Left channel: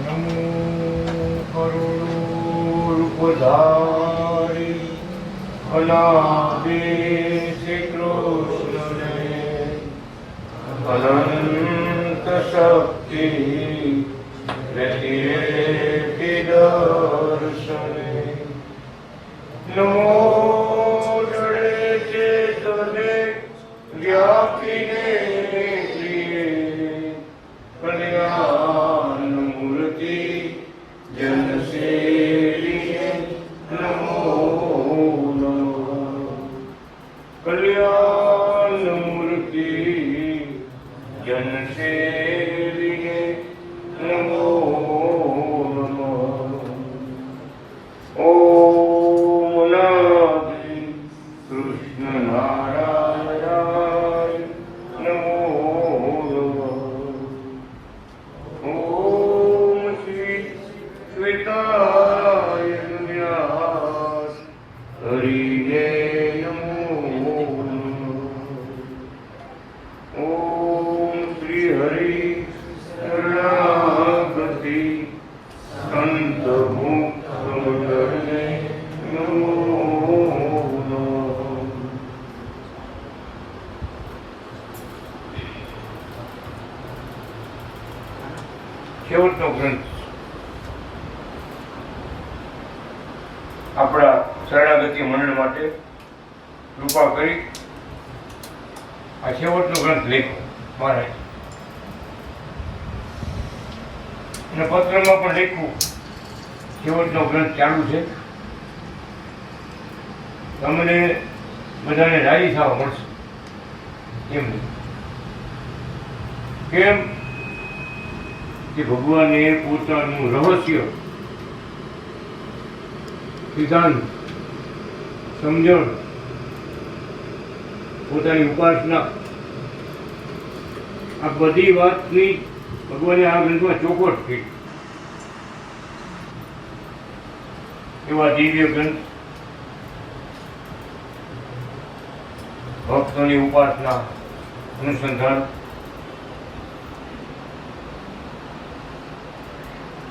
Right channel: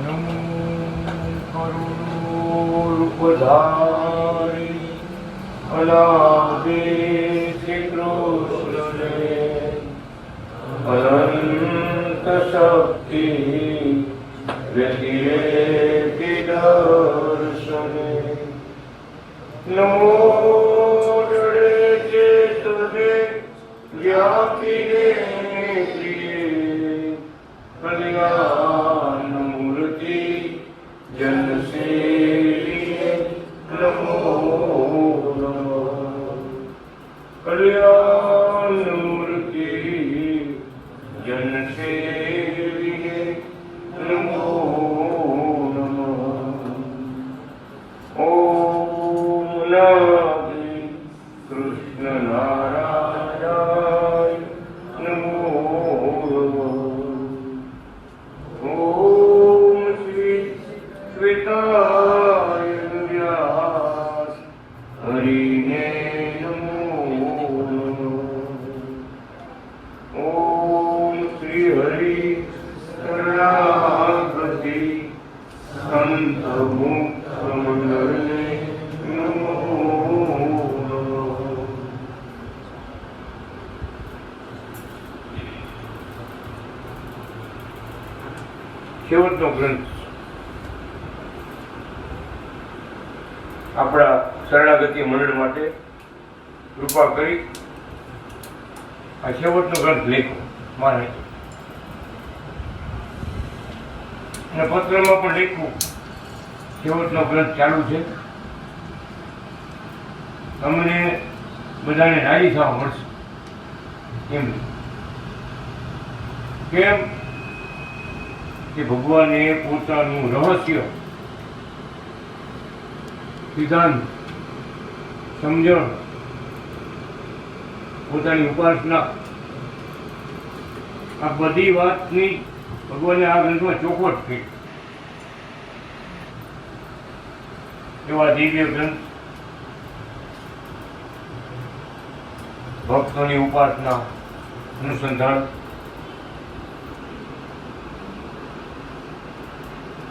નમો કરુણોપધારી અનાદિ શ્રી કૃષ્ણે અનંત શક્તિ રતિ દર્શને નમો જડે ચેતને વ્યાપીને કલ્યાણ મૂર્તિ જનસેવીએ નમો નમઃ કલ્યાણ મૂર્તિ જનસેવીએ નમો નમઃ ઓમ નાદિ કૃષ્ણ નારાયણ નમો ઓમ શ્રી શ્વેતાય વ્યાસ હરિને નમો ઓમ શ્રી હરિ શરણાગતિ સંત મુક્ત મંડળને નમો નમઃ છેવટનો ગ્રંથ આપણા શરણાગતિ મંડળ માટે કૃપા કરી આ છેવટનો ગ્રંથ લેખો મારે અને પત્રમાં પણ લખ્યું છેવટનો ગ્રંથ ચાલુ છે. તમને બધાને રાજી થવા મળશે. કેમ કે ભગવાને પોતાનું રહસ્ય, સિદ્ધાંત, સમજણ, પોતાની ઉપાસના, આ બધી વાતની ભગવાને આ ગ્રંથમાં ચોખવટ થઈ. એવા દિવ્ય ગ્રંથ ભક્તોની ઉપાસના, અનુસંધાન,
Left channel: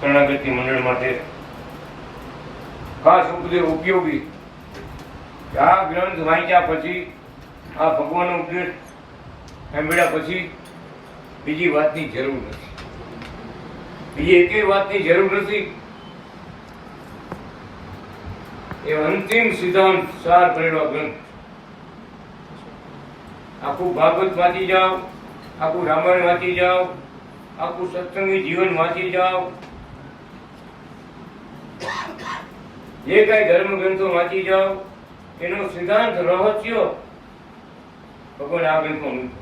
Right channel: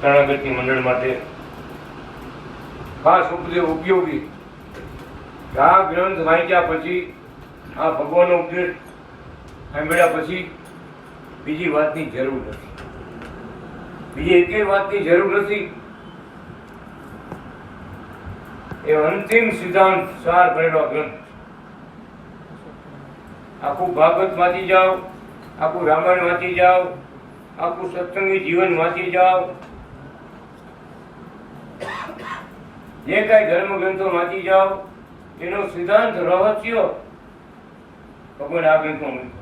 શરણાગતિ મંડળ માટે ખાસ ઉપયોગી. આ ગ્રંથ વાંચ્યા પછી, આ ભગવાનનો ઉપદેશ સાંભળ્યા પછી બીજી વાતની જરૂર નથી. બીજી એકેય વાતની જરૂર નથી. એ અંતિમ સિદ્ધાંત સાર કરેલો ગ્રંથ. આખું ભાગવત વાંચી જાઓ, આખું રામાયણ વાંચી જાઓ, આખું સત્સંગી જીવન વાંચી જાઓ, જે કઈ ધર્મ ગ્રંથો વાંચી જાઓ, એનો સિદ્ધાંત રહસ્ય ભગવાન આ ગ્રંથમાં મૂક્યો.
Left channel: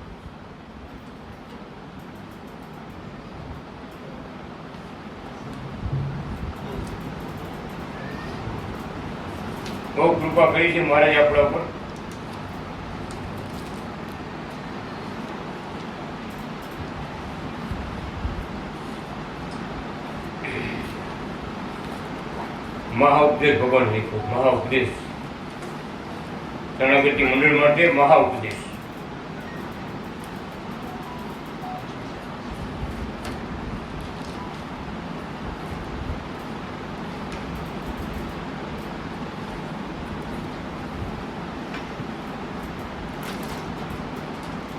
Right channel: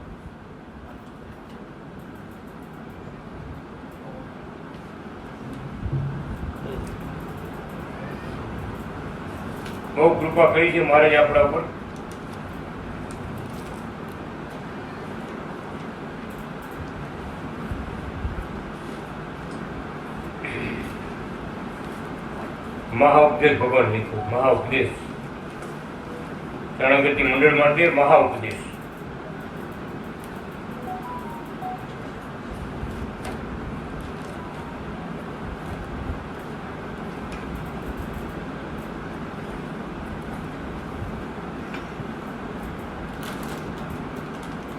બહુ કૃપા કરી છે મહારાજ આપણા ઉપર. મહાઉપદેશ ભગવાન લીધો. મહાઉપદેશ શરણાગતિ મંડળ માટે મહાઉપદેશ.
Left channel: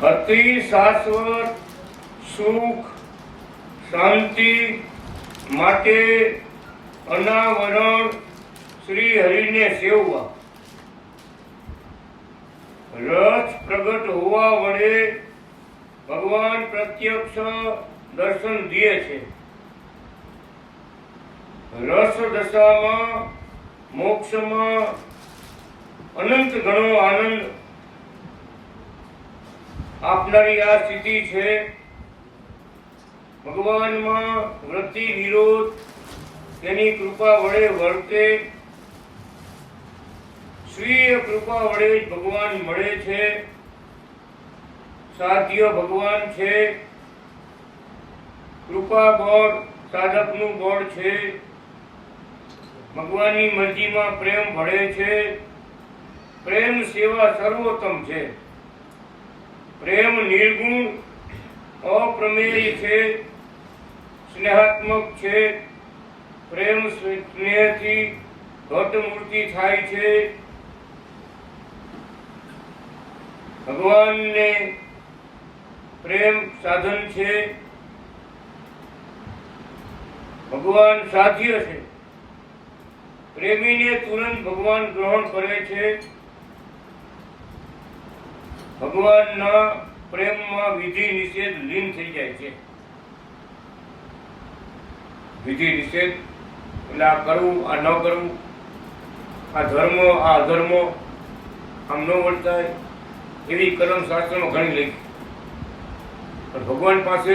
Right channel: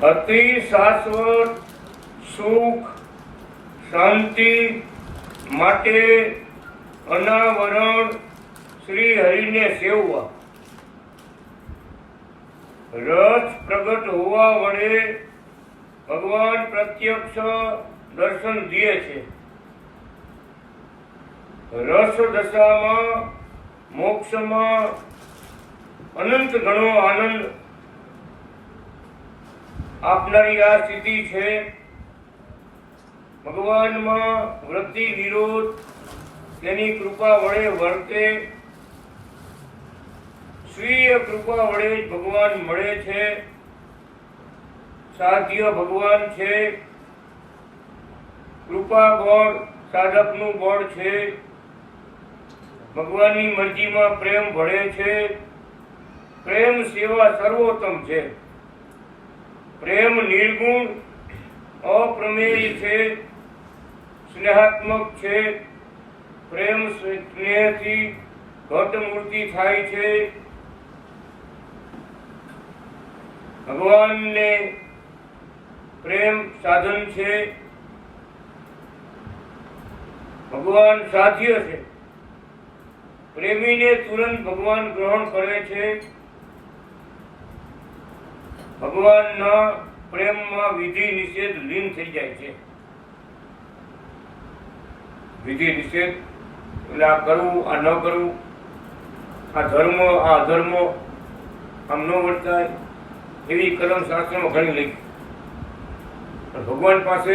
અતિ શાશ્વત સુખ શાંતિ માટે અનાવરણ શ્રી હરિને સેવવા. રસ પ્રગટ હોવા વડે ભગવાન પ્રત્યક્ષ દર્શન દે છે. રસ દશામાં મોક્ષમાં અનંત ઘણો આનંદ આપનારી આ સ્થિતિ છે. ભગવાનમાં વૃત્તિ નિરોધ તેની કૃપા વડે વર્તે. સ્વીય કૃપા વડે જ ભગવાન મળે છે. સાધ્ય ભગવાન છે. કૃપા બળ સાધકનું બળ છે. ભગવાનની મરજીમાં પ્રેમ ભળે છે. પ્રેમ સેવા સર્વોત્તમ છે. પ્રેમ નિર્ગુણ અપ્રમેય છે. સ્નેહાત્મક છે, પ્રેમ સ્નેહથી ઘટ મૂર્તિ થાય છે. ભગવાનને પ્રેમ સાધન છે, ભગવાન સાધ્ય છે. પ્રેમીને તુરંત ભગવાન ગ્રહણ કરે છે. ભગવાનના પ્રેમમાં વિધિ નિષેધ લીન થઈ જાય છે. વિધિ નિષેધ એટલે આ કરવું, આ ન કરવું, આ ધર્મ, આ અધર્મ, આમ ન વર્તાય, એવી કલમ શાસ્ત્રમાં ઘણી લખી. પણ ભગવાન પાસે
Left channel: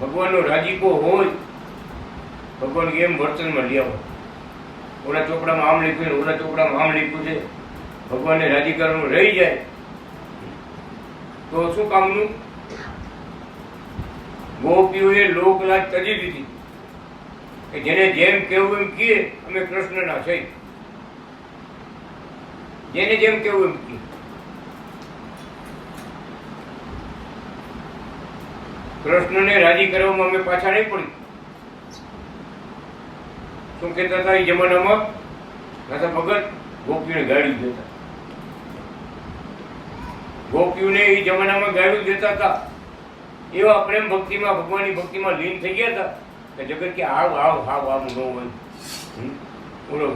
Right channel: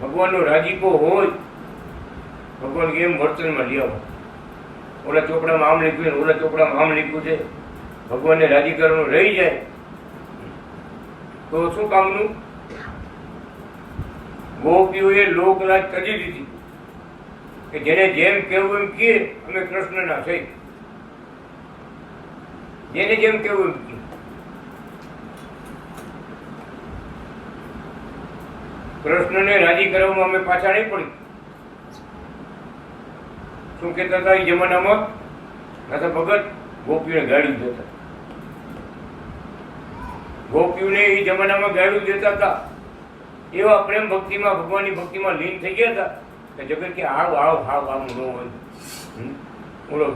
ભગવાનનો રાજીપો હોય, ભગવાન એમ વર્તનમાં લઈ આવો. ઓલા ચોપડામાં આમ લખ્યું છે, ઓલા ચોપડામાં આમ લખ્યું છે, ભગવાનને રાજી કરવાનું રહી જાય તો શું કામનું? ગોપીઓએ લોકલાજ તજી દીધી કે જેને જેમ કેવું એમ કહે, અમે કૃષ્ણના છે. જેને જેમ કેવું એમ કહે. કૃષ્ણને રાજી કરવામાં અમે પાછા નહીં પડી. શું કહેતા હતા એ જમાનામાં? નાથા ભગત ગોપીઓને ગાડી દેતા. ગોપીઓને એ જમાનામાં ગાડી દેતા હતા. એવા પ્રેમ ભક્તિમાં, ભગવાનની ભક્તિમાં લીન થઈ ગયા હતા કે જગત કે આવ આવ હાવ આવ નો હોય. બોલો,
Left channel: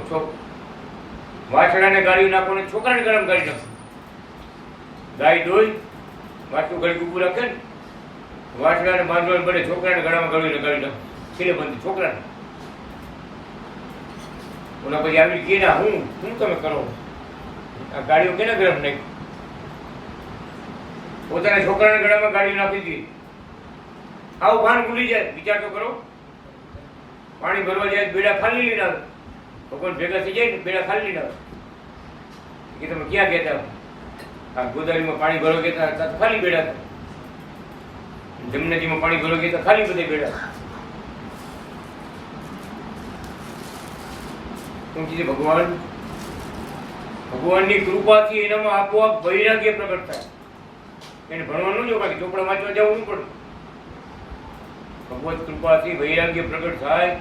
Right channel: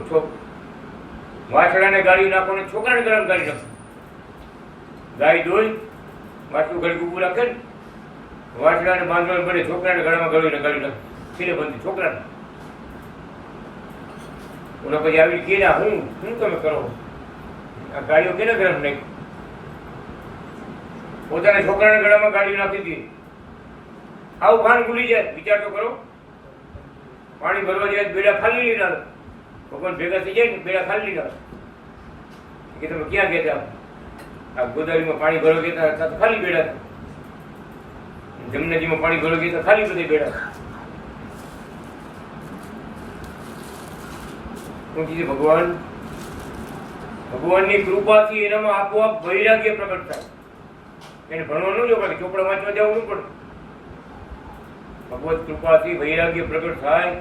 વાછડાને ગાળી નાખો ને છોકરાને ગરમ કરી નાખો. ગાય દોઈ વાછડું ઘડી ઊભું રાખે ને, વાછડાને બાંધવાને બને છોકરાને ગળામાં ગળીને ગાળી નાખે. ખીલે બંધી છોકરાને. ઓલા પછી આવી કે ના હું તમે કરો? આ ગાડીઓ કેને ગરમ નાખી? પોતાના છોકરાને ગળામાં ગાડી નાખી દીધી. આવું ભાન ભૂલી જાય. વિચાર તો કરો. પાણી ભરવા જાય બેડા ખાલી લઈને આવે. ભગવાન ભેગા થઈ જાય ને બેડા ખાલી લઈને આવે કે તમે ક્યાં ગયા હતા? આ ગોદાવરીમાં પાણી ભરવા ગયા હતા તો ખાલી બેડા હતા. જમનાજીમાં પાણી ભરવા ગયા હતા ખાલી બધા બેડા. શું કીધું? ભગવાનની કૃપાથી એનામાં આપોઆપ વૈરાગ્ય પ્રગટ થાય. એને ભણવા ન જોવા, ચોપડા વાંચવા જવું ન પડે. ભગવત કૃપાથી વૈરાગ્ય પ્રગટ થાય.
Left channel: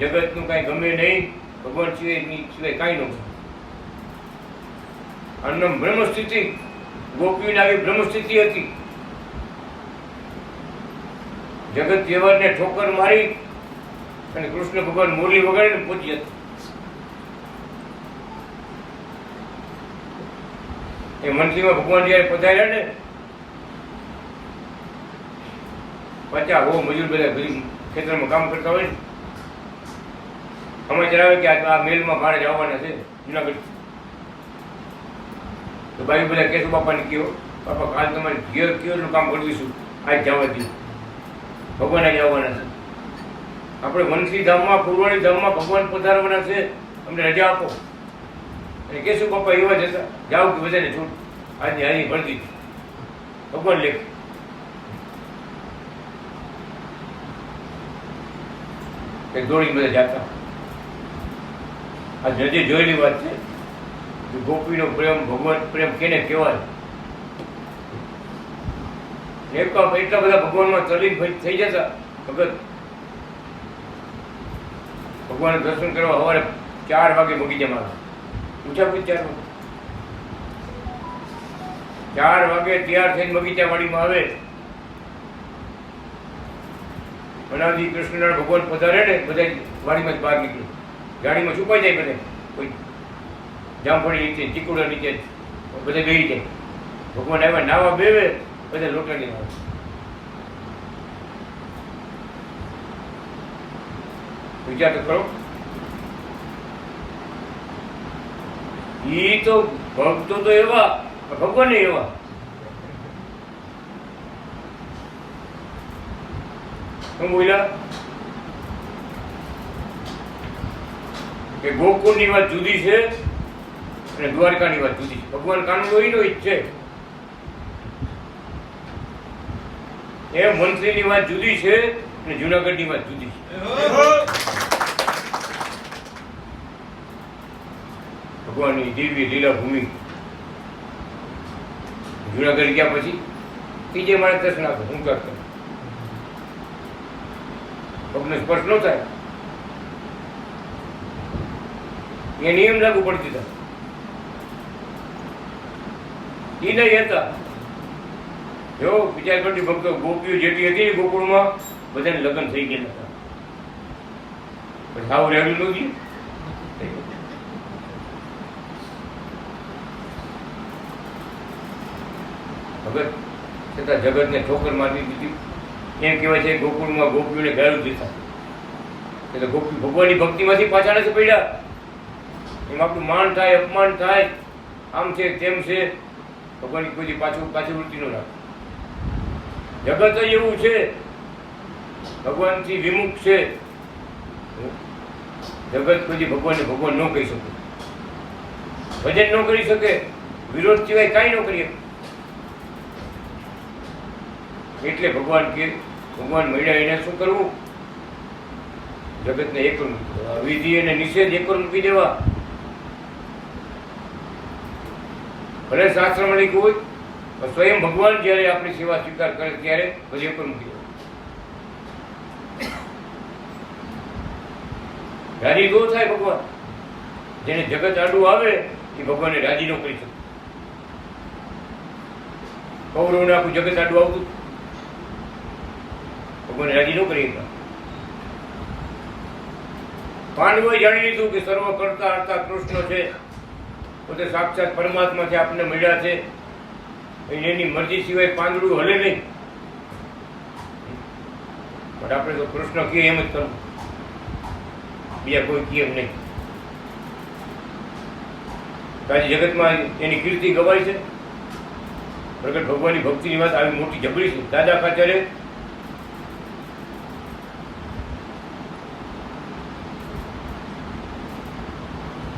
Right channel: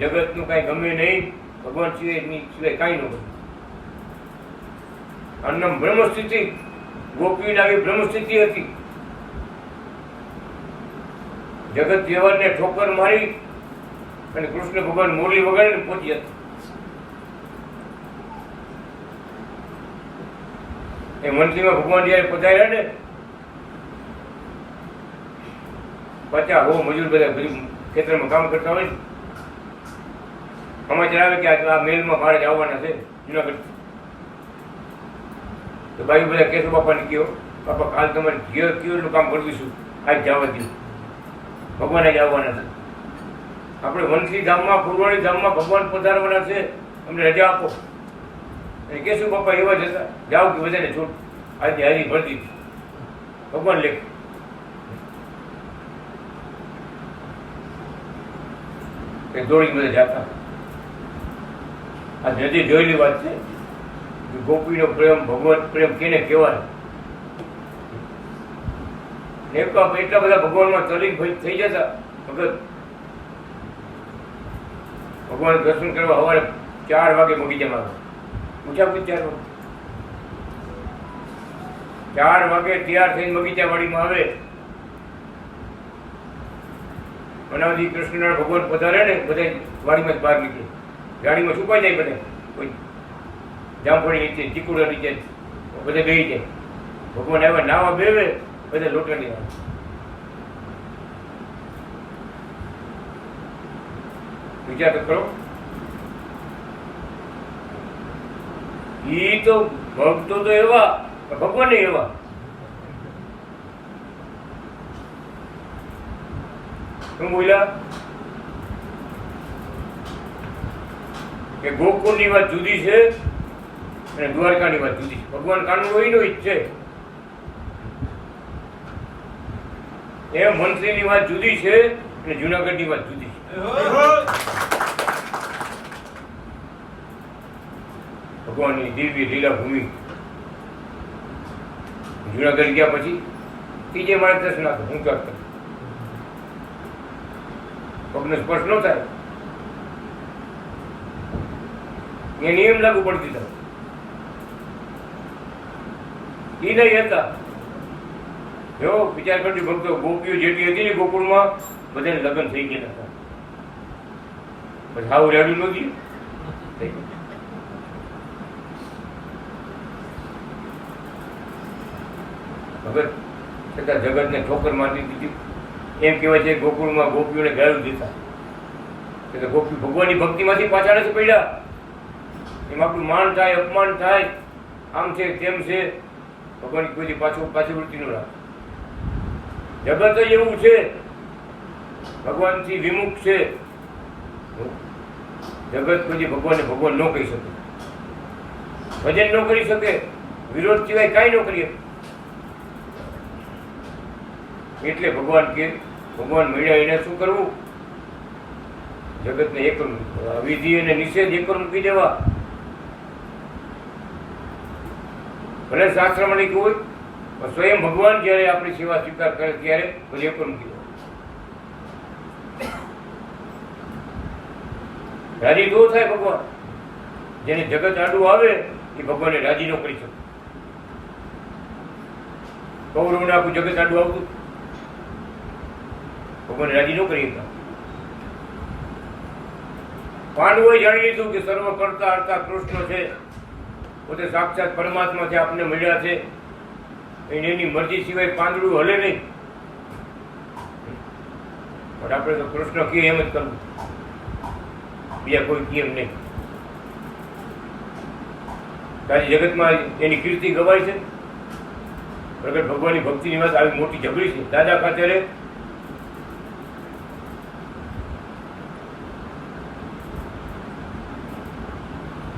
જગતનું કઈ ગમે નહીં, ભગવાન સિવાય કાંઈ ન ગમે. અન્નમ બ્રહ્મસ્થિતિ, ગોપીને આવી બ્રહ્મસ્થિતિ હતી. જગત વ્યવહારને ઠોકર મારી અને કૃષ્ણ ભગવાન મુરલી વગાડીને પહોંચી હતા. એ મંત્રીમાં ભગવાન જયારે પધાર્યા ને, 50 મજૂર બધા ગરીબ ખેતરમાં કામ કરતા હોય ને, સમાચાર આવે કે આ મેલમાં મારે આવવાના છે જુનાગઢ. તો બાયું બધા કેશુ બાપાને કહ્યો, બાપા કાલ તમારે કેવું કામ કરી દઈશું, આજ જવા દઉં, ભગવાને જ આવવાના છે. આપણે વંશી ધામમાં, ફુલવાણી ધામમાં ભગવાન પધારવાના છે, અમને રજા આપો. અને કેશુ બાપા એવા જ હતા, જાઓ કે બધાને છૂટ, આજની હાજરી ભરી દીધી. ભગવાન લેખ દોડી બધા જાતા. આ નદી જોયેલી વાત છે. ગોપીનો પ્રેમ, ભગવત પ્રેમ કેને કહેવાય? એટલા બધા ભગવાનમાં તલીન થઈ જતા ભગત. ભગવાન દર્શન કરવા સવારે 4 વાગે બગીચામાં આવે. પૂછા 4 વાગે તૈયાર થઈને બગીચાવાડીમાં આવે. બનાવજી કૃષ્ણનારાયણ ભગવાન પધારે ને, બધા વાડીમાં જ બહાર નીકળે. ગાડીમાં છુપાઈ જાય બધા. કોઈ જામફળી નીચે, ચીકુડા નીચે બધા ગઈ જાય. ભગવાન આવ્યા, નાવા બેવે, બધા લોટા લઈ આવે. વિચાર તો કરો. ઈ તો ભક્તો તો એવા, ભગવાન એવા. શું બોલ્યા કે ગોકુળની વાત જુદી છે અને દ્વારકાની વાત જુદી છે. ભગવાન કાનૂન એનો જ છે. એમ મંત્રીની વાત જુદી છે અને જુનાગઢની વાત જુદી છે. ભગવાનની દિવ્ય લીલા ભૂમિ. જુનાગઢ ગયા પછી ત્રીજે માણસ દર્શન આપો. હું કરતો પગનો સ્પર્શ ન થાય એ નિયમ લાગુ પડતી હતા એ નહીં હતા. જો વિચાર કરજો ભક્તો, ગોપીઓ જેટલી હતી ને ગોકુળમાં બધાને લગ્ન થઈ ગયા હતા, પછી આવું રહેલું નથી. ખબર છતાં જગતને ઠોકર મારી દીધી. એમ કહેવાય છે ગોકુળમાં ગોપીઓને ગાળું દેતા, એટલે ગોપી ભગવાનની ભક્તિમાંથી પાછળ જ પડ્યા. એમ આપણું માન થાય, અપમાન થાય, આમ છે તેમ છે, ભગવાન કોઈ પાછળવૃત્તિ ન રાખે. જગત જ એવું છે, ભગવાનથી વિમુખ છે. જગત કોઈ ભગવાનને ભગવાન ન કહી શકે, ભજન ન કરી શકે, વિરોધ સિવાય કાંઈ ન કરીએ. એટલે ભગવાન કે ભગવાન મળ્યા એને શું કરવું? જગતને એક વિધિ અને નિષેધ એક મૂકી દેવા. ભલે શાસ્ત્રમાં લખ્યું હોય, પણ સ્વયં ભગવાન જયારે આપણી સેવા સ્વીકાર કરે ત્યારે પછી એક મૂકી દેવા. રાજી દો થાય ભગવાન. જેને જગત આડું આવે એ ભગવાનને રાજી ન કરી શકે. કૌરવને આખું જગત આડું આવતું, ભગવાન રાજી ન કરી શકતા. પાંડવોએ જાણી લીધું કે સર્વ કરતા હરતા કૃષ્ણ છે, પોતે સાક્ષાત પરમાત્મા છે, આપણને મળ્યા છે. એની મરજી સિવાય પાંદડું હલે નહીં. પણ આપણે તો કૃષ્ણ કહે એમ જ કરવું, બીજા કોઈ કહે એમ નહીં. આજે જગતમાં એની કીર્તિ ગવાય છે. પ્રગટ ભગવાનની ભક્તિની વાત આવી મોટી જબરી છે. દાદા ખાતરે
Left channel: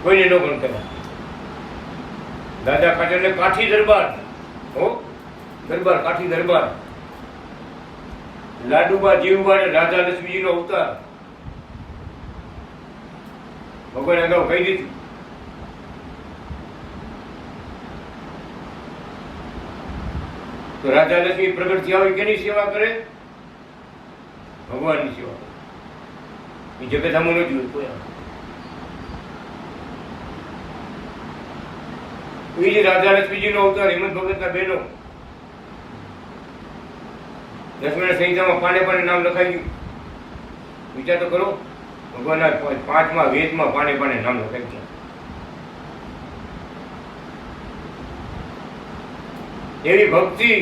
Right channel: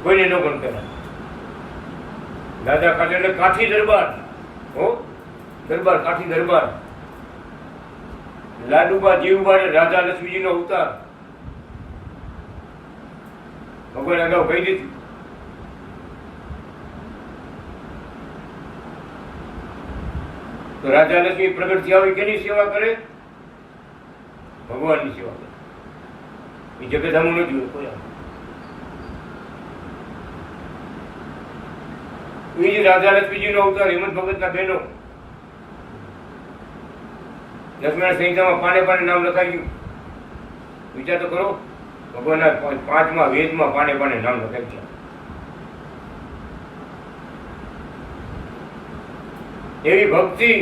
કોઈને ન પણ કરે. દાદા ખાતર એટલે કાઠી દરબાર, હો દરબાર, કાઠી દરબાર. લાડુબા જીવબા રાધા લક્ષ્મીજી નો અવતાર ભગવાન અગાઉ કહી દીધું. તો રાધા લક્ષ્મી પ્રગટ થયા હોય કેની સેવા કરે? ભગવાનની સેવા કરે. એ જગત આમું ન જોયું કોઈ. બીજી રાધા લક્ષ્મીજી નો અવતાર હિંમત ભગત ના બહેનો. લક્ષ્મણ સંહિતામાં પાને પાને નામ લખાઈ ગયું. વિચાર તો કરો, ભગવાનના 5મા વેદમાં પાને પાને નામ લખાઈ ગયા. એવી ભક્તિ,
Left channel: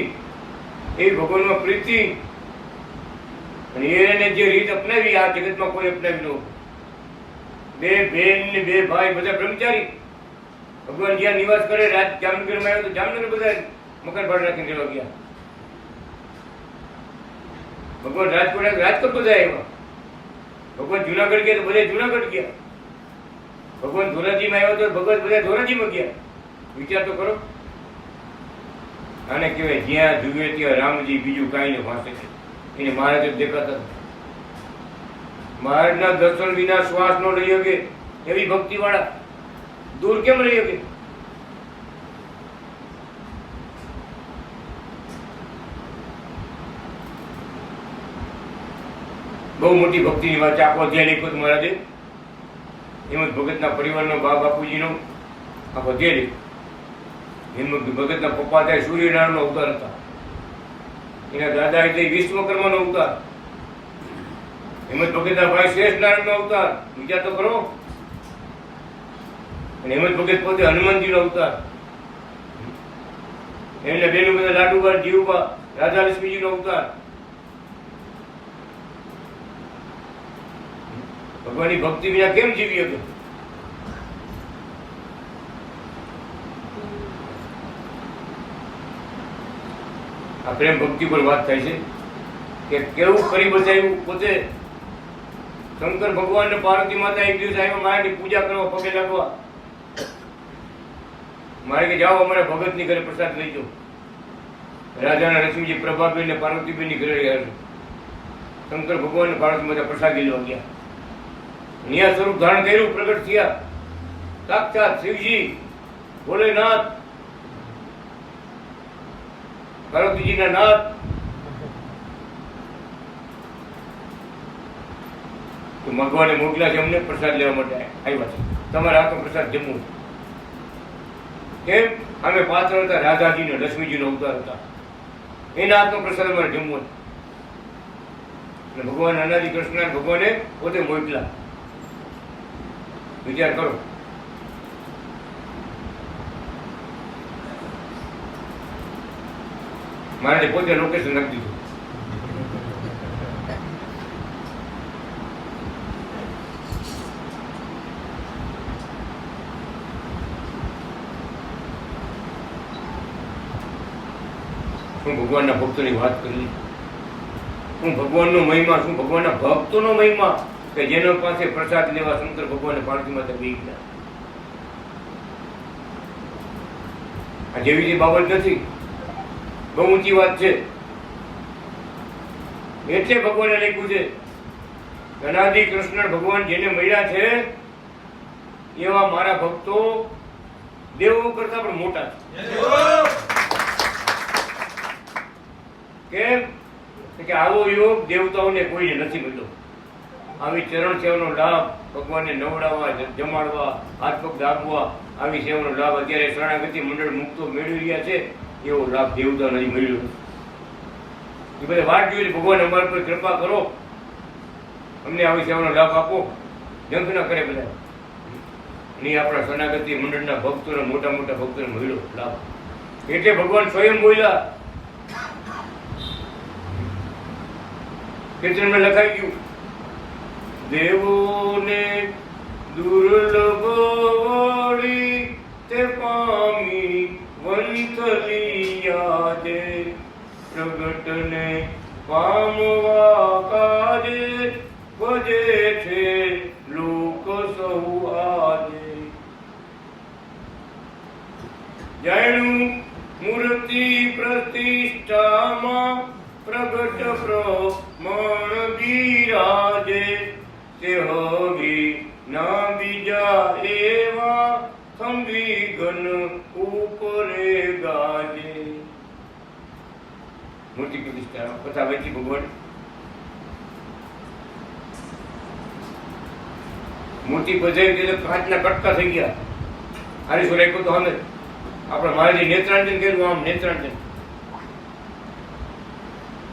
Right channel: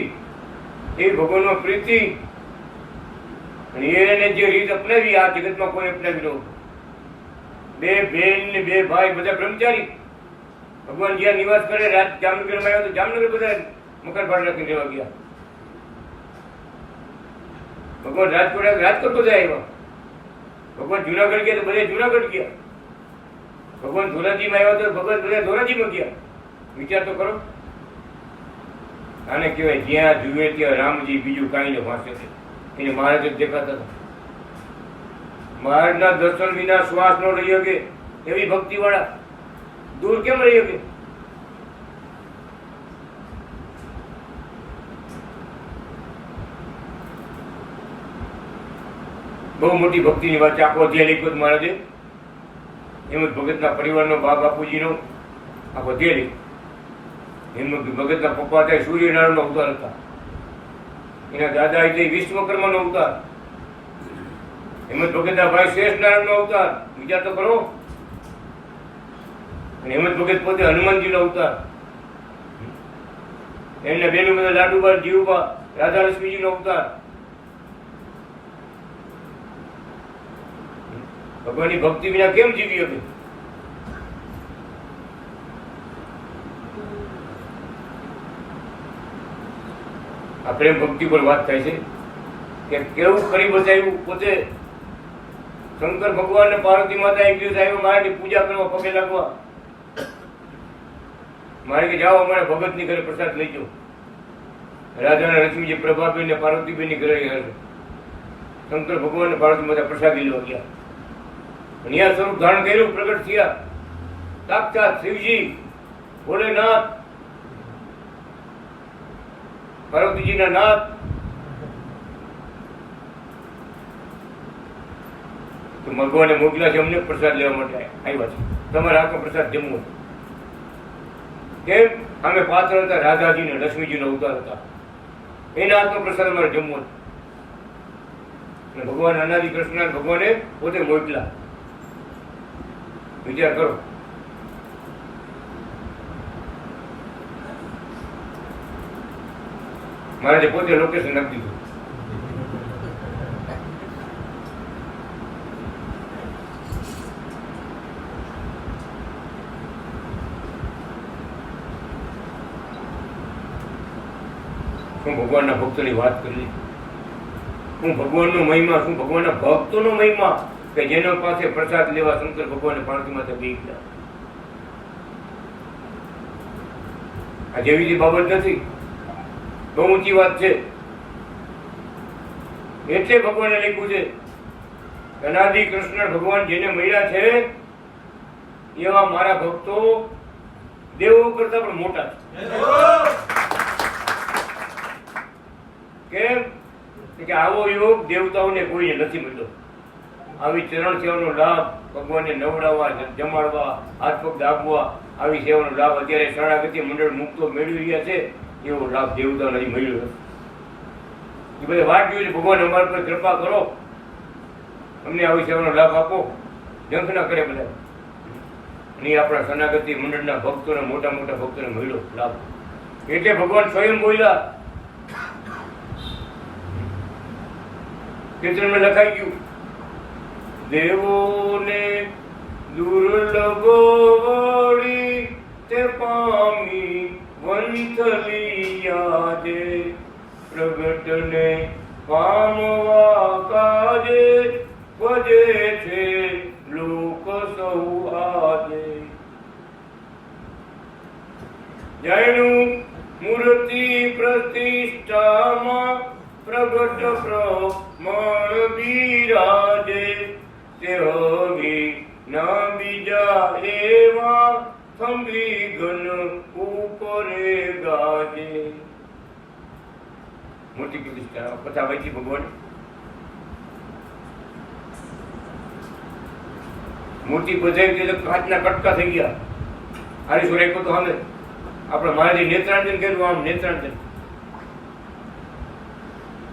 એવી ભગવાનમાં પ્રીતિ, અને એને જે રીત અપનાવી આ જગતમાં કોઈ અપનાવી ન. બે બેન ને બે ભાઈ બધા બ્રહ્મચારી. ભગવાન જ્યાં નિવાસ કરે, જામનગરમાં આવ્યો તો જામનગર બધા મકાન ભાડે રાખીને રહેવા ગયા. ભગવાન રાજકોટ બધા આવ્યા. ભગવાન જુનાગઢ ગયા તો બધા જુનાગઢ ગયા. ભગવાન ધોરાજીમાં આવ્યા તો ભગવાન બધા ધોરાજીમાં ગયા. વિચાર તો કરો. આને કહેવાય જ્યાં જુએ ત્યાં રામજી, બીજું કાંઈ ને વાંચે છે. એને મહારાજ જ દેખાતા હતા. મહારાજના દર્શન વિના શ્વાસ ન લઈ શકે એવી ભક્તિ વાળા દૂર કેમ રહી શકે? બહુ મોટી ભક્તિની વાત છે. આખો અધ્યાય લખ્યો મહારાજે. એમ જ ભગતના પરિવારનો, બા બાપુજીનો આખો અધ્યાય લખ્યો. એમ ભગતના પપ્પા ત્યાં સૂર્યનારાયણનો અવતાર હતા. એના દાદા એટલે વિશ્વકર્માનો અવતાર. હેમંત ભગતના ભાઈ શ્રેષ્ઠ નારાયણનો અવતાર. વિચાર તો કરો. અને હેમંત ભગત પોતે હનુમાનજીનો અવતાર. એમના બેનો બધા લાડુબા, જીવુબા, રાધા લક્ષ્મીજીનો અવતાર. ભગવાનની ભક્તિ વિના કેમ જીવી શકે? આ પ્રેમ ભક્તિ પર વાત થાય છે કે કેવું કરી બતાવ્યું. પોતે શંકર ભગવાન ને પાર્વતી માતા એક દિવસ આવ્યો મારાની પૂજા કરવા, પગે લાગવા. મારે કે જાઓ અમારા ભગત ની ઘરે પ્રસાદ લઈ જાઓ. રાજા ને લક્ષ્મીજી, પ્રભાબેન ને પાર્વતીબેન ની ઘરે ગયા. શંકર ભગવાન ને પાર્વતી માતા પ્રસાદ લેવા ગયા. અહીંયા સ્વરૂપ ધારણ કર્યું, પ્રગટ થયા સાક્ષાત શિવજી, ભોલેનાથ, પાર્વતીજીના નાથ. તો ભગવાને મોકલ્યા છે અમને પ્રસાદ લેવા માટે આવ્યા છે, તમારે હાથનો પ્રસાદ જમવો છે. કેમ? અમે પાત્ર હતા રાધાજીને લક્ષ્મીજીનો અવતાર હતા, એના હાથનો પ્રસાદ અમારે જમવો છે. ભગવાન અનાદિ કૃષ્ણ ભગવાને પોતે મોકલા. વિચાર કરો. મારે પોતે લોકેશન નાખી દીધું. હું ભગવાનના ભક્તોની વાત કરી, હું ભગવાનનો મહિમા, શું ભગવાનના ભક્તોનો મહિમા કે જેનો પાસે પ્રસાદ લેવા શંકર ભગવાન પાણથી માથે બેસી ગયા. આ જેવી બાબત નથી, બહુ ઊંચી વાત છે. એટલે ભગવાને લખ્યું છે અનાદિ કૃષ્ણ ભગવાન જેને મળ્યા છે એવા મારા ભક્તો દેવો કરતા પણ મોટા છે. કેમ કે આવો યોગ દેવતાઓને કોઈને નથી મળ્યો. આવી ચરણ સેવાનો લાભ, ભગવાનને નવડાવવા, જમાડવા, હાથ પગ દાબવા, આવી સેવાનો લાભ અત્યારે શરણાગતિ મંડળ મુક્તો મેળવી રહ્યા છે, એવો લાભ દેવતા નથી મળ્યો. એ બધા વાત જોઈ ભગવાન અમારા પર કૃપા કરો, અમને આવી સેવાનો લાભ આપો, જંખ ના કરે બધા. અને આપણા શરણાગતિ મંડળના ભક્તોને, મોટા મોટા ભક્તોને મળ્યો લાભ. એટલે ભગવાન સ્વયં બોલ્યા, કીર્તનમાં લખાઈ ગયું, દેવોને દુર્લભ વળી તે પામી વંથલી યાદે, પ્રગટને પામવા કાજે ભજે છે લોક સૌ આજે. જાણ્યું મૂર્તિ પ્રતિષ્ઠામાં પ્રગટ પ્રમાણ બિરાજે, તે હવે ના બીજા એવા થંભી ઘન ઉપરે ગાજે. મૂર્તિ પ્રતિષ્ઠા કથા વેચી ભગવાન. મૂર્તિ બધાઈ ગઈ તો કાચના કટકા થઈ ગયા. હારી રાખ્યો તો સામે આપણે મહારાજે નેત્રાંજન કર્યું, આમ નેત્રાંજન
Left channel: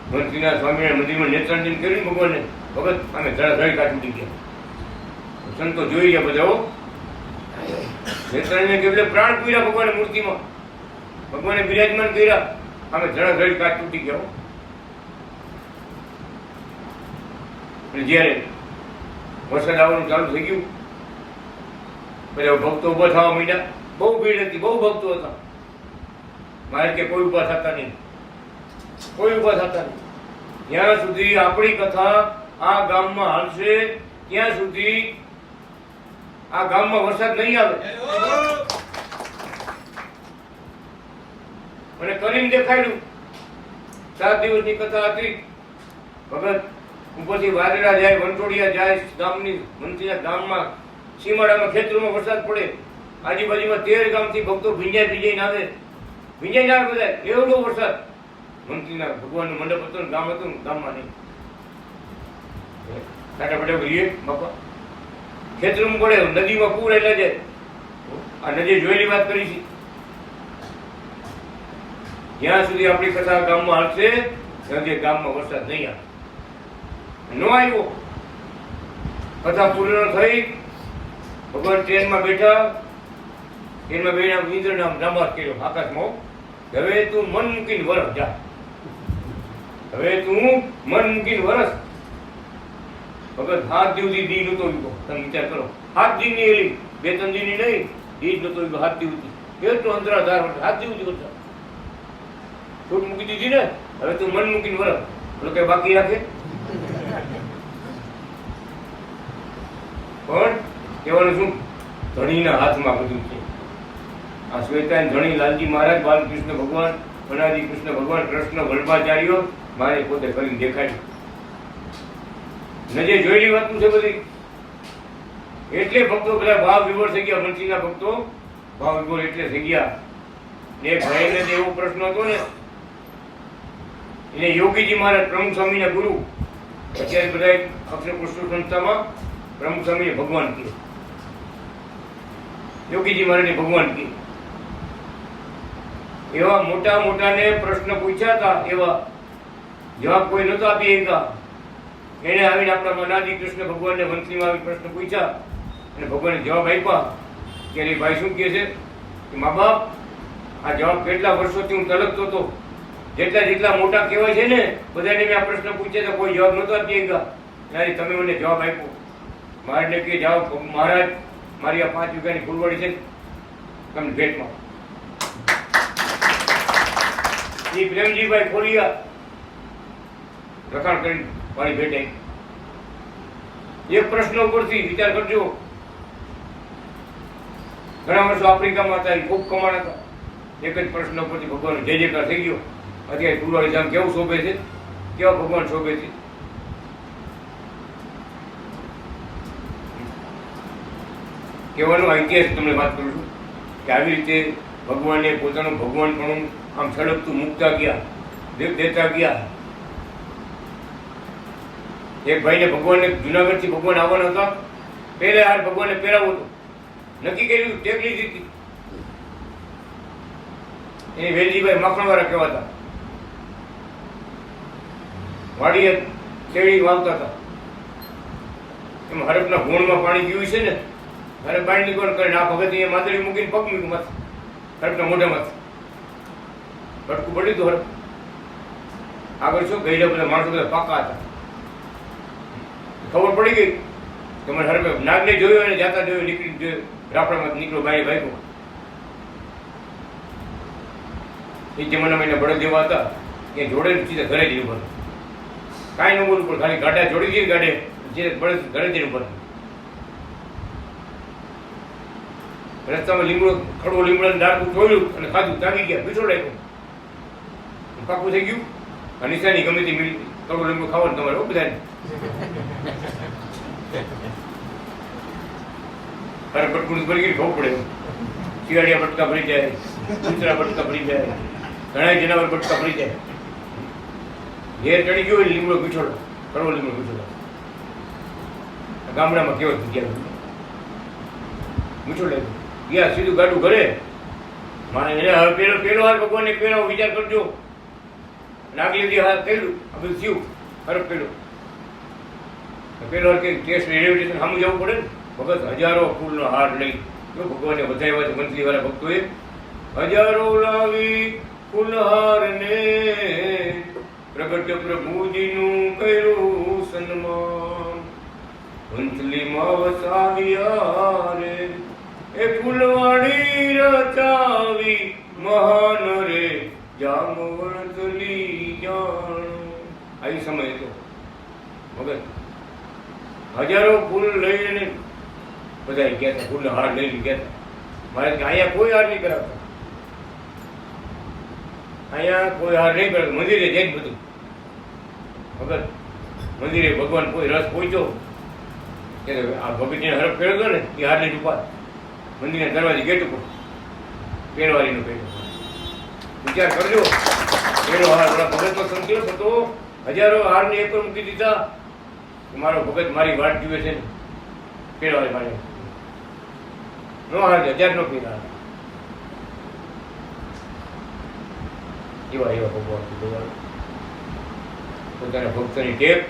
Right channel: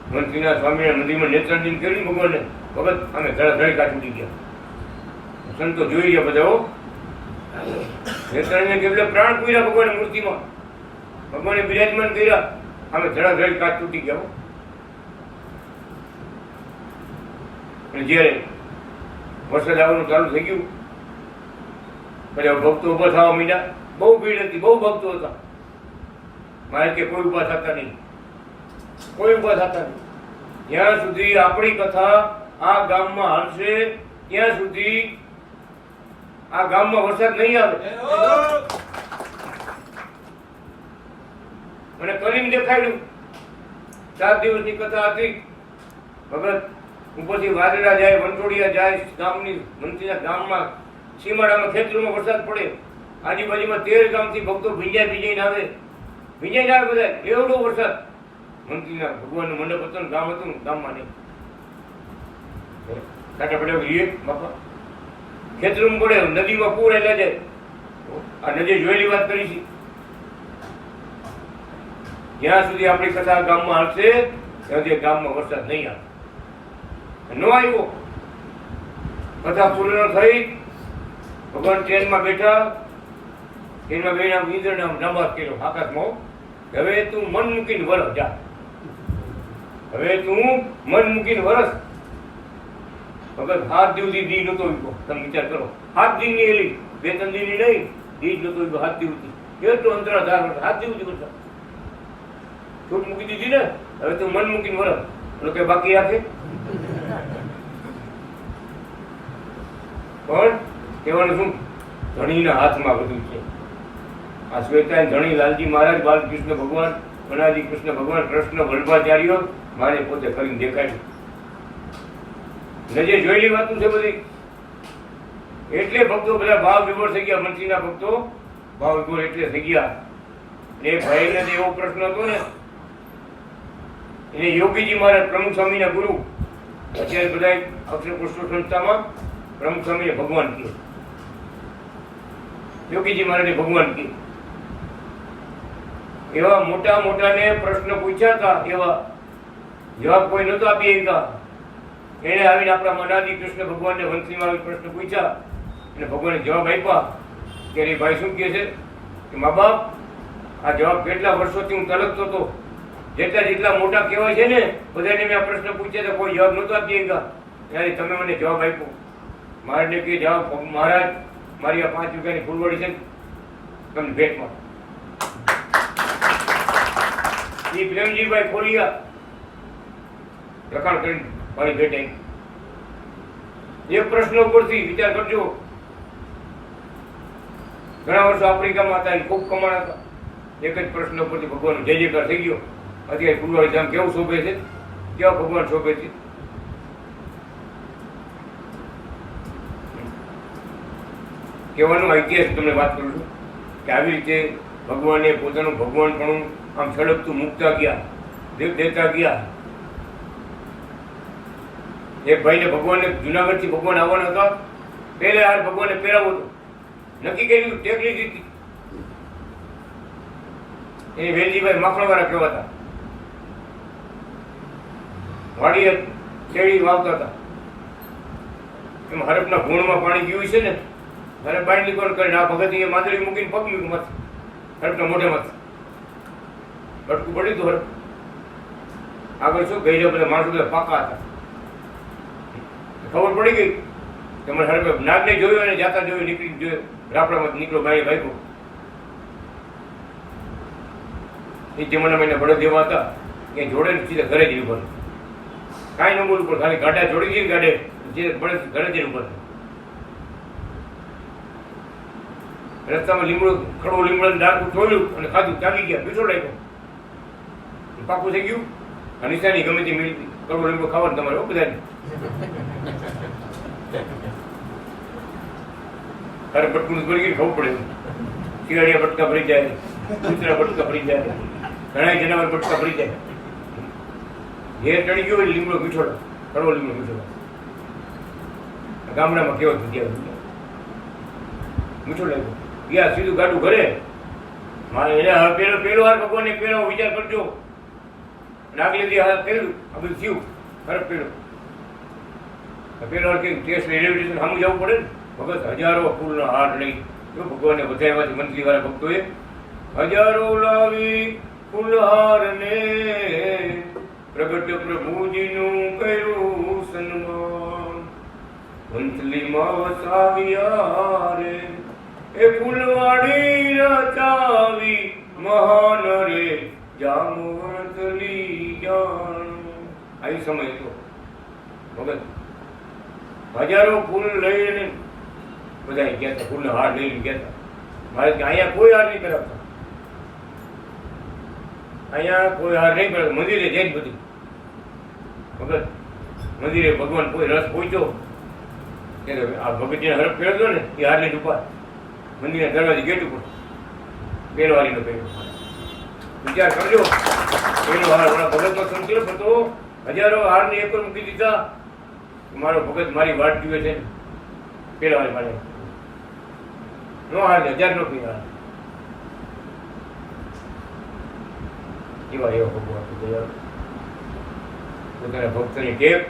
મંત્રીના સ્વામીના મંદિરમાં નેત્રાંજન કર્યું ભગવાને. ભગત અમે ધડાધડી કાચ ઉડી ગયા. સંતો જોઈ ગયા બધા. નેત્રાંજન એટલે પ્રાણ પૂર્યા ભગવાને મૂર્તિમાં, ભગવાને બિરાજમાન કર્યા. અમે ધડાધડી કાચ તૂટી ગયા. અને જયારે વરસાદ આવવાનું ચાલુ થઈ ગયું, બધા ભક્તો ઉભા થવા માંડ્યા. બહુ ભીડ હતી, બહુ ભક્તો હતા. મારે કે કોઈ ઉભા થતા નહીં, કોઈ ઉભા થતા નહીં. જ્યાં સુધી આપણી કથા આ ગામમાં હાલશે ત્યાં સુધી આ ગામમાં વરસાદ નહીં આવે. અને કરીને દેખાડ્યું. 7 દિવસની કથા હતી. ભગત ઉપરથી વાદળા જાય, વંટોળિયા જાય, ગામની મંત્રીના ગામમાં સીમાડામાં ખેતરોમાં વરસાદ પડે. આજુબાજુમાં 13 ગામથી ભક્તો ભીંજાઈને આવે. ભીંજાઈને આવે બધા. એવડો વરસાદ. મંત્રીના ભગવાનનું મંડપ હતું, ગામ હતું, ગામમાં નહીં. કાંટા પડે બાપા ખેતરમાં પડે, નદીમાં પૂર એટલા જાય. આ નદી જોયેલી વાત કરી છે. જ્યાં સુધી આપણી કથા ગામમાં આવશે ત્યાં સુધી ગામમાં વરસાદ નહીં આવે. ન આવ્યો. કથા પૂર્ણ થઈ. ભગવાન ટ્રેનમાં બેઠા. ટ્રેનમાં બેઠા ઇન્દ્રના નામાસ કર્યો આકાશમાં, હવે તું મન મૂકીને વરસ જા. હવે તું મન મૂકીને વરસ. ભગત 7 દિવસથી દી નતો ઉગ્યો. તમે વિચાર કરો, 7 દિનની એલી, 2-3 દિનની નહીં, દી નતો ઉગ્યો. 7 દિવસથી કેટલો અંતરાધાર વર્ષ, 7 દિવસથી વર્ષ છૂટ મૂકી દીધી ને. હવે તું મન મૂકીને વરસ. લોકો બાકી રાખે. પણ કહેવાનું શું, ધણીના હાથમાં બધું છે. આ શ્વેતાયન ધણી લાલજી મહારાજ, બાલકૃષ્ણ ભગવાન, અનાદિ કૃષ્ણ ભગવાન, કૃષ્ણ વલ્લભાચાર્ય મારે પોતે કરીને દેખાડ્યું. નજે જોયેલી વાતું છે બધી. એટલે ભક્તો બધા ભાવ વિભોર થઈ ગયા. મંત્રીના ભક્તો ભાવ વિભોર એટલે થઈ ગયા. એક ભાઈને એવો પ્રશ્ન હતો ને, એને યોગીજી મહારાજ, પ્રમુખ સ્વામીના ગુરુ, અત્યારે બધા અક્ષર પુષ્પ સંસ્થામાં પ્રમુખ સ્વામીએ ભગવાન કહે, યોગીજી મહારાજે ભગવાન કહે. એવા મોટા મોટાને પ્રશ્ન પૂછ્યા હતા, એવા જવાબ કોઈ નતો આપી શકા. એને આવીને આપણા અનાદિ કૃષ્ણ ભગવાનને વંશીમાં આવી પ્રશ્ન પૂછ્યા અને ભગવાને જવાબ આપ્યા. ત્યારે એ ભાઈ શું કહે છે કે મા બાપ, આ જવાબ કેટલા વર્ષોથી હું તલકતો હતો. જેટલા મોટા કહેવાય છે ને બધાને મેં આ પ્રશ્ન પૂછ્યા તો કોઈ જવાબ નતો આપી શકા. ત્યારે તમે મને જવાબ આપ્યો. મહારાજને કહે જવાબ, મહારાજ મારી આ 5 વીઘાની ફૂલવાડી છે ને તમને ભેટમાં. એ પ્રેમજીભાઈ ખોલિયા લખાણ કરી મારી ભેટ આવી. એક પ્રશ્ન ઉપરથી વિચાર કરજો. ઘણા વર્ષો આફ્રિકામાં હતા, ખૂબ કમાણા હતા. એક જ પ્રશ્ન ઉપરથી ભગવાન જય જયકાર થઈ ગયો. અત્યારે ફૂલવાડી ધામ કેવું શોભે છે, કેવા ભગવાન શોભે છે. કહેવાનો આ ઇતિહાસ તમને વાત કરું છું કે આવી રીતે ભગવાને પોતાનું ભગવાનપણું આમ છળકતું મૂકતા ગયા, દેતા ગયા. એક ભાઈને ભગવાનને જુનાગઢથી ભગવાન આવવાના હતા. પહેલા હાર ભગવાનને પહેરાવો હતો, નક્કી કર્યું, ટેક લીધી હતી. એ વેલજીભાઈ માખણવાળા કહેવાતા. વાડીએ શેરડી વાવતા હતા. એમ હરફના ભૂણમાં પાણી ગયું છે ને, મારે બાંધણી કોણ કરીને આ ભગત એ માદરી મૂકીને પગ મૂક્યું મત હરફના મોઢામાં. બટકું પડ્યું હતું હરફ. આગળ શું ગઈ બધા માણસો બધા પાકા હતા. ખબર પડી ગઈ કે મને હરફે નાગને જોયું અને જાતા જોયું, નીકળી જોયું, રાપડામાં નીકળો બારી ભાઈકો. એ જમાનામાં એના બળદ જેવા હતા કે જોડે સીધા ઘરે જઈ ઉપર. કાંઈ ન બોલવું પણ ખાલી ગાડા જોડી દઈએ ગાડે જે બળદ ઘરે જઈને ઉપર. રસ્તામાં લીમડો, ખડો લીમડો ડાકું ખોલ્યું અને ખાધું, તાગી ગયા, પીછો લાગ્યો, પાકું થઈ ગયું. અને નિશાની ગમે તે મળી, કડો લીમડો ખાવાનું તમારે બધાને. અરે બટકું ભરી ગયું, ખબર પડે. શિયાળિયા બટકા ભરી જાય, કૂતરા બટકા ભરી જાય, ઘણા જનાવર બટકા ભરી જાય. ઘેર ચડી ગયો લીમડો પીછોડા, કડવો લીમડો પીછોડા. ગામડામાં કેવો જગ્યા મીઠો લાગ્યો. ગયા સીધું ગાડું ઘરે. મારે એને હવે પેલો હાર ભગવાનને પેલો વિચાર કરજો. નાગલી દી હાથ કર્યું, આ બધું થયું. ફરક પેલો હાર કઈ કેસ રેલવે સ્ટેશન સામું જવું પડે ને. ભગત હજારો ફૂલનો હાર લઈ ભગવાનને વધાર્યા છે. મંત્રી વાળા ભક્તોએ હજારો લાવી ફૂલહાર ને પ્રગટ પ્રભુજીનું કર્યું સન્માન. વંથલીમાં વસાવ્યા રે એ ફૂલવાડી રચાવી મહાન રે જામવંથલી જાણો. આવી સમય હતો. ભગત હજારો ફૂલ લઈને બધા ગયા હતા, ફૂલનો હાર લઈને ગયા હતા. મારે અહીંયા કોઈ હાર નહીં કરાવતા, અહીંયા કોઈ હાર નહીં કરાવતા. મંદિરે જઈ બધું ભગત મંદિરે ભગવાન કોઈ રસ પહોંચ્યો આ ભગતજીને હરફ કર્યો હતો ને એ હારની ડૂપા મંદિરના દરવાજે ગેટ ઉપર પેરવારીનો પહેર્યો. વિચાર કરજો, પેલો હાર વડા ભગતનો સંકલ્પ હતો. હજારો હારની એક મૂકી દીધા. મારો ભગત મારી વાટ જુએ છે ને પેલો હાર મારે નો હાર 1000 નો પીરા. એવા ભગવાન પોતાના ભક્તની ટેપ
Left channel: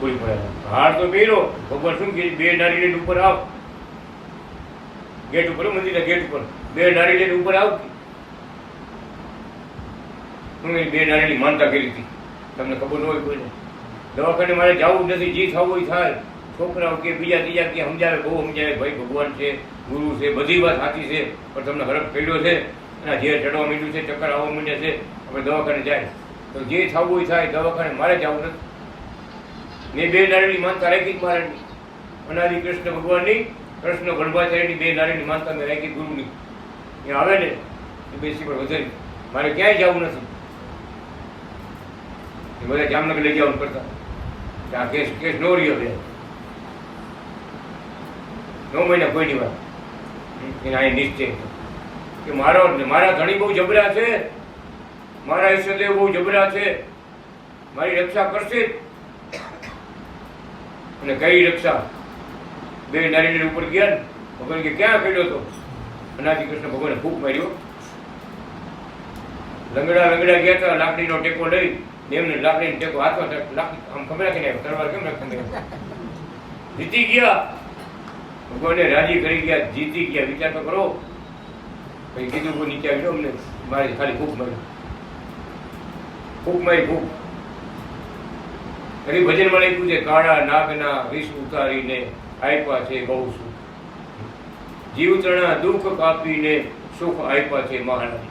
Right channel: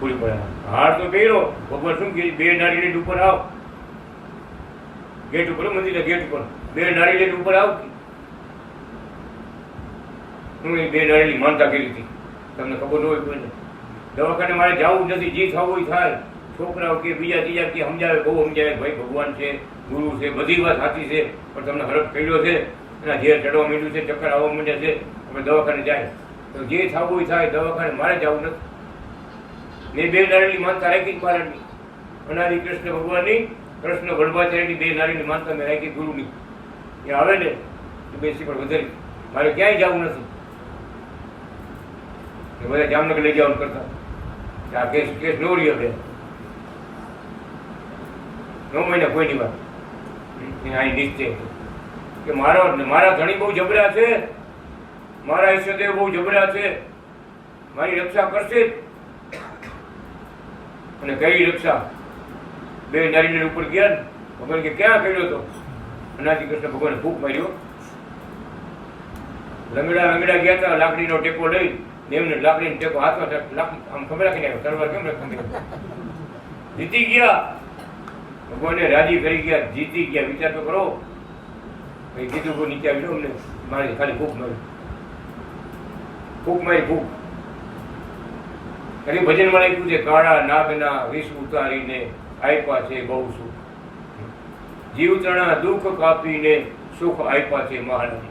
પૂરી પડાય. હાર તો પહેરો. ભગવાન શું કે 2 નારિયેળ ઉપર આવ, ગેટ ઉપર, મંદિરના ગેટ ઉપર 2 નારિયેળ ઉપર આવતી. હું એ 2 નારિયેળની માનતા કરી હતી. તમને ખબર ન હોય કોઈને. દવાખાને મારે જવું નથી, જે થવું હોય થાય. છોકરાઓ કે બીજા ત્રીજા કે સમજાવે, બહુ સમજાવે, ભાઈ ભગવાન છે, ગુરુ છે, બધી વાત સાચી છે, પણ તમને હરફ પડ્યો છે, એના ઝેર ચડવા માંડ્યું છે, ચક્કર આવવા માંડ્યા છે, આપણે દવાખાને જાય. તો જે થવું હોય થાય. દવાખાને મારે જવું નથી. મેં 2 નારિયેળની માનતા રાખી મહારાજની, અનાદિ કૃષ્ણ ભગવાનની, કૃષ્ણ ગણભાચાર્યની 2 નારિયેળની માનતા મેં રાખી ગુરુની. એ આવે ને એ બેસી પણ વધારી. મારે ક્યાંય જવું નથી. એ બધા જામનગર લઈ જવાનું કરતા. આ કેસ નો રહ્યો બે 9 મહિના કોઈની વાત. એને અહીં નિશ્ચય કે મારા ધણી બહુ જબરા છે, મારા ઈષ્ટદેવ બહુ જબરા છે, મારી રક્ષા કરશે. અને કઈ રક્ષા બે નારીને ઉપર ગયા ને ભગવાન કે ક્યાં કર્યો હતો? અનાદિ કૃષ્ણ ભગવાને ફૂંક માર્યો. લંગડા ગયા હતા, લાકડીનો ટેકો લઈ એમને લાકડીનો ટેકો હાથમાં લાકડી આમ ખબર રાખીને આવ્યો. તલવાર કેમ રાખી જીતી ગયા. ભગવાને રાજી કરી ગયા, જીતી ગયા. વિચાર તો કરો. કઈ કીધું કોઈ નીચે આવ્યો અમને મારે ખાલી ફૂંક મારી ફૂંક. એની ભજનમાં લખ્યું છે કાળા નાગના વિષ ઉતારીને આપ્યા છે બહુ સુખ, જીવતણા દુઃખ કાપીને સુખ આપ્યા છે મહારાજ.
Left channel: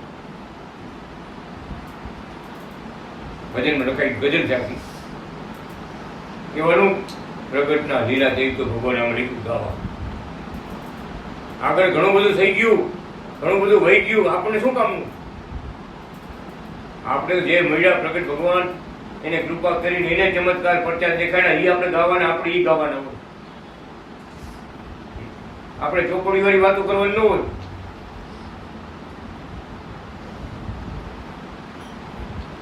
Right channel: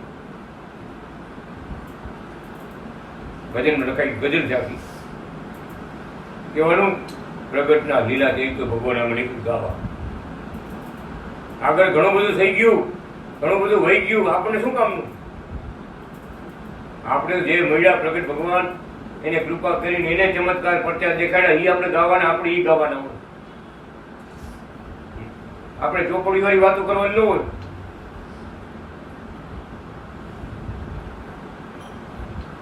ભજનમાં લખાઈ ગઝલ જાગી કહેવાનું પ્રગટના લીલા થઈ તો ભગવાને આમ લખ્યું ગાવા. આગળ ઘણું બધું થઈ ગયું, ઘણું બધું વહી ગયું, આપણને શું કામનું? આપણે જે મળ્યા પ્રગટ ભગવાન એને કૃપા કરીને એને ચમત્કાર પરચા દેખાડ્યા, એ આપણે ગાવાના, આપણે ઈ ગાવાના હોય. આપણે ચોપડી વાળી વાતો કરવાની ન હોય.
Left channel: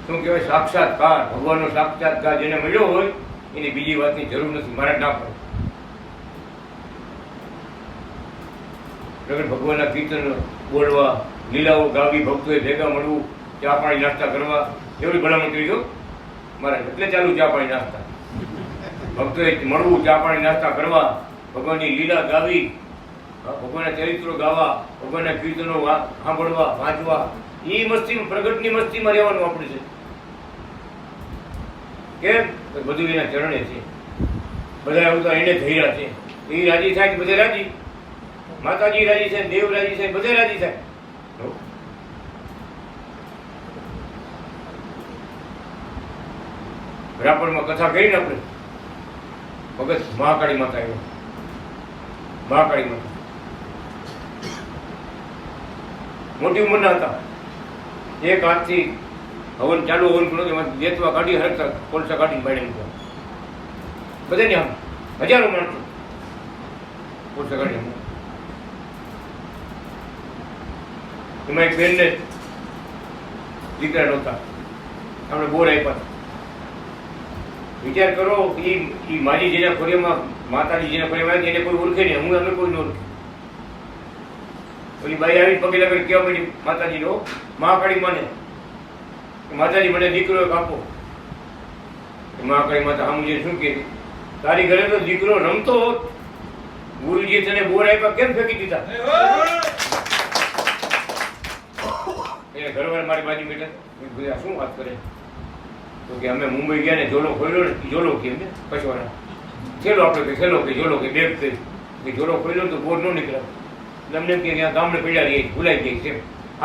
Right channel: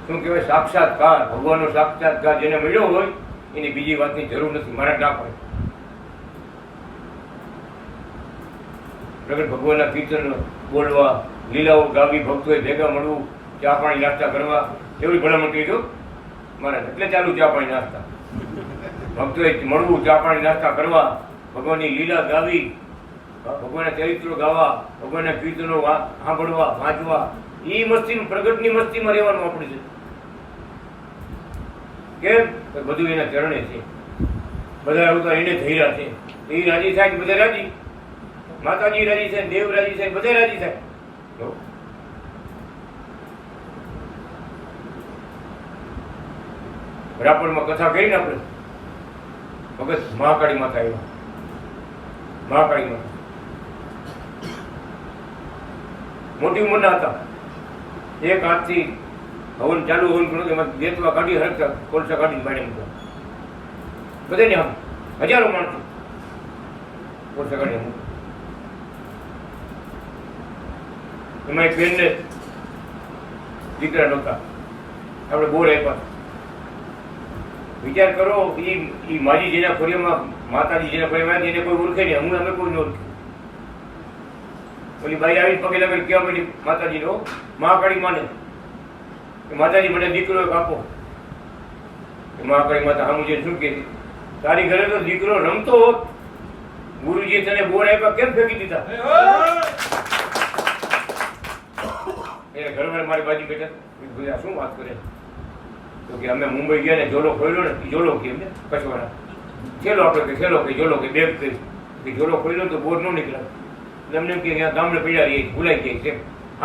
શું કહેવાય? સાક્ષાત્કાર, ભગવાનનો સાક્ષાત્કાર જેને મળ્યો હોય એની બીજી વાતની જરૂર નથી. મારે ના પડે. પ્રગટ ભગવાનના કીર્તન બોલવા, લીલાઓ ગાવી, ભક્તોએ ભેગા મળવું, ચા પાણી નાસ્તા કરવા, એવડી ભલામણ કરી દો મારા. એટલે ચાલુ ચા પાણી નાસ્તા, ભક્તોએ મળવું, ચા પાણી નાસ્તા કરવા, ભગવાનની લીલા ગાવી, ભગવાનના ચરિત્રો ગાવા, ભગવાનના કીર્તનો સાંભળવા, વાંચવા. એ મસ્તી, પ્રગટની મસ્તીમાં રહેવાનું આપણે છે. કેમ? બધું એના ચરણે છે. બધા આવતા એને ધૈર્યા છે. એ રાજી થાય કે બધા રાજી. માતાજી રાજી થાય, દેવ રાજી થાય, બધા રાજી થાય. રાપરમાં કથા કરીને આપણે ભગત મહાકાળી માતા આવ્યો. મહાકાળી માતા મોટી ઉંમરના હતા. એક હાથથી હવન ચાલુ, હવન કરો એમાં દેતવા કાઢી હરકતા કોલસા કાઢીને બાળે મૂકો. બધાને આમ હજારો માણસો કોલસા કાઢી મૂકો. એમાં એક બેનને દીકરા નહોતા, આપણે બોર આપ્યા. વિચાર કરો, એ મારી જેના ખોરિયામાં, માતાજી જેના ખોરિયામાં એને કોઈ ઓળખે નહીં, હું અમે કોઈ ન ઓળખે. ઓલી બાઈ આવી પગે લાગે કેવા પડી માતાજી નો, મહાકાળી માને માતાજી મને દીકરો એક આપો. મહાકાળી માતા સામું જે શું કે તારી ઘરે તો દીકરો રમતો હોત, ગુરુજી તને બોર આપ્યા કેમ ફેંકી દીધા? એને ઘર મારી બાજુ બેઠા, શું વાત કરે? તો કે અમે મુંબઈ ગયા ને જોલો ખોલ્યો ને, જોલો કે કચવાના ખેલો આપણે કે ખેલો કે જોલો કે બેગ કે જોલો ખોલ્યો તો બોર ન નીકળે. એમને કે ગામડે પડ્યા રહીએ, ભૂલાઈ જાય છે.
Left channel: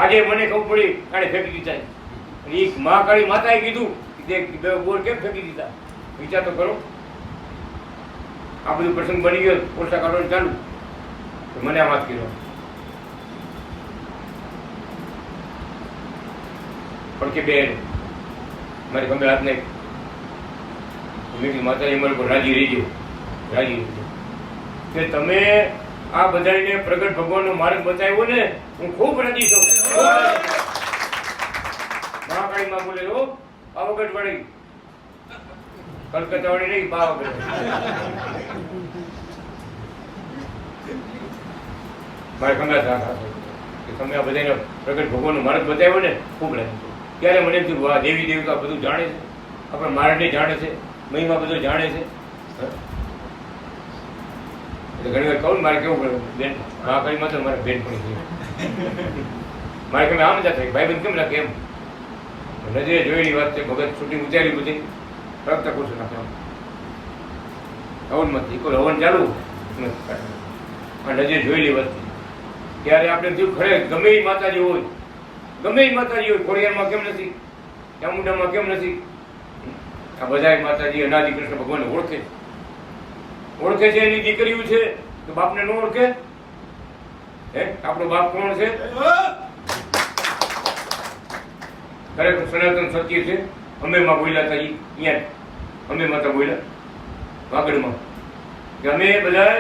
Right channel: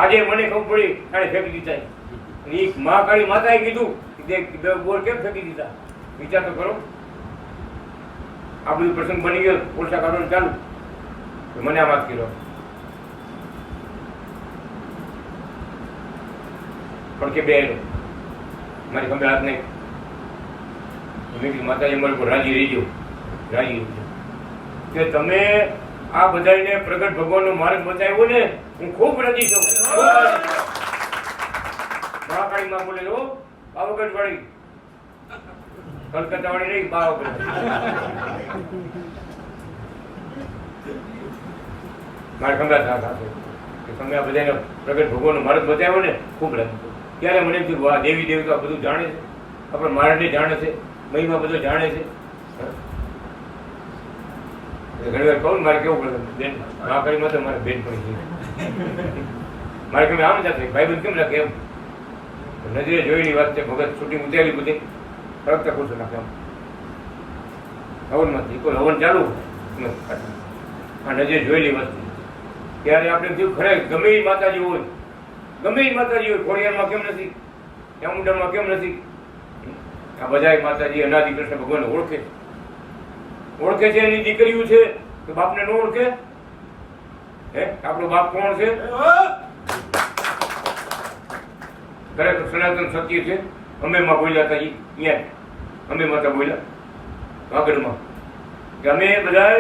આજે મને ખબર પડી આને ફેંકી દીધા. એ મહાકાળી માતાએ કીધું કે બોર કેમ ફેંકી દીધા? વિચાર તો કરો. આ બધું પ્રસંગ બની ગયો, પોલસા કાઢવાનું ચાલુ. મને આ વાત કર્યો પણ કે બે મારી ખબર હાથ નહીં. મેં કીધું માતાજી અમારી ઉપર રાજી રહીજો, રાજી રહીજો કે તમે આ બધાને પ્રગટ ભગવાનનો માર્ગ બતાવ્યો ને, હું ખૂબ રાજી છું. મહાકાળી માં બોલે ઓ પાવાગઢ વાળી, કલકત્તા વાળી નહીં, પાવાગઢ. મારે ખંભાત ના રાખો કે તમે આ બધાને પ્રગટ ભગવાનનો માર્ગ બતાવ્યો ને, ખૂબ રાજી છું. ત્યારે મને એમ થયું, આ દેવી દેવતા બધું જાણે છે, આપણે મારને જાણે છે, મહિમા બધો જાણે છે. ઘણી વાર કહું મારે કેવું પડે બેન, મહાકાળી માં તો મારે બેન પણ છે. મારે તમે આમ જાતે ભાઈ બંધ કેમ રાખે? એમ નજરે જોયેલી વાત છે. ભગત છૂટી ઉતારી બધી ફરક પૂછો નાખે આમ હવનમાંથી કોઈ હવન ચાલુ, નજરે જોયેલી વાત છે. ત્યારે આપણે થયું ખરે ગમે એ માતાજી હોય, ગમે એ માતાજી હોય, ખોડિયારમાં કેમ નથી, ચામુંડામાં કેમ નથી? આ બધા માતાજી અનાદિ કૃષ્ણ ભગવાન ઓળખે છે. એની દીકરીઓ છે તો બાપને ન ઓળખે? હે, આપણો બાપ કોણ છે? ખરેખર સનાતન સત્ય છે. અમે માં બોલ્યા હતા, અહીંયા અમે માતા બોલ્યા વાગડમાં કે અમે બધા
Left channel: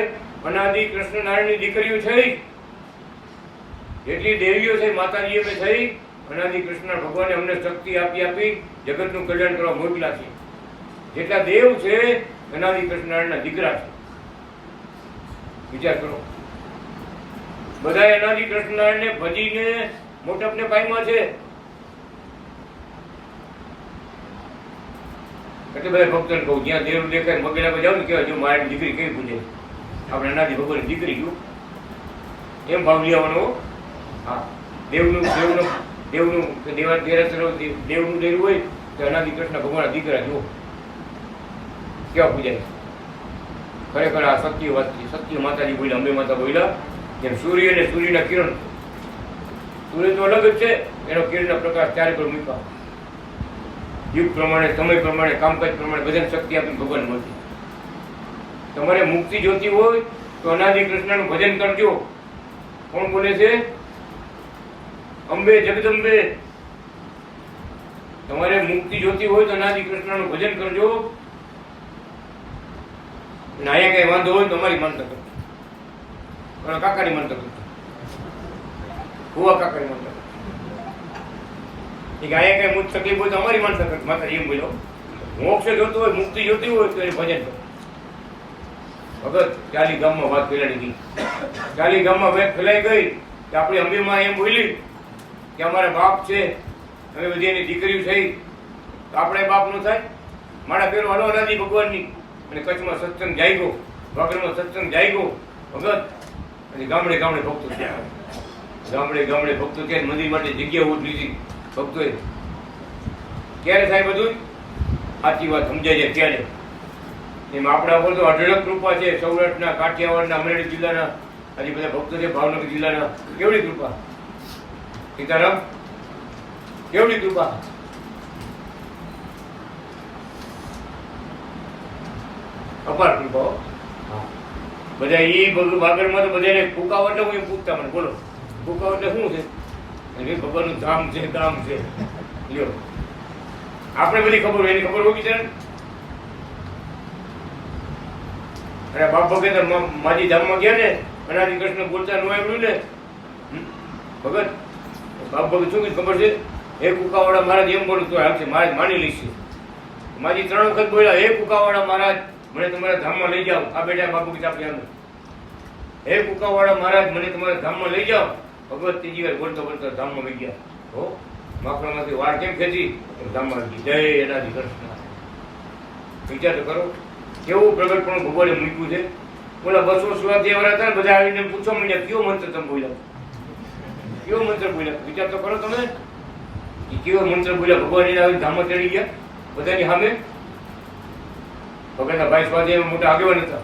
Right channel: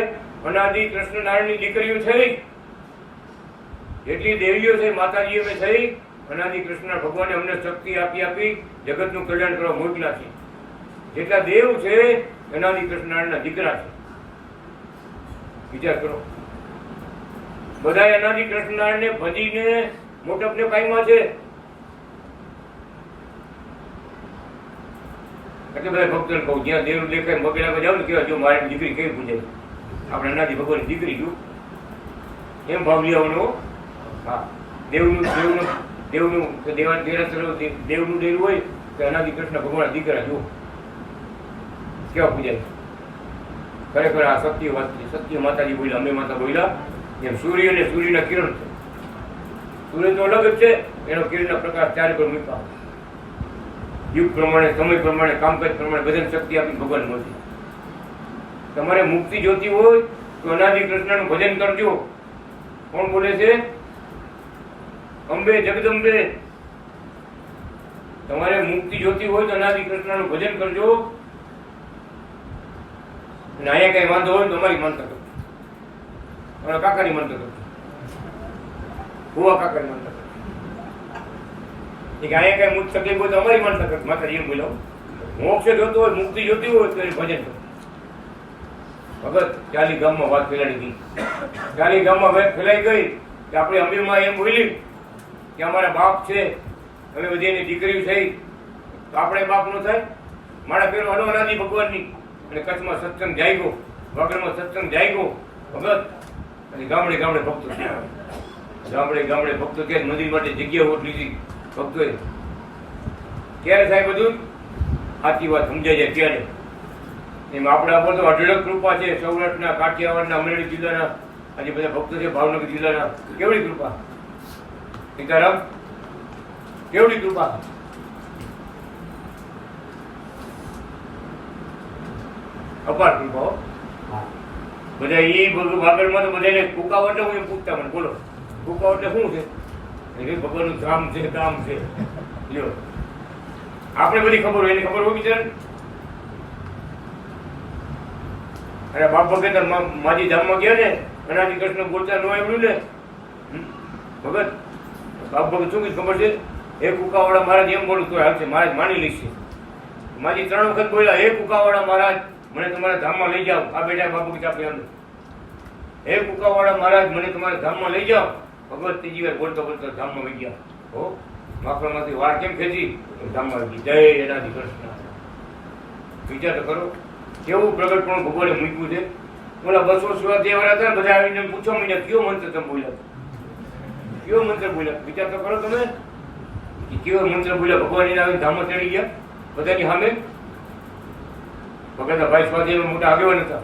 અનાદિ કૃષ્ણ નારાયણની દીકરીઓ છે. જેટલી દેવીઓ છે માતાજી અમે થઈ, અનાદિ કૃષ્ણ ભગવાને અમને શક્તિ આપી જગતનું કલ્યાણ કરવા મોકલા છે. જેટલા દેવ છે અનાદિ કૃષ્ણનારાયણના દીકરા છે. વિચાર કરો, બધા અનાદિ કૃષ્ણનારાયણને ભજીને મોટપને પામ્યા છે. એટલે બધા ભક્તોને કહું, જ્યાં દેવ દેખાય વગેરેમાં જાવ ને કહેવાય, જો મારી દીકરી કેવી પૂજાય, આપણે અનાદિ ભગવાનની દીકરી જો એમ ભાવ લેવાનો. હા, દેવનું દેવનું દેવનું દેવા દેરાસરો દેવનું દેરું હોય તો અનાદિ કૃષ્ણ ભગવાનના દીકરા જુઓ કેવા પૂજાય. ખરેખર આ સત્ય વાત છે. સત્ય માતાજી બોલ્યા, અંબે માતા બોલ્યા, જેમ સૂર્ય અને સૂર્યના કિરણ છે. સૂર્ય તો અલગ જ છે, એનો કિરણના પ્રકાશ ચારે પર મૂક્યા. યુગ પ્રમાણે, સમય પ્રમાણે, કામકાજ પ્રમાણે બધાને શક્તિ આપી ભગવાન મળતી. તમારે મુક્તિ જોતી હોય તો અનાદિ કૃષ્ણનું ભજન કરજો. કોણ બોલે છે? અંબે જગદંબે. તમારે મુક્તિ જોતી હોય તો અનાદિ કૃષ્ણનું ભજન કરજો. અને અહીંયા કઈ વાંધો હોય તો અમારી માનતા કરજો, કાકાની માનતા કરજો, ભુવા કાકાની માનતા કરજો. અહીંયા કઈ મુક્ત તકલીફ હોય તો અમારી માનતા કરજો. માતાજી એમ બોલો, મોક્ષ જોતો હોય, મુક્તિ જોતી હોય તો એને ભજન કરો. ભગત ચાલી ગામમાં વાત ફેલાડી ગઈ. ચાલી ગામમાં વાત ફેલાઈ ગઈ કે આપણી અંબેમાં એમ બોલી કે અમારા બાપ છે, હવે બધી એની દીકરી થઈ તો આપણે બાપ નો થાય. મારા પેલો અનાદિ ભગવાનની. અને કચ્છમાં સત્સંગ જાગ્યો, વાગડમાં સત્સંગ જાગ્યો ભગત. અને ગામડે ગામડે ભક્તો ત્યાં, ગામડે ગામડે ભક્તો ત્યાં મંદિર માટે જગ્યા ઓટ લીધી ભક્તોએ. ક્યારે થાય બધું? સાચી વાત સમજાય જાય ત્યારે. એમાં આપણા પર તો અઢળક કૃપા છે. સૌરાષ્ટ્રના, કાઠિયાવાડના, અમરેલી જિલ્લાના આજે બધા ભક્તો છે, ભાવનગર જિલ્લાના. કેવડી કૃપા સીતારામ, કેવડી કૃપા. અપાર કૃપા. બધા એ વાગડમાં તો બધાને કુકાવટ હું એમ પૂછતા મને, બોલો કુકાવટ શું છે? ભગવાનનું ધામ છે, કામ છે. લ્યો, આપણે બધી ખબર હોય, એની ખબર હોય બિચાર. અને બાપ ભગત માજી ધામમાં ગયા ને, અનાદિ કૃષ્ણ બોલતા ન આવ્યું ને ભગત, બાપ ભગત શું કઈ ખબર છે? હે કુકાવાળા મહારાજ એમ બોલું તો હાલશે, મહારાજ માની લઈશ. માજી 3 વખત બોલ્યા, હે કુકાવાળા મહારાજ મને તમારા ધામમાં લઈ જાઓ. આ બેઠા બાપ ભગત આપણે અંદર, હે કુકાવાળા મહારાજ મને તમારા ધામમાં લઈ જાઓ. ભગવત ત્રીજી વાર બોલતો બોલતો ધામમાં લઈ ગયા. હો, માખણમાંથી વાળ કેમ ખેંચી ધામમાં લઈ ગયા. જય અનાદિ કૃષ્ણ. વિચાર તો કરો કેવું પ્રગટ પણ ભગવાને મૂક્યું છે. બોલા 200 સુરાથી એવા હતા, બધા આવીને પૂછવા માંડ્યા કયો મંત્ર તમે બોલ્યા, કયો મંત્ર બોલ્યા. વિચાર તો કરો તમે, કેવો મંત્ર બોલ્યા. ભગવાન આવીને ધામમાં ચડી ગયા બધાની સામે. ભગતના ભાઈ સ્વાધ્યાય મોટા આગેવાન હતા,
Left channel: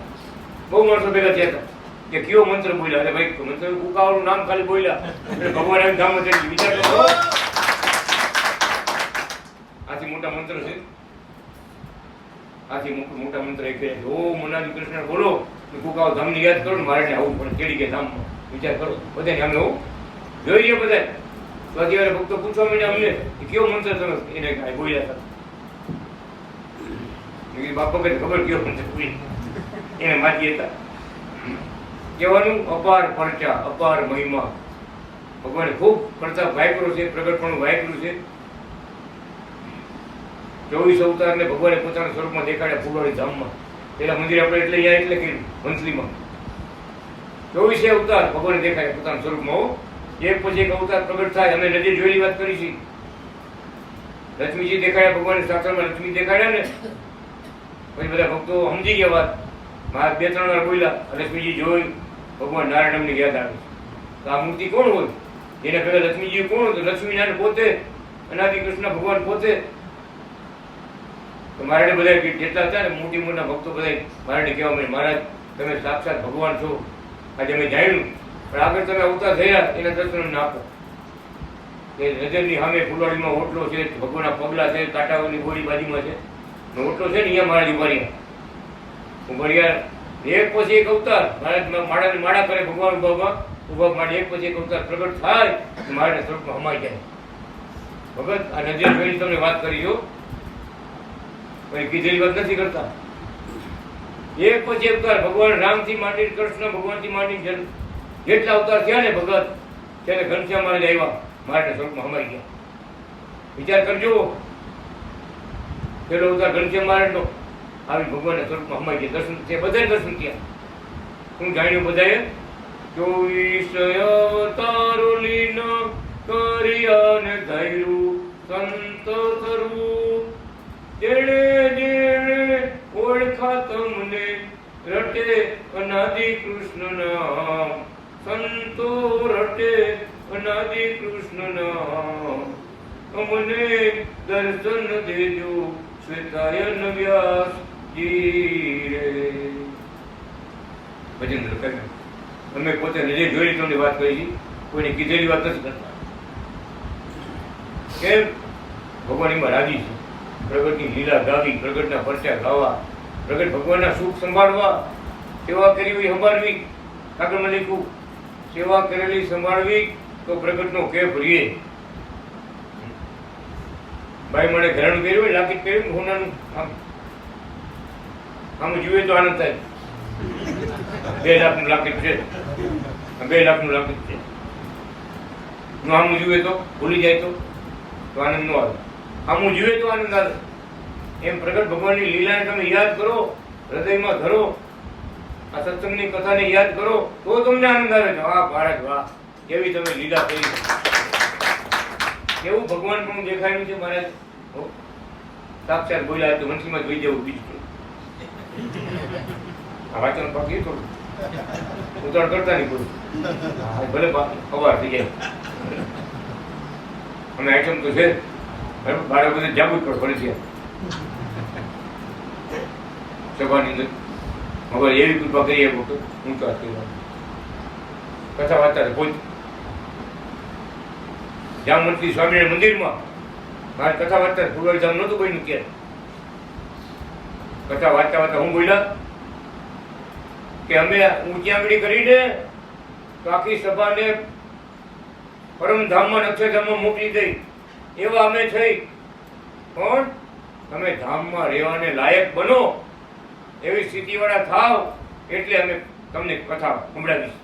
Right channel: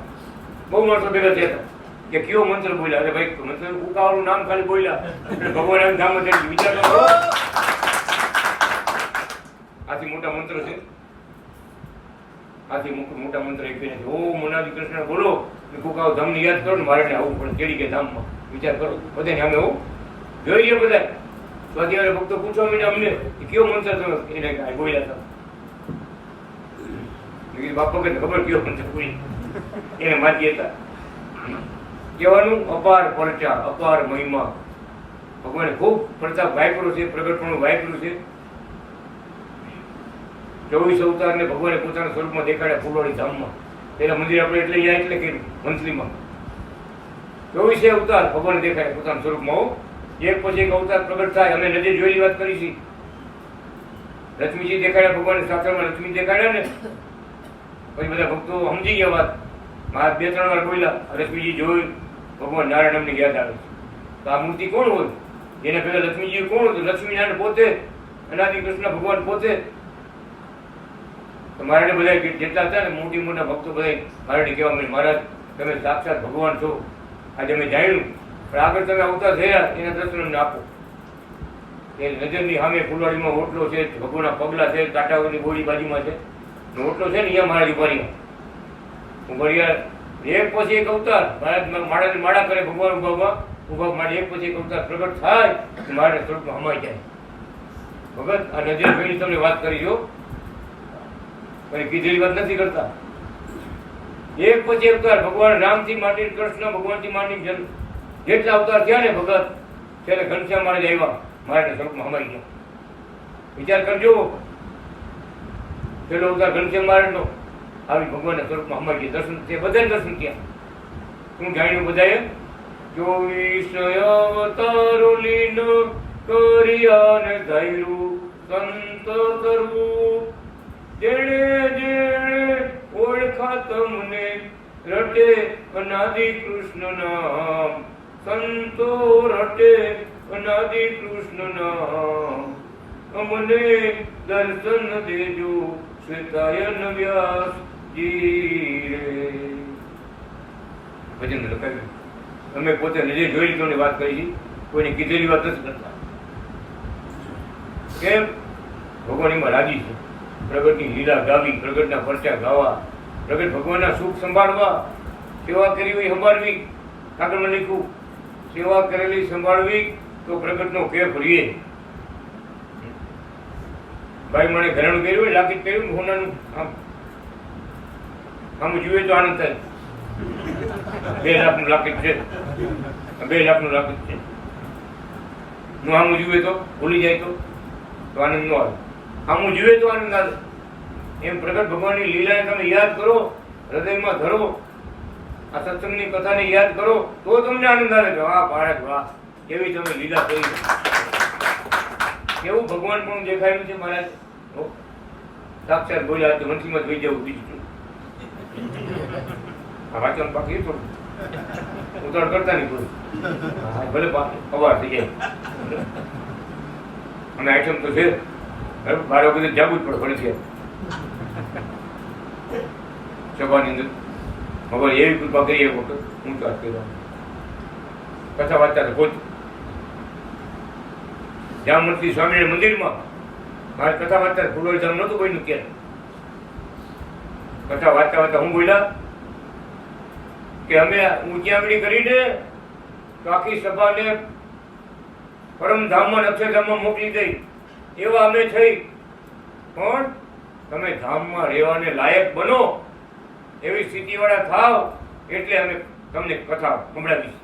બહુ માણસો ભેગા થયા હતા કે કયો મંત્ર બોલ્યા. અરે ભાઈ મંત્ર ઉકાવાળું નામ ખાલી બોલ્યા એટલે ભગવાન આવીને ધામમાં ચડી ગયા. વિચાર તો કરો, આથી મોટા મંત્ર છે. આથી મોટા મંત્ર એક છે, ઓમ અનાદિ કૃષ્ણ બોલો, કુકાવ ધામની યાદ કરો ને મારે આવું પડે ચડી ગયા ધામમાં. વિચાર કરો, બધાને અમે હું જોઈ રહ્યા બધા સ્વાધ્યાય ભક્તો પૂછવા માંડ્યા અમને કયો મંત્ર તમે એને બોલ્યા હતા. બાપ વખત ખબર કયો મંત્ર બોલી એને માજી હતા. કહેવાનું અપાર પરચા, અપાર મહિમા. ભગવાને ખૂબ પ્રતાપ વાપર્યો છે, પ્રગટપણું વાપર્યું છે. 24 અવતારને ભગવાને પોતાના સ્વરૂપમાં દેખાડ્યા ફૂલવાડી ધામમાં. પેલા મંદિર આપણે એટલે અહીંયા એટલે કે મંથલીમાં 24 અવતાર ભગવાને દેખાડ્યા પોતાના સ્વરૂપમાં. એક પછી એક અવતાર પ્રગટ થાય. અમે નજર જોયેલી વાત કરી છે. લક્ષ્મીજી દેખાડ્યા ભગવાને, સાક્ષરમાં લક્ષ્મી દેખાડ્યા ને પછી બધા ભક્તો સમજી ગયા વાત. 2-3 વાર બોલ્યા, લક્ષ્મીજી જોઈ ભગવાન નારાયણ અમને યાદ આવે. તો આ મૂર્તિ કોણ હોય? જેને પહેલા લક્ષ્મીજી કોણ હતું? લક્ષ્મીનારાયણ પોતે, અનાદિ કૃષ્ણ ભગવાન પોતે. તો મારે બધા જેટલા હતા ને મોટી મોટા ભક્તો બધા મારે કહેવા મળે, મહારાજ તમે સાક્ષાત ભગવાન છો, આજે અમે જાણ્યું. પણ આગળ તમે અવતાર થયા એના દર્શન આપો. એ નજરની સામે ફૂલવાડીમાં ઓટલો છે, ભગવાનના પગલા છે, કાંટાઓની ગોળી બાજુમાં છે, ઓટલો છે ને અહીંયા મહારાજ ઉભારી ઉભરિયા. એક પછી એક અવતાર મહારાજ માળાને માળા કરે, ભગવાન ઉભા માટે એક પછી એક અવતાર પ્રગટ થાય તો મહારાજ સ્વરૂપમાં હમાઈ જાય. ભગત આ નજર ફેરી તમને વાત કરી જો, પણ કીધેલી વાત નથી કરતા. એક પછી અવતાર ભગવાન રામથી માંડી કૃષ્ણ ભગવાનથી માંડી જેટલા અવતાર થયા ને ભગત, ત્યારે ઘનશ્યામ મહારાજ આવ્યા, મહારાજ સ્વરૂપમાં હમાઈ ગયા. વિચાર કરજો, પેલો અવતાર ઘનશ્યામ મહારાજનો, આવી ભગવાનના સ્વરૂપમાં હમાઈ ગયા. દર્શન છે, બધાને દર્શન થયા. હું જાણ્યું બધાએ 24 અવતારો લીન કર્યા ને ધૈર્યું સંત કરવું. જેણે જેણે ઓળખા તમને રટે અનાદિ કૃષ્ણ નામ. સંતો રટે અનાદિ કૃષ્ણ નામ. અમને દર્શન દેજો શ્વેતાયન વ્યાસજી રે. ભજન લખાવ્યું. અમે પોતે નજરે જોઈ લીધું વાત કરી, કોઈને કીધેલી વાત નથી કરતા. કેમ? ભગવાન એમાં રાજી છે. પ્રગટની લીલા ગાવી, પ્રગટના પરચા ગાવા, પ્રગટ ભગવાનના સુખ સંભાળવા, સેવા કરી હોય સંભાળવી. કાગળમાં લખ્યું, સેવા કરેલી સંભાળવી તો પ્રગટનો કેફ રીએ. ભાઈ મને ઘરેણું કર્યું હોય, લાકીટ કર્યું હોનાનું, આમ જોઈએ તો આનંદ થાય. 2 લાખનું લાકીટ છે, 2 લાખનું લાકીટ છે. હું આમ જોઈએ તો ભૂલી જાય તો આનંદ ન આવે. આમ જોઈએ તો આનંદ આવે. એમ પ્રગટ ભગવાનની લીલાને તમે યાદ કરો, હૃદયમાં ધરો, આ સત્સંગની કથાને યાદ કરો તો તમને આનંદ આવે છે. વાહ મહારાજ વાહ, કેવી તમે લીલા કરી, કેવું ભગવાન પણ દેખાયું છે મહારાજ. સાક્ષાત બોલ્યા તો વંશીમાં જોઈ જવું. બીજું વાંચન બાકી થોડું ઉતાર કરતા નહીં કોઈ, ભલે અવાર થઈ જાય. અમે આઈટમ તો છે, બાળકો બધું જાગવું જ પડે છે સભાની અંદર. હવે એવી કૃપા કરી એવું તો હું તો કથા વાંચતા કોઈ જામવંતી સ્વામિનારાયણ મંદિરમાં મારે કથા વાંચતા ફૂલવાડી ધામ નહોતું કોઈનું કે. કથા વાંચતા વાંચતા હું બોલ્યા કે અમે ઊંચાંગડી કરીને તો આખી સભાને પરમધામમાં અક્ષરધામમાં મોકલી દઈ એવા અમે થઈ. પણ તમે ધામમાં રહેવાને લાયક બનો, એવી સ્થિતિવાળા થાવ એટલે અમે તમને કથા સંભળાવી.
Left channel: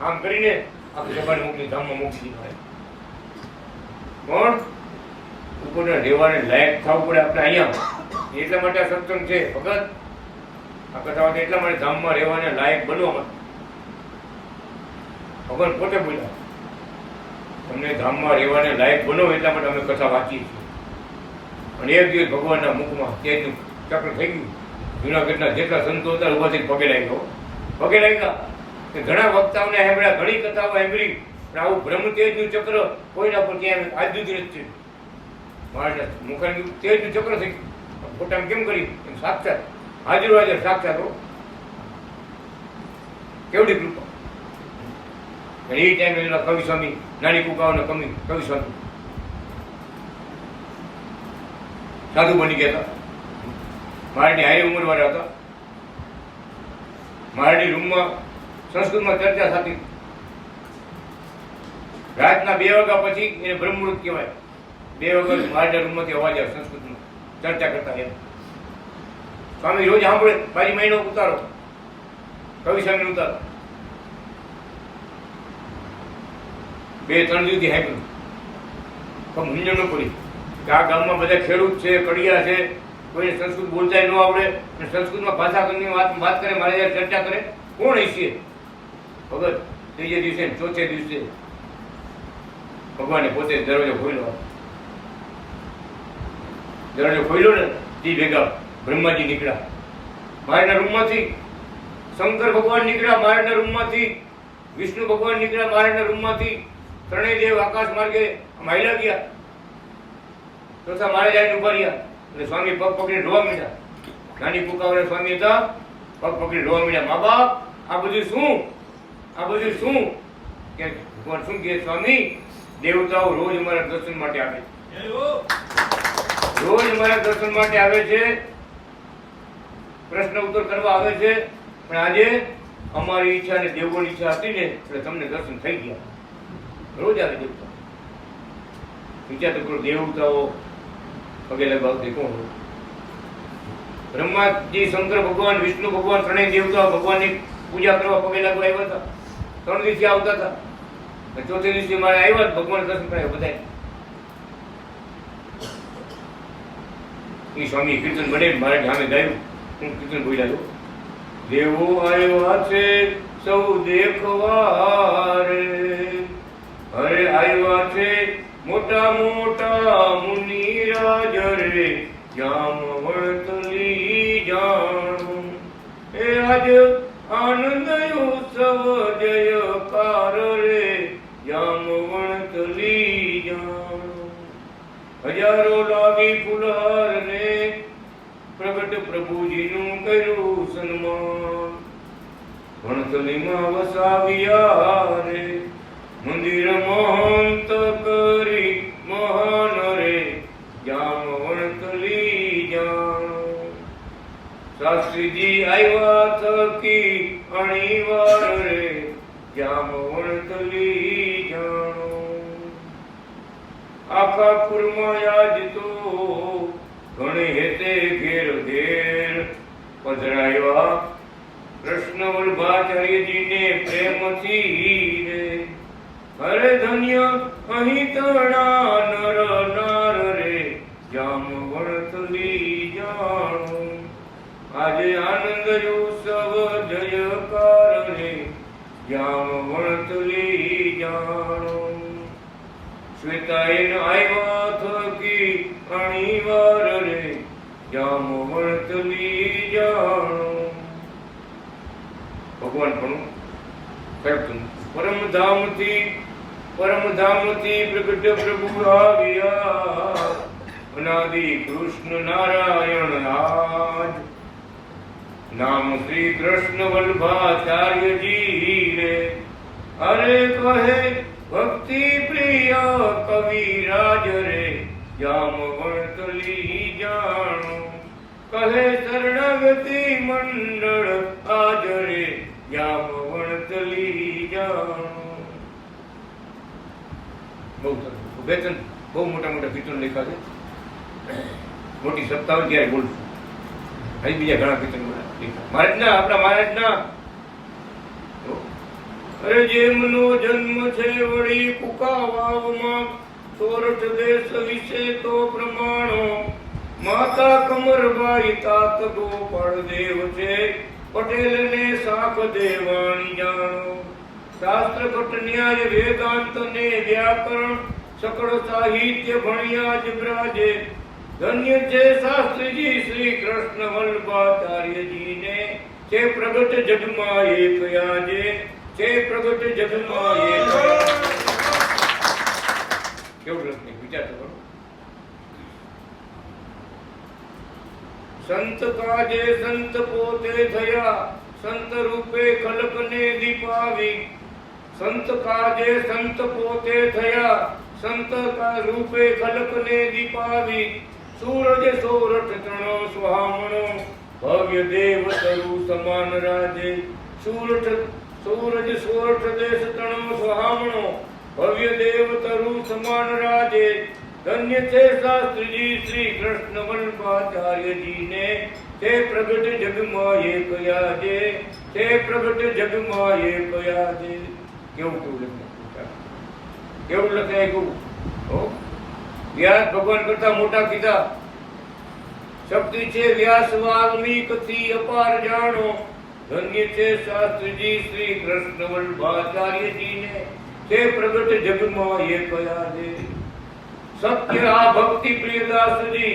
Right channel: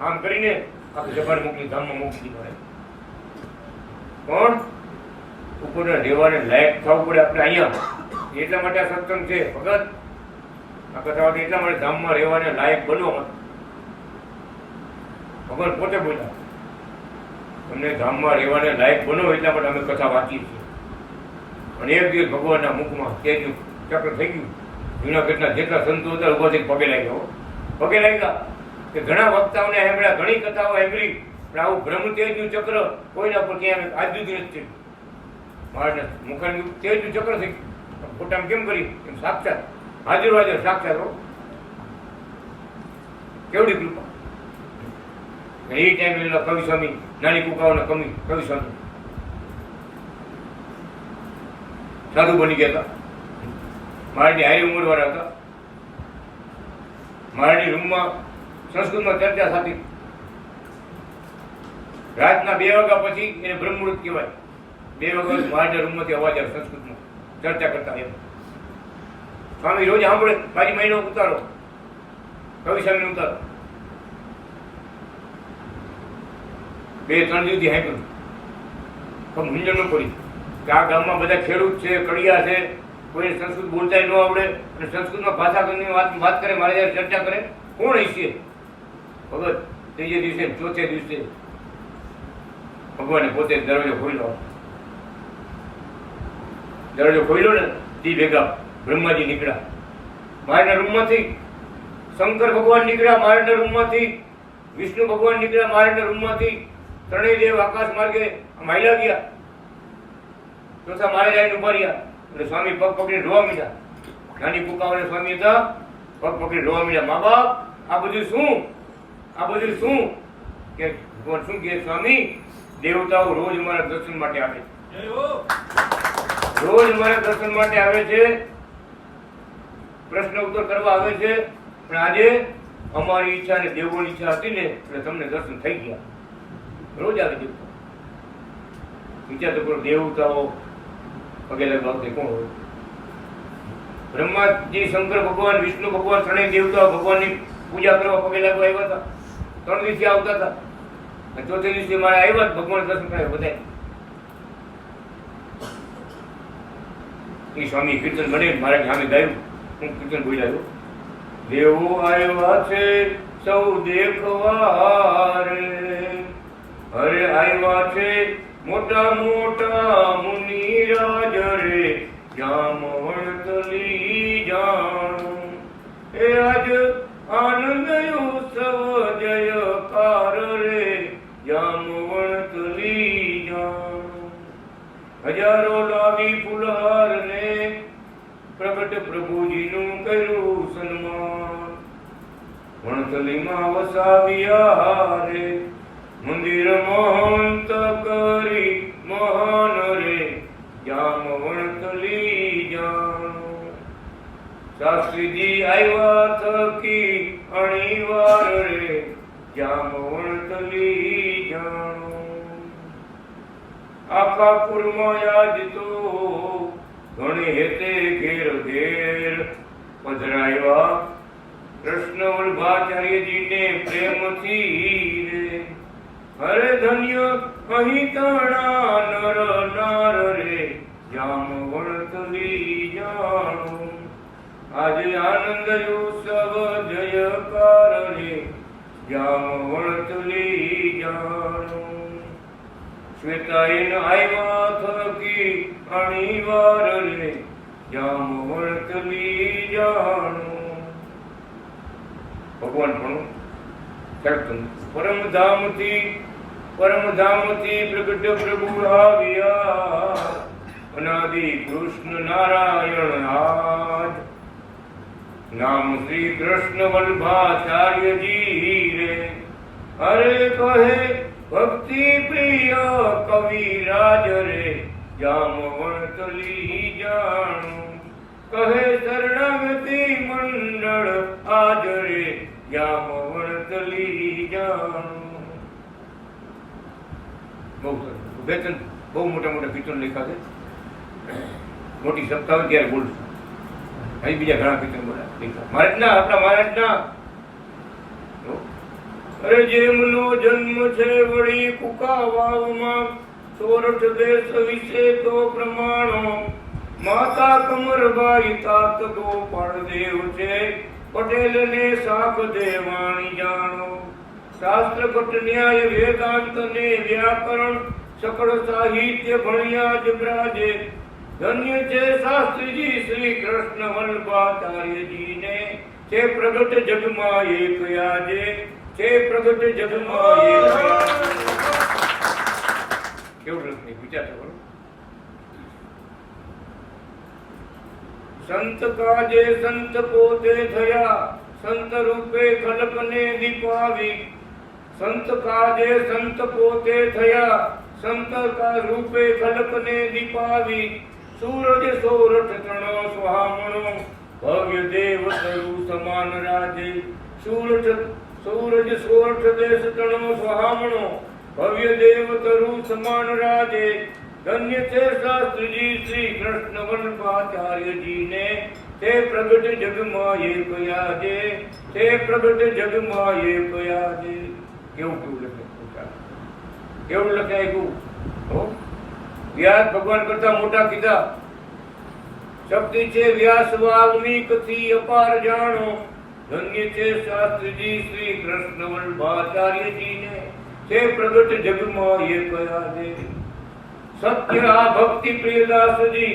આમ કરીને આખી સભાને મોકલી, ધામમાં મોકલી દીધી. પણ ઉપરના રહેવાને લાયક થવું પડે આપણે અહીંયા. એટલા માટે આ સત્સંગ છે ભગત. આ કથા એટલા માટે ધામમાં રહેવાને લાયક બનો. ભગવાન પોતે બોલ્યા તમને ધામમાં રહેવાને લાયક બનો એટલા માટે અમે કથા વાંચીએ છીએ. અને એક દિવસ ભગવાનના મુખમાં તેજનું ચક્ર થઈ ગયું. જુનાગઢના જેટલા સંતો હતા ઉભા થઈને પગે લાગ્યો. પગે લાગ્યા કે ઘણા વક્તાઓને સાંભળ્યા, ઘણી કથાઓ સાંભળી, પણ આવું બ્રહ્મ તેજનું ચક્ર કોઈના પર ક્યાં આજ સુધી નથી. મારા મુખાનું તેજનું ચક્ર થઈ ગયું. ફોટામાં કેમ કરી? એમ સાક્ષાત હાજર હાજર સાક્ષાત હો. કેવડી કૃપા. એ ટાઈમે એના કવિ સ્વામી, નાની કુકાઓના કવિ સ્વામી સાધુ બની ગયા હતા. મારાની હારી ઉંમર વાળા હતા. મારાની રૂમમાં સંસ્કૃતમાં ચર્ચા થતી. રાતના 2 વાગ્યા પછી એને બ્રહ્મમુહૂર્ત કહેવાય. 2 વાગ્યા મારા રૂમમાંથી અવાજ આવે સંસ્કૃતમાં ચર્ચા કરતા. એમ સ્વામી રોજ સાંભળે, પાછી મહિનો ઉતારો, કવિ સ્વામી ઉતારો. 2-3 દિવસથી હાંકલું મૂંઝવણ ન પડી કે આ ગામમાં બધા ખેડૂત છે, કડિયા છે, કોઈને સંસ્કૃત બોલતા ન આવડે અને સંસ્કૃતમાં ભાષા કરીને વાત કરે, મારે જયારે ચર્ચા કરે કોણ હશે? ભગત 3જે દિવસે 4થે દિવસે ભગવાને પોતે દરવાજો ખોલ્યો. દરવાજો ખોલ્યો ને તે ભેગા બ્રહ્માજી નીકળ્યા મારાના રૂમમાંથી, શંકર ભગવાન નીકળ્યા મારાના રૂમમાંથી, વિષ્ણુ ભગવાન નીકળ્યા મારાના રૂમમાંથી. ત્રણેય દેવ આકાશ માર્ગે હાલ્યા ગયા. ચોથા મારે જઈને ઉભા રહ્યા એટલે સ્વામી પગ પકડી રોવા મીડ્યા. નાની કુકાઓને સ્વામી હતા, પગ પકડી રોવા મીડ્યા. મા બાપ આ બધું શું? આ બધું શું? કે ભગવાન શું કહે? સ્વામી દેવતાઓ રોજ મારા દર્શન માટે આવે છે, રોજ મારા દર્શન માટે આવે છે, પ્રશ્ન ઉત્તર કરવા આવે છે. પણ આજે અમારી ઈચ્છા અને દેવોની ઈચ્છા હતી ને એટલે તમને દર્શન થઈ ગયા. રોજ આવે દેવતા. વિચાર તો કરો, દેવતાઓ પગે લગાવતી કોણ હોય? બ્રહ્માજી, શંકર ભગવાન, વિષ્ણુ ભગવાન, ત્રણેય દેવતાઓ ભગવાનની પૂજા કરવા પગે લાગવા આવ્યા હતા. 3 દિવસથી આવતા હતા. 4થે દિવસે મારે આવ્યા ભગવાન દર્શન કર્યા બધા. એ સ્વામી કીર્તન બને મારા સામે ગાયું, હું કીર્તન બોલાયો. દેવો આવ્યા છે સૌ દેખવા રે, અરે આવ્યા છે મોટા મોટા મુનિરાજ રે, જામવંતલી જાણો. એ આજ આનંદ ઉત્સવ જયકાર રે, જામવંતલી જાણો. હજારો લાગી ફુલહાર ને પ્રગટ પ્રભુજીનું કર્યું સન્માન. વણતલીમાં વસાવ્યા રે, મંદિર મહંત કરી મહાન રે, જામવંતલી જાણો. શાસ્ત્રીજી આવ્યા થકી અણીવાર રે, જામવંતલી જાણો. આખા કુળમાં યાદ તો ઘણે હેતે ઘેર ઘેર પધરાવ્યા કૃષ્ણ વલ્ભાચાર્યજીને પ્રેમથી રે. હરે ધન્ય અહીં તણા નર નાર રે, જામવંતલી જાણો. આજે આનંદ ઉત્સવ જયકાર રે, જામવંતલી જાણો. શ્વેતાયન આવ્યા થકી અણીવાર રે, જામવંતલી જાણો. ભગવાન પણ કરતું પરમધામથી પ્રગટ પ્રભુ આવ્યા, અનાદિ કૃષ્ણ નારાયણ આજ. નામ શ્રી કૃષ્ણ વલ્ભાચાર્યજી રે, અરે કહે ભક્તિ પ્રિય કવિરાજ રે, જામવંતલી જાણો. કહે શરણાગતિ મંડળ આજ રે, જામવંતલી જાણો. બહુ સરસ. બહુ મોટા મોટા કીર્તન લખ્યા છે. મોટી સત્તા હોય ત્યારે બોલું. અહીં બીજા ઘણા કીર્તન લખ્યા મહારાજના, આપણા મહારાજના. અરે જેમનો જન્મ છે વળી કુકા વાવમાં, સોરઠ દેશ વિશે તો પ્રમાણો. માતા કમરબાઈ તાત ગોપાળ દેવ છે, પટેલ ને શાખ દેવાણી જાણો. શાસ્ત્ર ભટ્ટ ન્યાય વેદાંત ને વ્યાકરણ સકળ સાહિત્ય ભણ્યા જ બ્રાજે. ધન્ય છે શાસ્ત્રીજી શ્રી કૃષ્ણ વલ્ભાચાર્યજી ને, છે પ્રગટ જગમાં એક આજે, છે પ્રગટ જગમાં એક. કેવું લખને વિચાર કરો. સંત કાજે સંત પોતે થયા, સંત રૂપે ખલકને દીપાવી. સંત કાજે સંત પોતે થયા, સંત રૂપે ખલકને દીપાવી. સૂરજ સોરઠ તણો સુહામણો, ભવ્ય દેવ તરુ સમાન રાજે. સૂરજ સોરઠ દેશ તણો સુહામણો, ભવ્ય દેવ તરુ સમાન રાજે. ધન્ય છે શાસ્ત્રીજી શ્રી કૃષ્ણ વલ્ભાચાર્યજી ને, તે પ્રગટ જગમાં એક આજે, તે પ્રગટ જગમાં એક આજે. કેવું લખે, કેવું લખે આવ્યું. વ્યાસ ભગવાન કરતા મોટા કીધા. શક્તિ છે વ્યાસ વાલ્મીક થી અપાર જાણો. ધન્ય છે શાસ્ત્રીજી શ્રી કૃષ્ણ વલ્ભાચાર્યજી ને, તે પ્રગટ જગમાં એક આજે. સત્ય આ ભક્તિ પ્રિયદાસજી,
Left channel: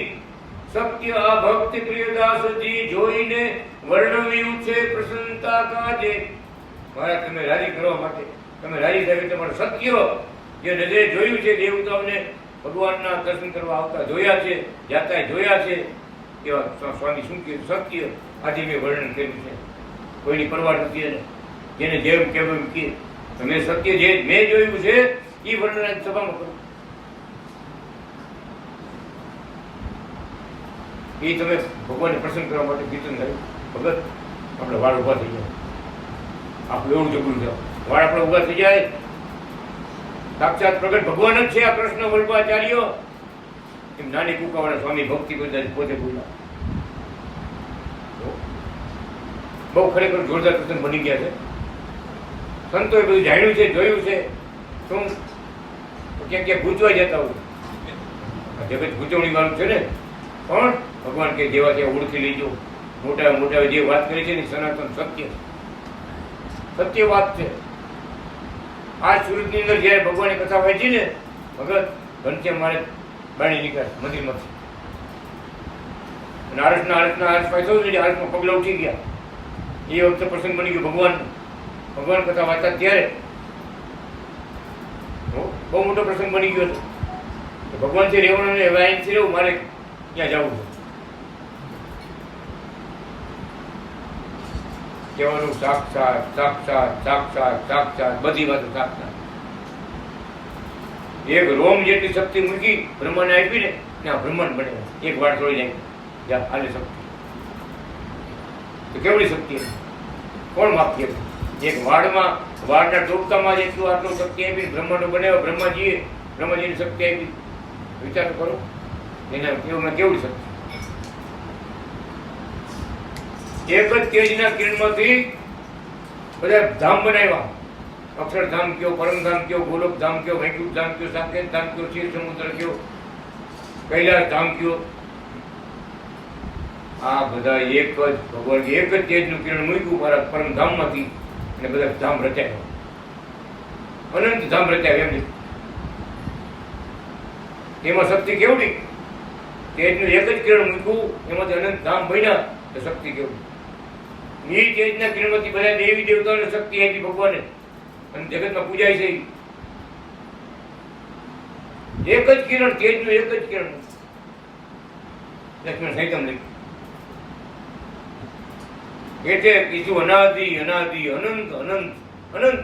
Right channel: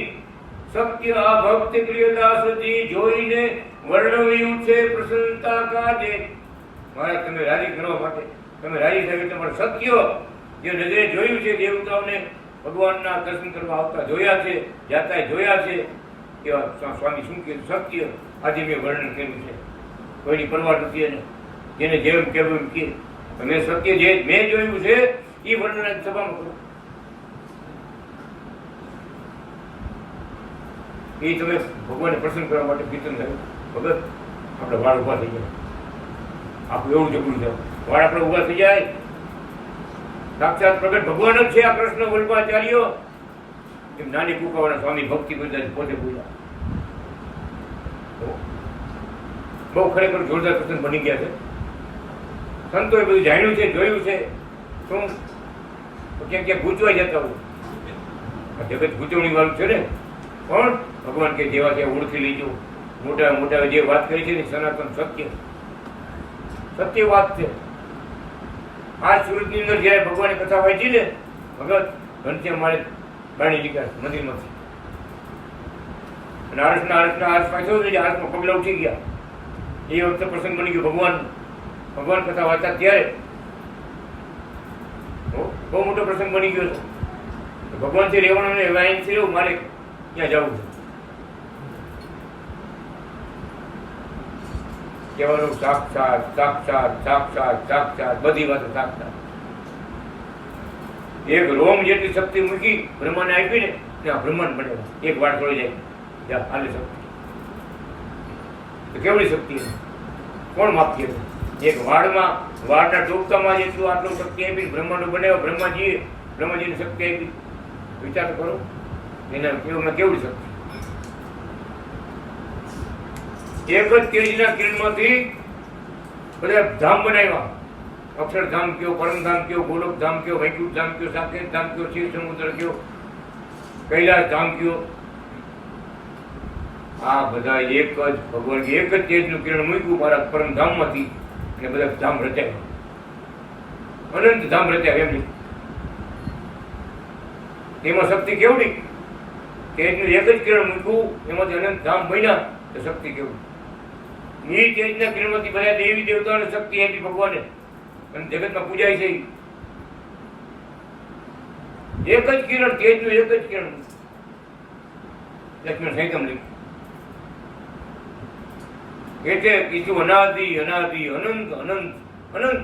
સત્ય આ ભક્તિ પ્રિયદાસજી જોઈને વર્ણવ્યું છે પ્રસન્નતા કાજે. મારા તમે રાજી કરવા માટે, તમે રાજી થાય તમારે સત્ય જે નજરે જોયું છે, દેવતાઓને ભગવાનના દર્શન કરવા આવતા જોયા છે, જાતા જોયા છે, એવા સ્વામી શું કે સત્ય આજે મેં વર્ણન કર્યું છે. કોઈની પરવા નથી. જેને જેમ કેવું કે મેં સત્ય જે મેં જોયું છે એ વર્ણન સભામાં કરું. એ તમે ભગવાનને પ્રસન્ન કરવા માટે કીર્તન થયું. ભગત આપણે વાળ ઉભા થઈ જાય, આપણું એવું જગડું છે. વાળ આપણે ઉભા થઈ જાય. સાક્ષાત પ્રગટ ભગવાન જ છે આ કૃષ્ણ વલ્ભાચાર્ય. એમ નાની કુકાવાળા સ્વામી ભક્તિ કરતા પોતે બોલા. બહુ ખરેખર જોરદાર કૃષ્ણ બની ગયા છે. સંતોએ બધું જાણ્યું છે, જોયું છે. શું ક્યાંક ક્યાંક ગૂંચવાઈ જતા હોય. જગત ગૂંચવણી વાળું છે ને, પણ ભગવાન કે જેવા ત્યાં ઓળખી લેજો. મોટા મોટા જે વાત કરી છે ને સનાતન સત્ય સત્ય વાત છે. આ સુરતની અંદર જયારે ભગવાનની કથા વાંચી ને ભગત ઘનશ્યામ મારે બાણી નીકળ્યા મંદિરમાંથી અને આરસ પાછો આરસમાં પગલા ઉઠી ગયા. એ વખતે પ્રસંગ બની ગયો ભગવાન કથા વાંચતા ત્યારે બહુ મોટો પ્રસંગ બની ગયો છે. ભગવાન થી રહેવાનું ને અહીંથી રહેવું મારે ક્યાં જવું છે કહેવાનું સાક્ષાત સાક્ષાત સાક્ષાત સાક્ષાત બધી વાતો સાક્ષાત. એક રોમ જેટલી શક્તિ મૂકી બ્રહ્માને આપી ને ત્યાં બ્રહ્માંડ બને. એક વાર છોડી જાય જા હાલે શક્તિ તો કેવડી શક્તિ કોણ માપી હતું? એક વાડના ટોપકામાં જેટલું આટલું શક્તિ આપી બ્રહ્માંડ બનાવ્યો. બ્રહ્માજીની શક્તિ આપી. વિચાર કરો એના કેવડી શક્તિ. એક જ તેજના કિરણોથી બધા ધામ બનાવ્યા. અક્ષરધામ કયો, પરમધામ કયો, ગોલોકધામ કયો, વૈકુંઠ ધામ કયો, સાકેત ધામ કયો, શિવ સમુદ્ર કયો, કૈલાસ ધામ કયો. આ બધા એક જ ભગવાન એક જ તેજનું કિરણ મૂક્યું મારા પરમધામમાંથી અને બધા ધામ રચાયા. અનંત ધામ રચાયા. એમ એમાં શક્તિ કેવડી? તેજનું એક જ કિરણ મૂક્યું એમાંથી અનંત ધામ બન્યા. શક્તિ કેવું? એ તેજના કિરણમાંથી બધા દેવી દેવતાઓને શક્તિ આપી ભગવાને અને જગતમાં પૂજાય છે. એક જ કિરણ તેજનું એક જ કિરણ. લક્ષ્મણ સંહિતામાં લખ્યું એટલે કીધું અનાદિ અનાદિ અનંત અનંત અનંત.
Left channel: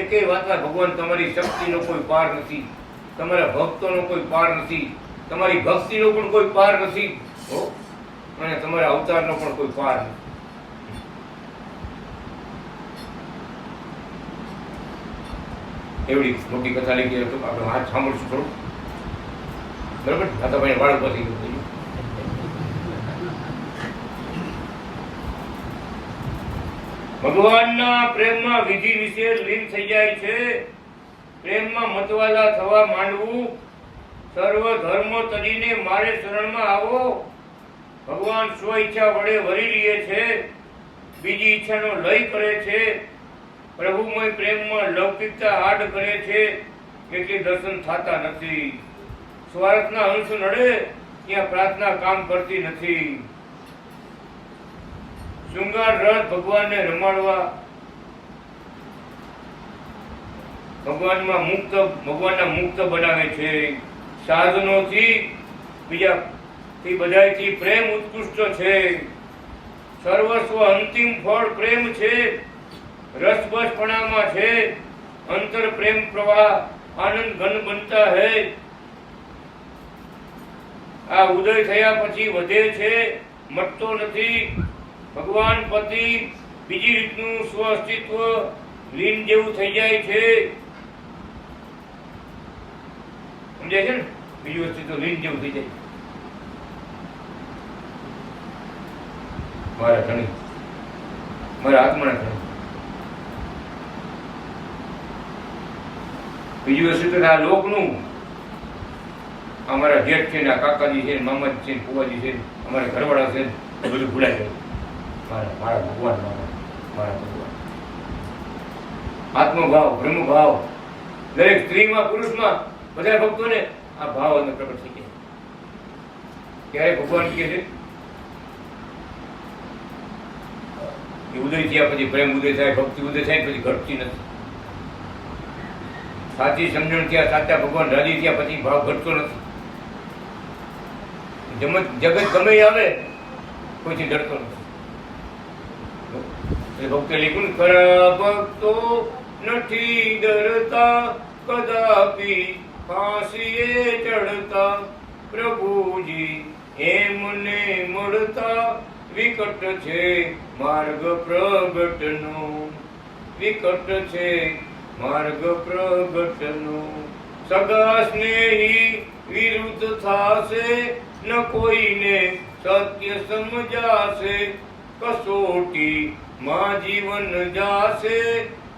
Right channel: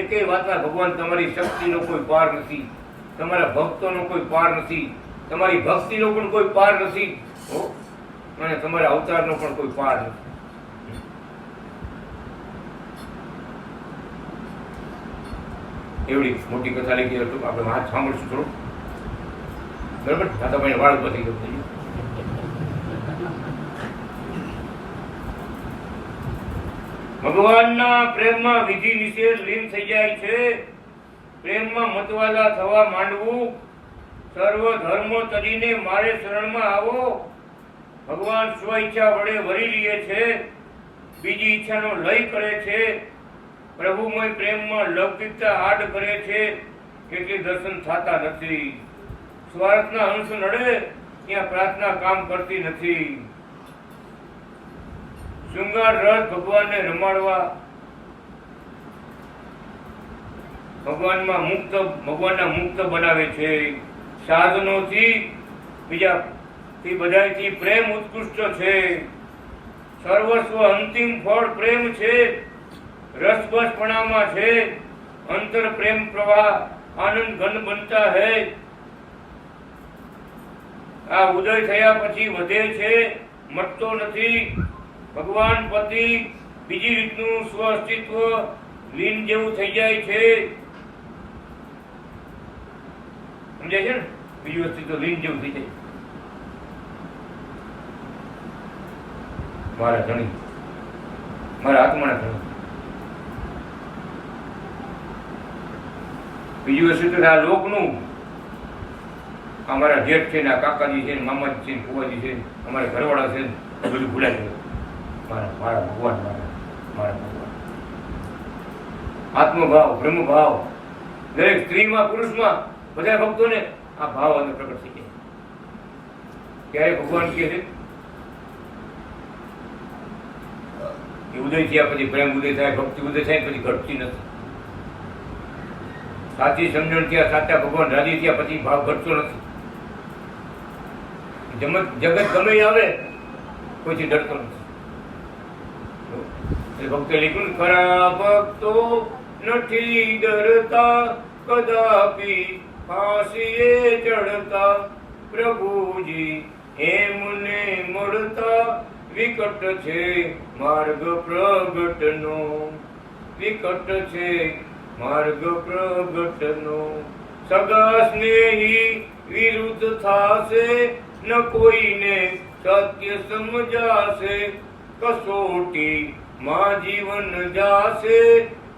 એકેય વાતમાં ભગવાન તમારી શક્તિનો કોઈ પાર નથી, તમારા ભક્તોનો કોઈ પાર નથી, તમારી ભક્તિનો પણ કોઈ પાર નથી અને તમારા અવતારનો પણ કોઈ પાર નથી. એવડી મોટી કથા લખી હતું. આપણે વાત સાંભળશું થોડું બરાબર. દાદાભાઈ વાળ ઉભા થઈ ગયું. ભગવાનના પ્રેમમાં વિધિ નિષેધ લીન થઈ જાય છે. પ્રેમમાં મતવાલા થવા માંડવું. સર્વ ધર્મ તરીને મારે શરણમાં આવો. ભગવાન સ્વ ઈચ્છા વડે વરી લે છે, બીજી ઈચ્છાનો લય કરે છે. પ્રભુમય પ્રેમમાં લૌકિકતા આડ કરે છે એટલે દર્શન થતા નથી. સ્વાર્થના અંશ નડે ત્યાં પ્રાર્થના કામ કરતી નથી. શૃંગાર રસ ભગવાનને રમાડવા, ભગવાનના મુક્ત બનાવે છે. સાધનોથી બીજાથી બધાથી પ્રેમ ઉત્કૃષ્ટ છે. સર્વસ્વ અંતિમ ફળ પ્રેમ છે. રસબસપણામાં છે. અંતર પ્રેમ પ્રવાહ આનંદ ઘન બનતા હૈ. આ ઉદય થયા પછી વધે છે, મટતો નથી. ભગવાન પતિ બીજી રીતનું સ્વ અસ્તિત્વ લીન જેવું થઈ જાય છે. સમજાય છે ને? બીજું અસ્તિત્વ લીન જેવું થઈ જાય. મારા ધણી, મારા આત્માના ધણી. બીજું અસ્તિત્વ આ લોકનું. અમારા જેઠ છે ને, આ કાકાજી છે ને, મામાજી છે ને, ફુવાજી છે ને, અમારા ઘરવાળા છે ને, એ બધું ભૂલાઈ ગયું. મારા ભગવાન, મારા ભગવાન. આત્મભાવ, બ્રહ્મભાવ દરેક સ્ત્રીમાં પુરુષમાં બધા ભક્તોને આ ભાવ અને પ્રગટ થઈ ગયા. ક્યારે ભગવાન કહે છે કે ઉદય થયા પછી પ્રેમ ઉદય થાય, ભક્તિ ઉદય થાય પછી ઘટતી નથી. સાચી સમજણ થયા, સાચા ભગવાન રાજી થયા પછી ભાવ ઘટતો નથી. જગત ગમે આવે કોઈથી ડરતો નથી. ભક્તે લીધું ખરા ભક્તો નથી ડરતા, કદાપી ફાંસીએ ચડતા. પ્રભુજી એમને મળતા, વિકટ છે માર્ગ પ્રગટનો, વિકટ છે માર્ગ પ્રગટનો. સગા સ્નેહી વિરુદ્ધ થાશે, ન કોઈને સત્ય સમજાશે. કસોટી માં જીવન જાશે,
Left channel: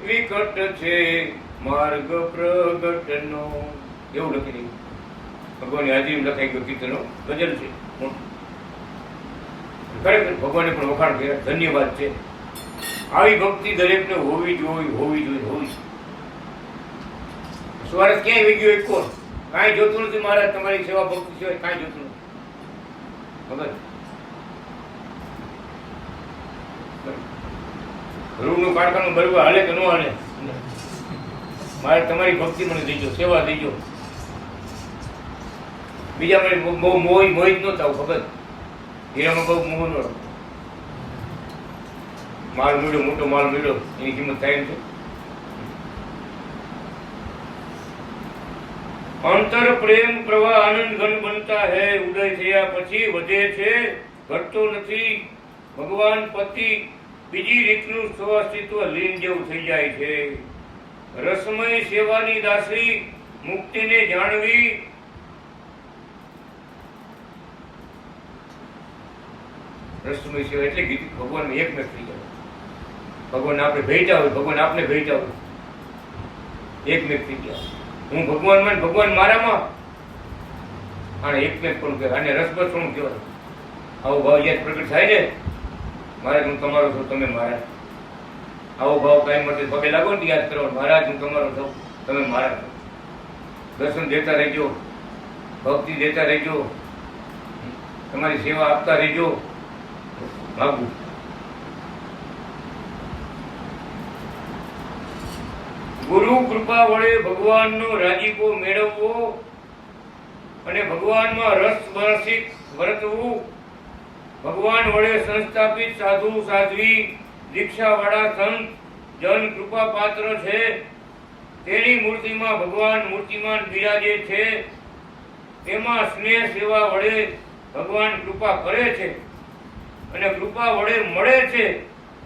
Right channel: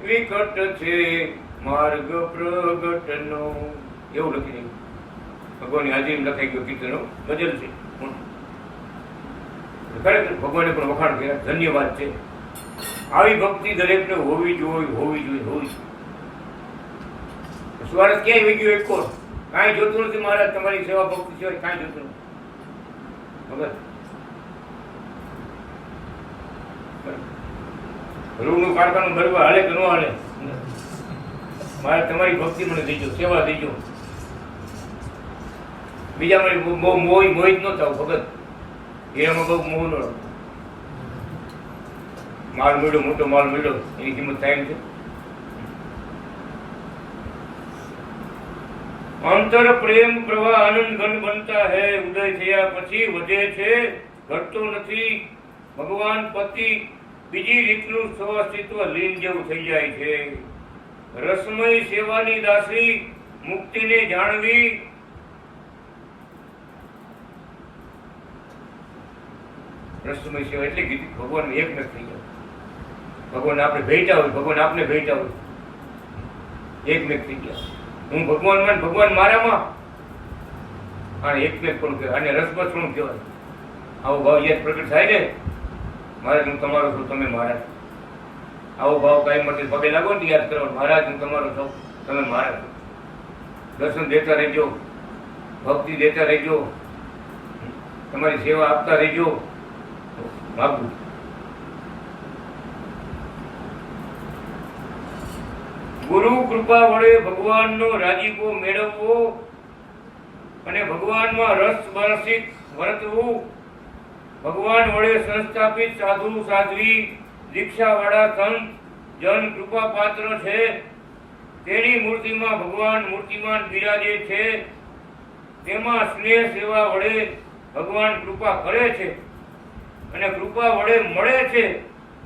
વિકટ છે માર્ગ પ્રગટનો. એવું લખી દીધું. ભગવાનની હાજરી લખાઈ ગયો. કીર્તનો ગજલ છે. ખરેખર ભગવાને પણ વખાણ કર્યા, ધન્યવાદ છે. આવી ભક્તિ દરેકને હોવી જોઈએ, હોવી જોઈએ, હોવી જોઈએ. સ્વાર્થ ક્યાંય વહી ગયો એક કોણ કાંઈ જોતું નથી મહારાજ, તમારી સેવા ભક્તિ સિવાય કાંઈ જોતું નથી. ખબર રૂનું કાંટાનું બરવા હાલે કે ન હાલે, મારે તમારી ભક્તિ મને દેજો, સેવા દેજો. બીજા મને બહુ મોહિત ન થાવ. ખબર હીરામાં બહુ મોહ ન રાખો. માલ મળ્યો, મોટો માલ મળ્યો, એની કિંમત થાય છે. અંતર પ્રેમ પ્રવાહ આનંદ ઘન બનતા હૈ, ઉદય થયા પછી વધે છે, ઘટતો નથી. ભગવાન પતિ બીજી રીતનું સ્વઅસ્તિત્વ લીન જેવું થઈ જાય છે. રસમય સેવાની દાસી મુક્તિને જાણવી. રસમય સેવા એટલે કીધી ભગવાન એકમેક થઈ જાય. ભગવાન આપણે ભેટા હોય, ભગવાન આપણે ભેટા હોય, એકમેક થઈ ગયા. હું ભગવાનમાં, ભગવાન મારામાં. આને એકમેક પણ કહેવાય, આને રસબસ પણ કહેવાય. આવો ભાવ યાદ પ્રગટ થાય ને, મહારાજ હું તમારો છું, તમે મારા. આવો ભાવ કાંઈ માટે પગે લાગો ને યાદ કરો, મહારાજ હું તમારો છું, તમે મારા. દર્શન દેતા રહેજો, ભક્તિ દેતા રહેજો, તમારી સેવા આપતા રહેજો. માગું ગુરુ કૃપા વડે ભગવાનનો રાજીપો મેળવવો અને ભગવાનમાં રસ બરસિત વર્તવું. ભગવાન વડે સંસ્થાપિત સાધુ સાધ્વી દીક્ષાવાળા સંત જન કૃપા પાત્ર છે. તેની મૂર્તિમાં ભગવાન મૂર્તિમાન બિરાજે છે. તેમાં સ્નેહ સેવા વડે ભગવાન કૃપા કરે છે અને કૃપા વડે મળે છે.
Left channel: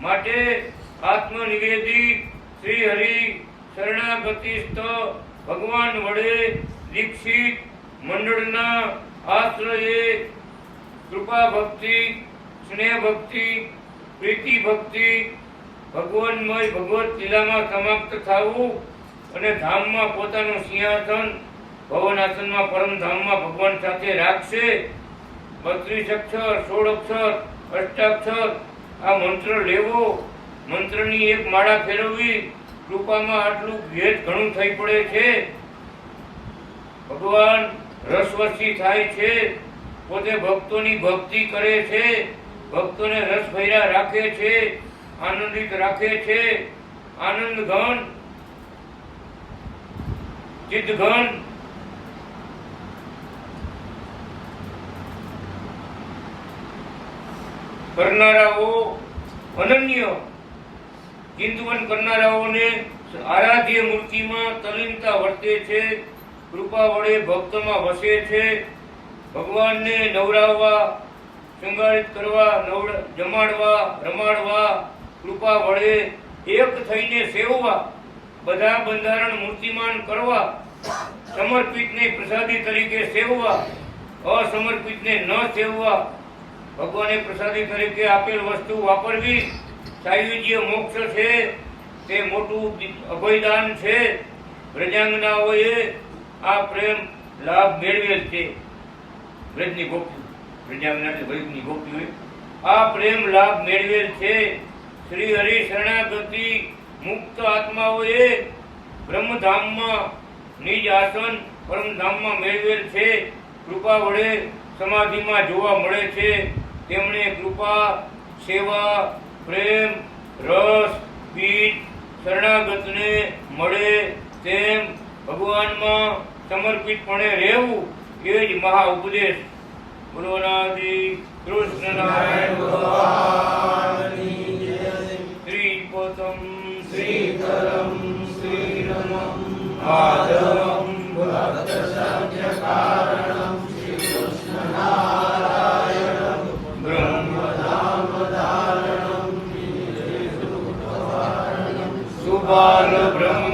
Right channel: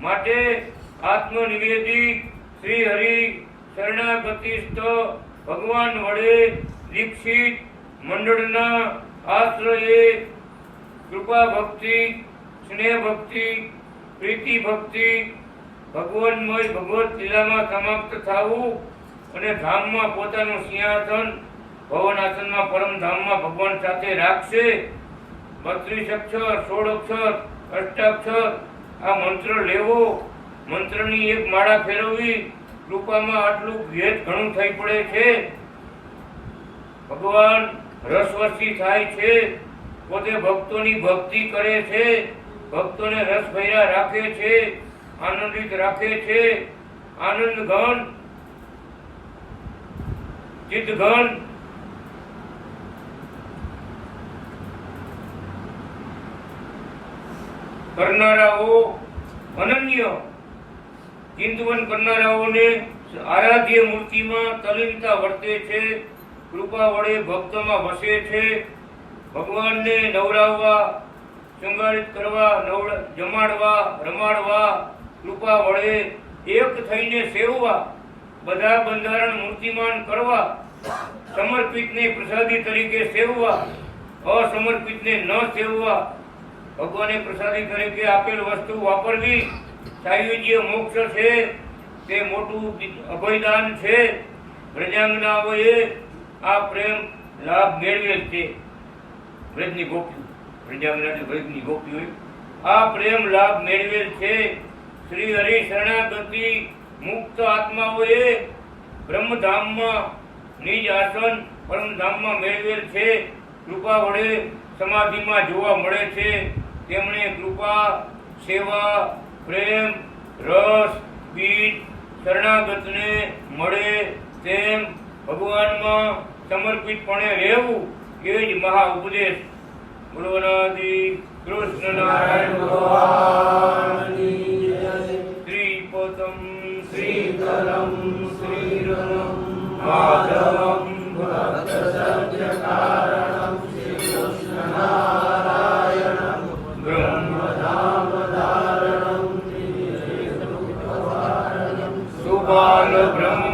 માટે આત્મનિવેદી શ્રી હરિ શરણાગતિસ્થ ભગવાન વડે દીક્ષિત મંડળના આશ્રયે કૃપા ભક્તિ, સ્નેહ ભક્તિ, પ્રીતિ ભક્તિ, ભગવાનમય ભગવત લીલામાં સમાપ્ત થવું અને ધામમાં પોતાનું સિંહાસન ભવનાસનમાં પરમધામમાં ભગવાન સાથે રાખશે. 32 અક્ષર, 16 અક્ષર, અષ્ટાક્ષર આ મંત્ર લેવો, મંત્રની એક માળા ફેરવવી. કૃપામાં આટલું ભેદ ઘણું થઈ પડે છે. ભગવાન રસવશી થાય છે, પોતે ભક્તોની ભક્તિ કરે છે, ભક્તોને રસભર્યા રાખે છે, આનંદિત રાખે છે. આનંદ ઘન, ચિત્ત ઘન, કરનારાઓ અનન્ય ચિંતવન કરનારાઓને આરાધ્ય મૂર્તિમાં તલીનતા વર્તે છે. કૃપા વડે ભક્તમાં વસે છે. ભગવાનને નવરાવવા, શૃંગારિત કરવા, જમાડવા, રમાડવા, કૃપા વડે એક થઈને સેવવા, બધા બંધારણ મૂર્તિમાન કરવા, સમર્પિતને પ્રસાદી તરીકે સેવવા, અસમર્પિતને ન સેવવા. ભગવાને પ્રસાદી તરીકે આપેલ વસ્તુ વાપરવી. સાયુજ્ય મોક્ષ છે, તે મોટું અભયદાન છે. વ્રજાંગનાઓએ આ પ્રેમ લાભ મેળવેલ છે. વ્રજની ગોપી, વ્રજાંગના વ્રજની ગોપીઓએ આ પ્રેમ લાભ મેળવેલ છે. શ્રી હરિ શરણાગતિ મુક્ત આત્માઓએ બ્રહ્મધામમાં નિજ આસન પરમધામમાં મેળવેલ છે. કૃપા વડે સમાધિમાં જોવા મળે છે. તેમણે કૃપા, સેવા, પ્રેમ, રસ, બીજ શરણાગતને મળે તેમ ભગવાનમાં સમર્પિતપણે રહેવું એ જ મહા ઉપદેશ. બોલોનાથી કૃષ્ણ નારાયણ ભગવાનની જય. શ્રીપદમ શ્રીકરમ શ્રીરમમ માધવમ ભક્તસંખ્યકારણમ શ્રી કૃષ્ણ નારાયણમ બ્રહ્મધામધારણમ સુબાલ બ્રહ્મ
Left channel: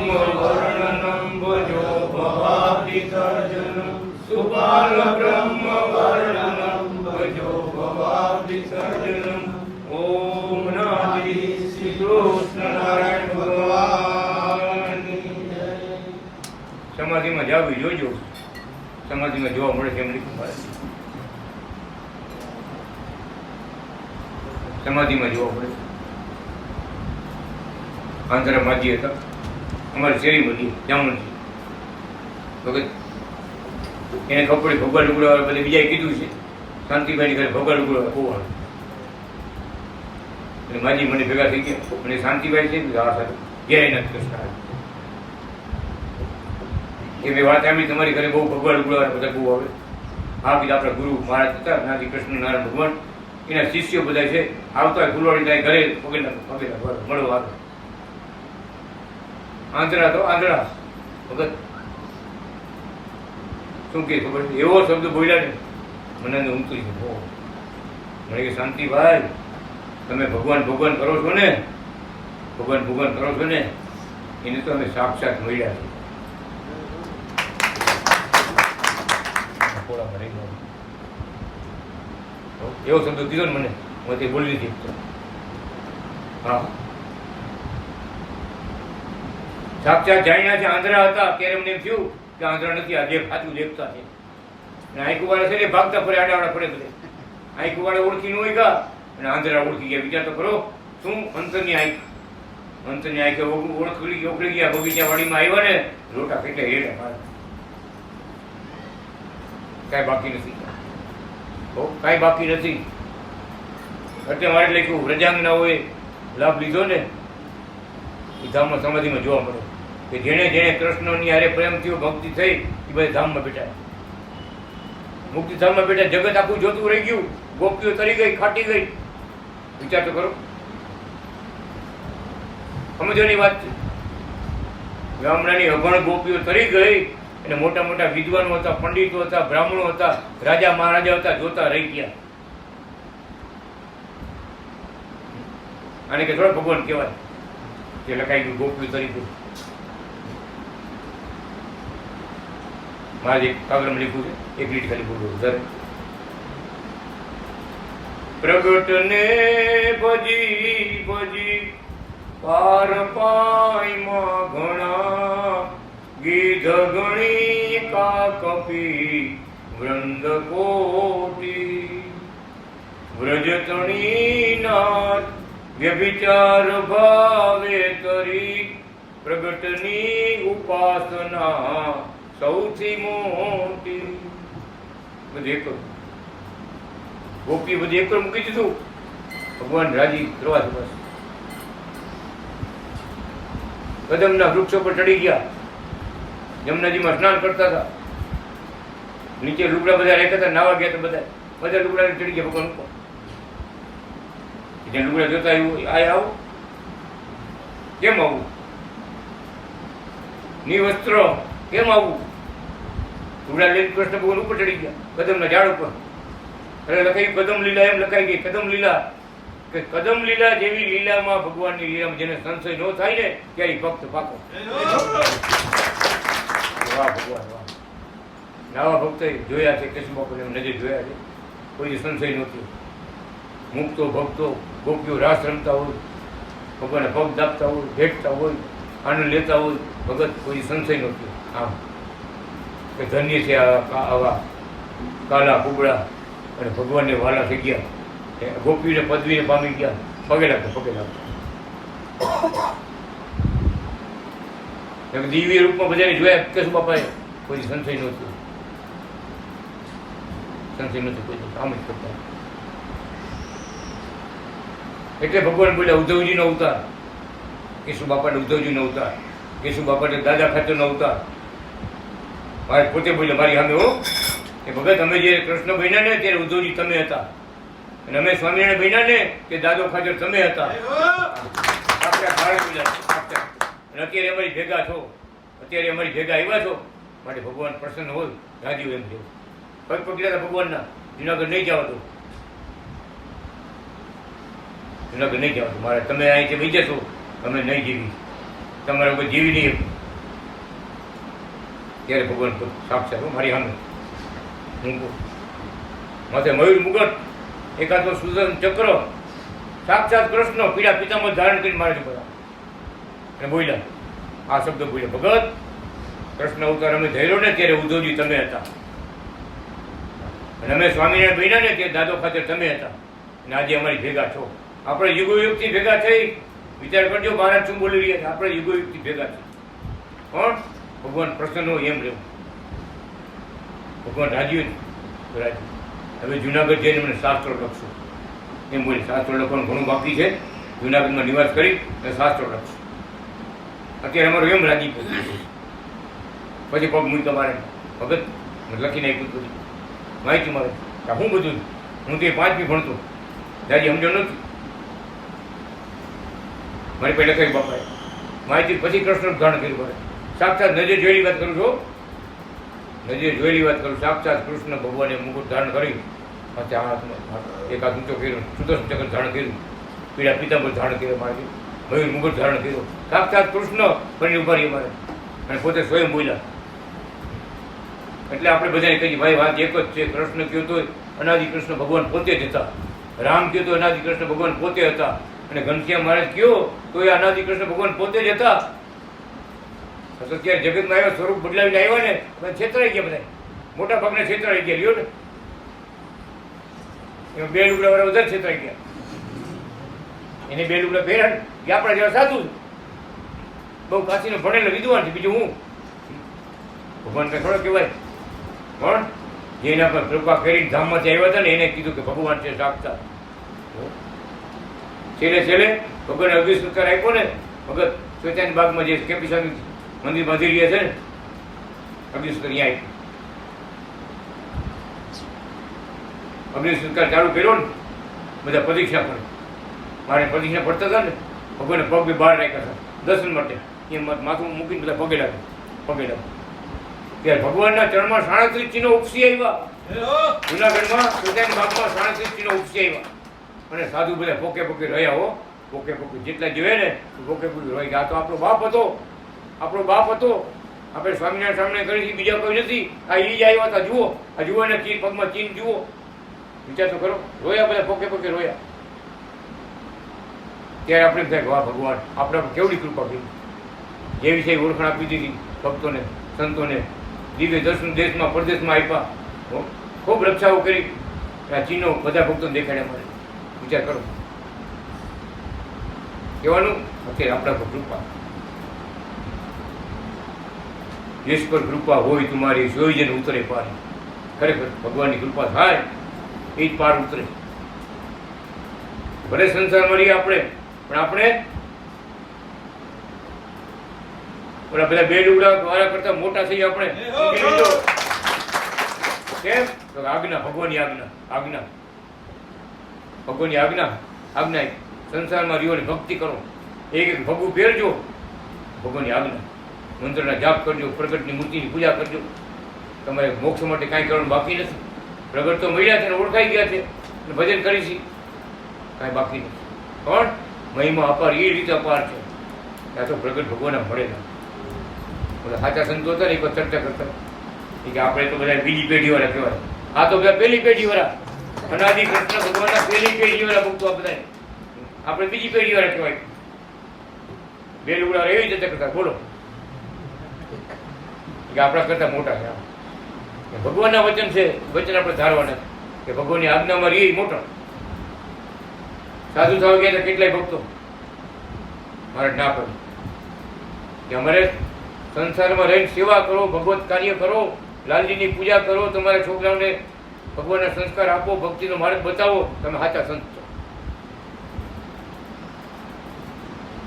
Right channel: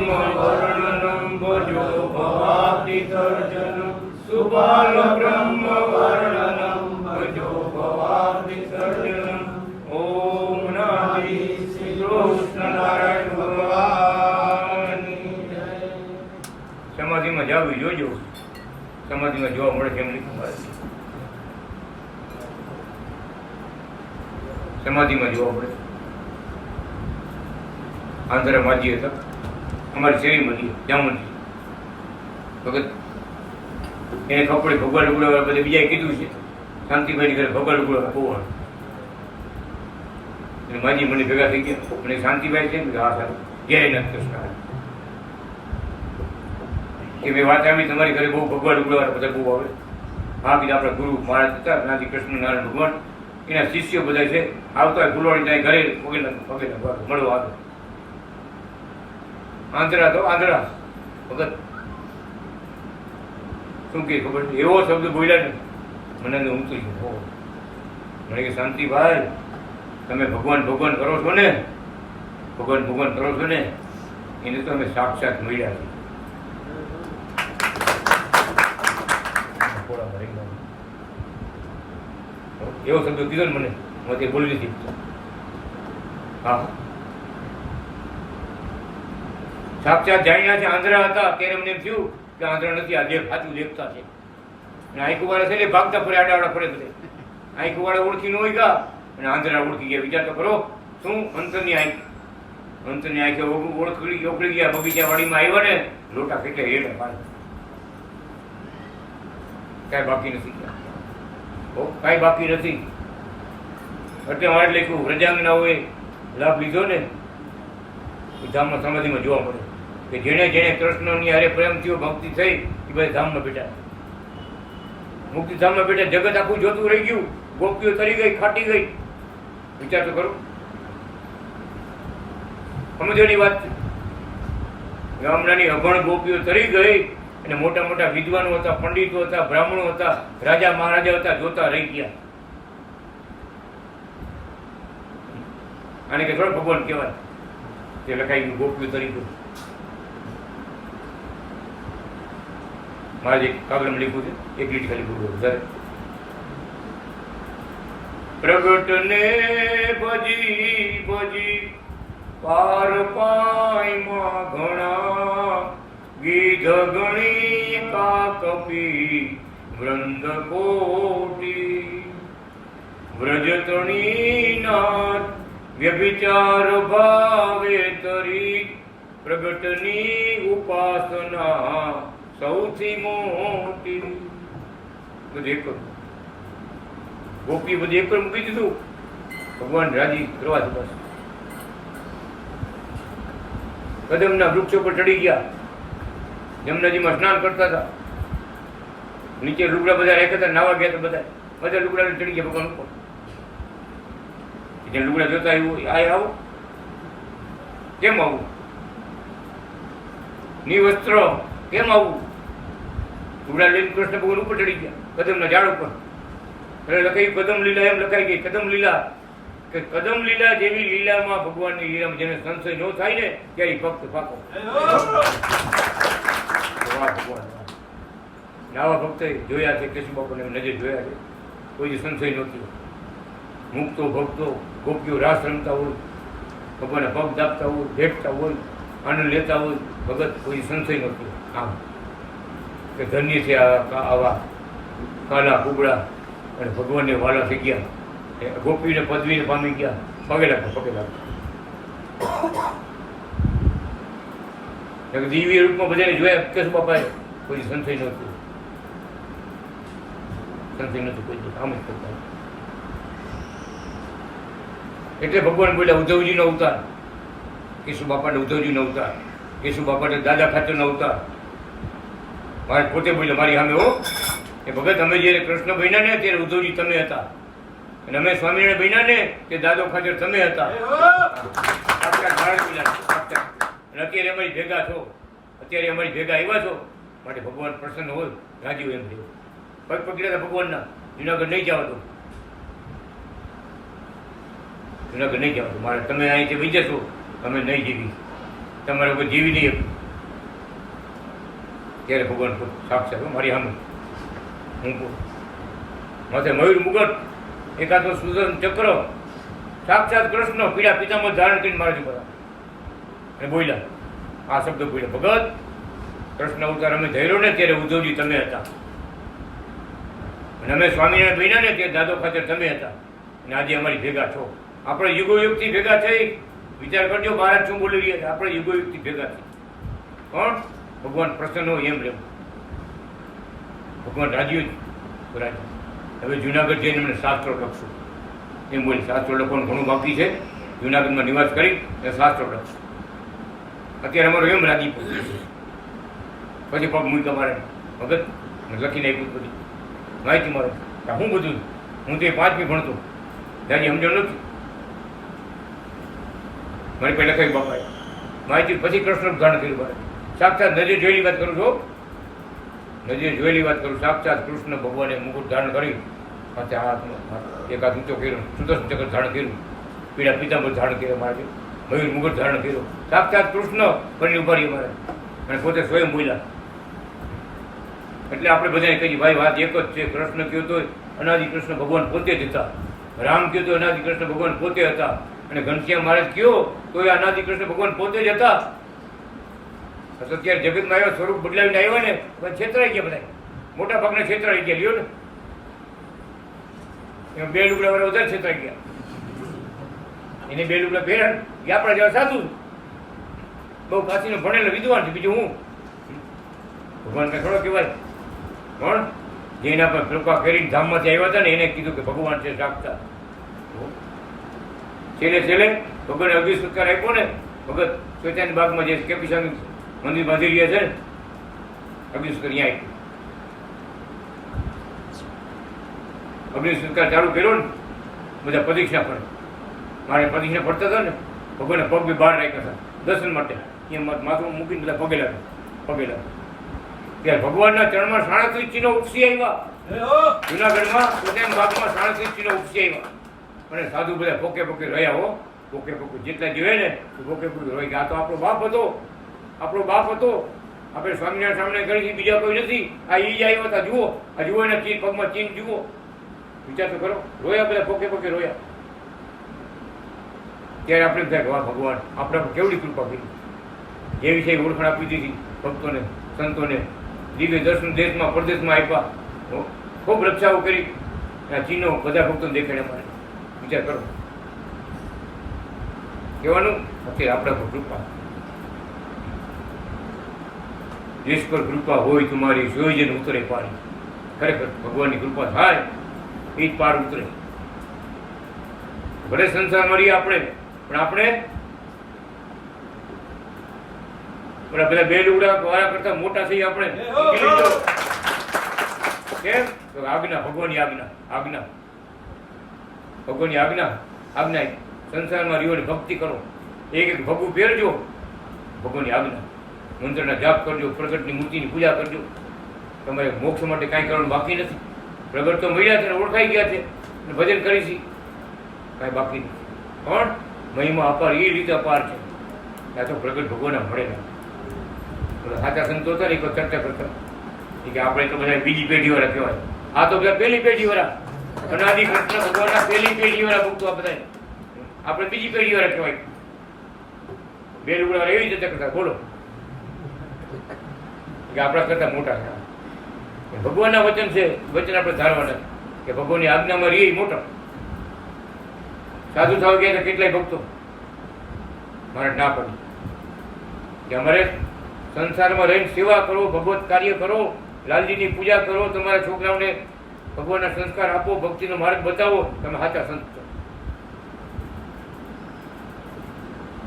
વર્ણનમ ભજો ભવાબ્ધિ સર્જનમ. સુબાલ બ્રહ્મ વર્ણનમ ભજો ભવાબ્ધિ સર્જનમ. ઓમ નારાયણ શ્રી કૃષ્ણ નારાયણ ભગવાનની જય. સમાધિમાં જાવ જોજો, સમાધિમાં જોવા મળે છે એમ લીધું મારે. સમાધિમાં જોવા પડે. આંધ્રા માજી હતા અમારી શેરી બધી જામુનજી ભગત, એને ખબર પડી ભગવાન ઉગડાવે બધે બીજાએ કીધું છે શાંતિભાઈ ઘરે ભગવાન ઉગડાવે હોવાનું, એટલે માજી મને ભેગા થઈ ગયા અને શાંતિભાઈ છે ને હા સર જય નાથ કૃષ્ણ એ બે વાત આવી તમારી ઘરે બહુ ભગવાન ઉગડાવે બધા બહુ આવે. હા કીધું આપણા ગુરુ મહારાજ હતા નાથી કૃષ્ણ નારાયણ ભગવાન એના શિષ્યો બધા છે આવતા હોય ફૂલવાડી ત્યાં ઘરે વગેરે મળવા આવે. આંધ્રા તો આંધ્રા ભગત શું કે ખબર એવો શબ્દ બોલ્યા ને મને ઊંચું છે. મને કે શાંતિભાઈ તમે ભગવાન ભગવાન કરો છો ને, ભગવાન ભગવાન કરો છો ને એને તો અમે સાક્ષાત મળ્યા છે. એવો શબ્દ કીધો ને મને હું તે બોલી લીધી. હા સાક્ષાત જાણ્યા છે. આંધ્રા હતા ત્યારે મને એમ થયું કે આંધ્રા નથી, આ દેખ સાચું દેખતા છે. અને આંખુવાળા છે ને ભાગતા ફરે આડાવાળા ફરે બધે. આંખુવાળા ઓળખી ન હોય ગયા અને આંધ્રા ઓળખી ગયા. વિચાર તો કરો શું અંતરની આંખ, અંતરની આંખે ઓળખી ગયા. બગીચા વાડીમાં આવ્યા ને લોટા કેટલે હેઠા મારે કાંઈ બાકી નથી, કાંઈ બાકી નથી. એટલે મારે લખ્યું વ્રજાંગનાઓએ લાભ લીધો ને એ ધામમાં સમાધિમાં જોવા મળે કે જેણે જેણે કૃષ્ણની હારે પ્રેમ થયો ભક્તિ થઈ એ બધા ધામમાં બેઠા, મુક્તિ ધામમાં બેઠા. જગત આખું જોતું રહી ગયું, ગોપીઓ તરી ગઈ, ખાટી ગઈ. વિચાર તો કરો, સમજવાની વાત છે. ગામડાની અભણ ગોપીઓ તરી ગઈ અને મોટા મોટા વિદ્વાનો હતા, પંડિતો હતા, બ્રાહ્મણો હતા, રાજા મહારાજા હતા, જોતા રહી ગયા. આને કે થોડા ભગવાન કહેવાય તે લખાઈ ગયું ગોપીઓ તરી ગયું. મારે એક કાગળમાં લીધું છે, એક લીટ ખાલી બોલવું વધારે. પ્રગટને ભજી ભજી પાર પાયમાં ઘણા ગીધ ગણી કાકપી વૃંદ કોટી વ્રજતણી નાથ વ્યભિચાર ભાવે તરી પ્રગટની ઉપાસના સૌથી મોટી. બધું એક ગોપી બધું એક મૂકી દીધું, ભગવાન રાજી કરવા છે. બસ કદમના વૃક્ષો પર ચડી ગયા, જમનાજીમાં સ્નાન કરતા હતા, નીચે લુગડા બધા રહેતા હતા, નાવા ગયા હતા, બધા લુગડા ચડી ગયા ભગવાન ઉપર. જે લુગડા જોતા એવું આ આવું કેમ આવું, નિવસ્ત્ર કેમ આવું, લુગડા લઈને કૃષ્ણ ભગવાન ઉપર ચડી ગયા કદમના ઝાડ ઉપર. એટલે લખાયું કદમ લીલા, એમ લખાઈ ગઈ કદમ લીલા કે કદમ લીલા જેવી લીલામાં ભગવાનની લીલામાં જેને સંશય ન થાય ને ત્યારે ભક્ત પાકો. વાહ ભગવાન વાહ. નાવા ભક્ત જોયા છે, કૃષ્ણ બાપાને નજર જોયા છે, કોઈ સંશય નહોતું. મુક્તો ભક્તો ગોપીઓ રાસ રમતા હોય, ભગવાનને પગ દાબતા હોય, ભેટતા હોય, આનંદ લેતા હોય, ભગત કોઈ સંશય નહોતું. આમ કે ધન્ય છે આવા કાલા કુબડા અને ભગવાનને વાલા થઈ ગયા, ગોપીને પદવીને પામી ગયા. પગે લાગતો પગે લાગતો દિવ્ય રૂપમાં બધાને જોયા કેશુ બાપાએ, કોઈ સંશય નહોતું, સંશય નહોતું કોઈ, આમ જ કરતા. એટલે ભગવાન બોલ્યા ઉદ્ધવજીનો અવતાર, કેશુ બાપાને ઉદ્ધવજીનો અવતાર, કેશુ બાપાને દાદા ખાતરનો અવતાર. મારે પોતે બોલ્યા મારી સામે હો એ ભગત, અમે જયારે કૃષ્ણ બન્યા ને ત્યારે ઉદ્ધવજી તમે હતા, અને અમે સ્વામિનારાયણ બન્યા ને તે દાદો ખાચર તમે હતા. અને અત્યારે અમારી ભેગા છો, અત્યારે અમારી ભેગા આવ્યા છો, માટે ભગવાન પ્રસન્ન હોય, રાજીવ એમ થયું. પગ પકડ્યા હતા ભગવાનના, જુનાગઢ નહીં જવા દો, જુનાગઢ નહીં જવા દો મારે, તમે અહીંથી વહી જશો, અમે નહીં જીવી, તમારે કોઈ જીવી નહીં. ત્યારે ભગવાન સાક્ષાત મારી સામે હું માથે મયુર મુગટ, એકાદો સુદર્શન ચક્ર, સાક્ષાત કૃષ્ણ પીડા પિતામાં ધારણ કરીને મારાથી બધા અને બોલ્યા આ શબ્દ બોલ્યા, ભગત કૃષ્ણ અવતાર અમે ધૈર્યો ને ત્યારે ઉદ્ધવજી તમે હતા, અને અમે સ્વામિનારાયણ બન્યા ને ત્યારે દાદો ખાતર તમે હતા, અને આજે અમારી ભેગા છો. આપણે યુગોયુગથી ભેગા થઈ વિચાર કરજો મહારાજ શું બોલી રહ્યા છે. આપણે યુગોયુગથી ભેગા થઈ કોણ ભગવાન પ્રસન્ન હોય એમ રહેવું. ભગવાન રાજી જ રાજી. હવે જુનાગઢ જઈને મને શાસ્ત્રો લખશું એમ બોલી. શાસ્ત્રો લખવાનું ઘણું બાકી છે. જુનાગઢમાં નિવાસ કરી અને શાસ્ત્રો લખશું. અત્યારે અમારું એમ રાજી પછી પગ મૂકી તમારે ભગત લખીને આપ્યું બધી માહિતી મારે હું બધું હું તે 5મી ભણતો દાદી સમજણ નથી મારી પહેલા કઈ બાપાએ માહિતી પછી કૃષ્ણ ધારણ કર્યું મારે સાક્ષાત નજર જોયેલી વાત કરું છું. નજર જોયેલી વાત કરું. સાક્ષાત કૃષ્ણ ભગવાને મુકુટ ધારણ કરી પાછા હાથમાં એક હાથ ઊંચો કર્યો સુદર્શન ચક્ર ધારણ કર્યું પીળા પિતાંબર ધારણ કર્યો મારે મયુર મુકુટ ધારણ કર્યો સાક્ષાત કૃષ્ણ બની ઉભા રહ્યો મારે અને પોતે સ્વયં બોલ્યા. એટલે આપણે બધાને કહીએ ભાઈ વાત એક જ છે. કૃષ્ણ કહ્યું તો અનાદિ કૃષ્ણ ભગવાન પોતે જ હતા. રામ કહ્યું તો અનાદિ કૃષ્ણ ભગવાન પોતે હતા. અને ઘનશ્યામ મહારાજ કહ્યો તો એ અનાદિ કૃષ્ણ ભગવાન પોતે જ હતા. અત્યારે જગતમાં આવ્યા સ્વરૂપ બદલાવીને આવ્યા ને છેતરાઈ ગયા બધા. મોટા ભાગના છેતરાઈ ગયા લ્યો ને એમાં 2 લુગડા વાળા વધારે છેતરાઈ ગયા. એને 2 લુગડા પહેર્યા ને આપણા જેવા સાધુ બહુ કાશીનો ભણેલો વિદ્વાન છે. બીજું હું ભગવાન કઈ થોડો કહેવાય પણ જેના પર કૃપા કરીને ધામમાંથી આવ્યા હતા ને એને કીધું કે ભગવાન છે સાક્ષાત. છેલ્લે ભગવાને અગ્નિ સંસ્કાર આપ્યો ને ભગત શ્વેતાની બાગમાં જે કેપી સ્વામી મંદિર બાંધી રહ્યા છે ને અગ્નિ સંસ્કાર અહીંયા આપ્યો. અગ્નિ સંસ્કાર ચાલુ કર્યો ને બધા પ્રદક્ષિણા કરે. મારે પ્રદક્ષિણા પડતા હતા ને ભગવાને પગ બી બહાર રાખ્યા હતા દર્શન માટે. અહીંયા માથું મૂકીને બધા પગે લાગે ત્યારે ભગવાનના ચરણમાં 37 ચિહ્નો ઉપસી આવ્યા. જુનાગઢમાં પોતાની બાગમાં 37 ચિહ્નો ઉપસી આવ્યા અને સાધુ બધા પોકે રહ્યા હો પોકે જેટલા જોયે ને પોકે રોઈ ગયા. તો આપણો બાપ હતો. આપણે સ્વામિનારાયણ સામે કરી બીજા કોઈ નથી. આ ઈ જ આવ્યા હતા. જુઓ આ જુઓ એના ચીન પગમાં ચીન જુઓ. વિચાર તો કરો. રોયા બધા પોકે રોયા. ત્યારે આપણે થાય વાહ ભગવાન આપણા પર કેવડી કૃપા કરી. જે વિષય ઓળખાણ આપી દીધી ભક્તોને સંતોને. દિવ્ય દર્શન દેશમાં પરદેશમાં આપ્યા. ખૂબ રક્ષાઓ કરી. આ ચીનો બધા ભક્તોને દેખાડ્યા મારે. વિચાર કરો. કહેવાનું અત્યારે આપણા પર કૃપા. દેશ પર કૃપા હોય તમારી જોઈ જઈને ઉતરે પાણી. ખરેખર ભગવાનની કૃપા થાય એ જ પાર ઉતરે. ભલે સંસારમાં રહીએ આપણે પણ આપણે પેલા 2 લુગડા વાળા કરતા મોટા થઈ આપણે. કેમ તો આજ્ઞા ભગવાનની આજ્ઞા સંસારમાં રહ્યો ને ભક્તિ કરો. એક ભગવું પહેરજો ભગવાનની આજ્ઞા. મંત્રના જાપ કરજો. પ્રગટની મૂર્તિની પૂજા કરજો. તમારે મોક્ષ માટે કાંઈ કરવાનું બાકી નથી. પ્રગટ તો મળ્યા છે ને ઓળખાઈ ગયા છે ભજન કરીશી કાંઈ બાકી નથી. પણ મહિમા અપાર એ રીતે અપાર છે. ત્યાં તો પ્રગટ ભગવાનના મળેલા બોલે સાચા સંતો હતા ને એક ચર્ચા કરતા કે આપણે તો બધા બીજી પેઢી વાળા કહેવાય. આ તો બધા પહેલી પેઢી વાળા અનાદિ કૃષ્ણ ભગવાનના પહેલી પેઢી વાળા ભક્તો આ બધા. આપણે બીજી પેઢી વાળા કહેવાય. 2 લુગડા એવી ચર્ચા કરતા. બોલો કે આપણા કરતા મોટા છે. ભગવાનના વચન છે. વચન આપણે ધારવાના કે ભગવાનની આજ્ઞામાં રહીએ મોટા. સાધુ થવા ગયા કેટલાય ભક્તો મારે ના કર્યું કે અમારે સંસારમાં રહીને સેવા કરો, ભગવત કાર્ય કરો, લાલજીની પૂજા કરો, તમારા છોકરાઓને ભગવાનના સંસ્કાર આપો, ભક્તિનો માર્ગ બતાવો. તમે સાચા સંત છો.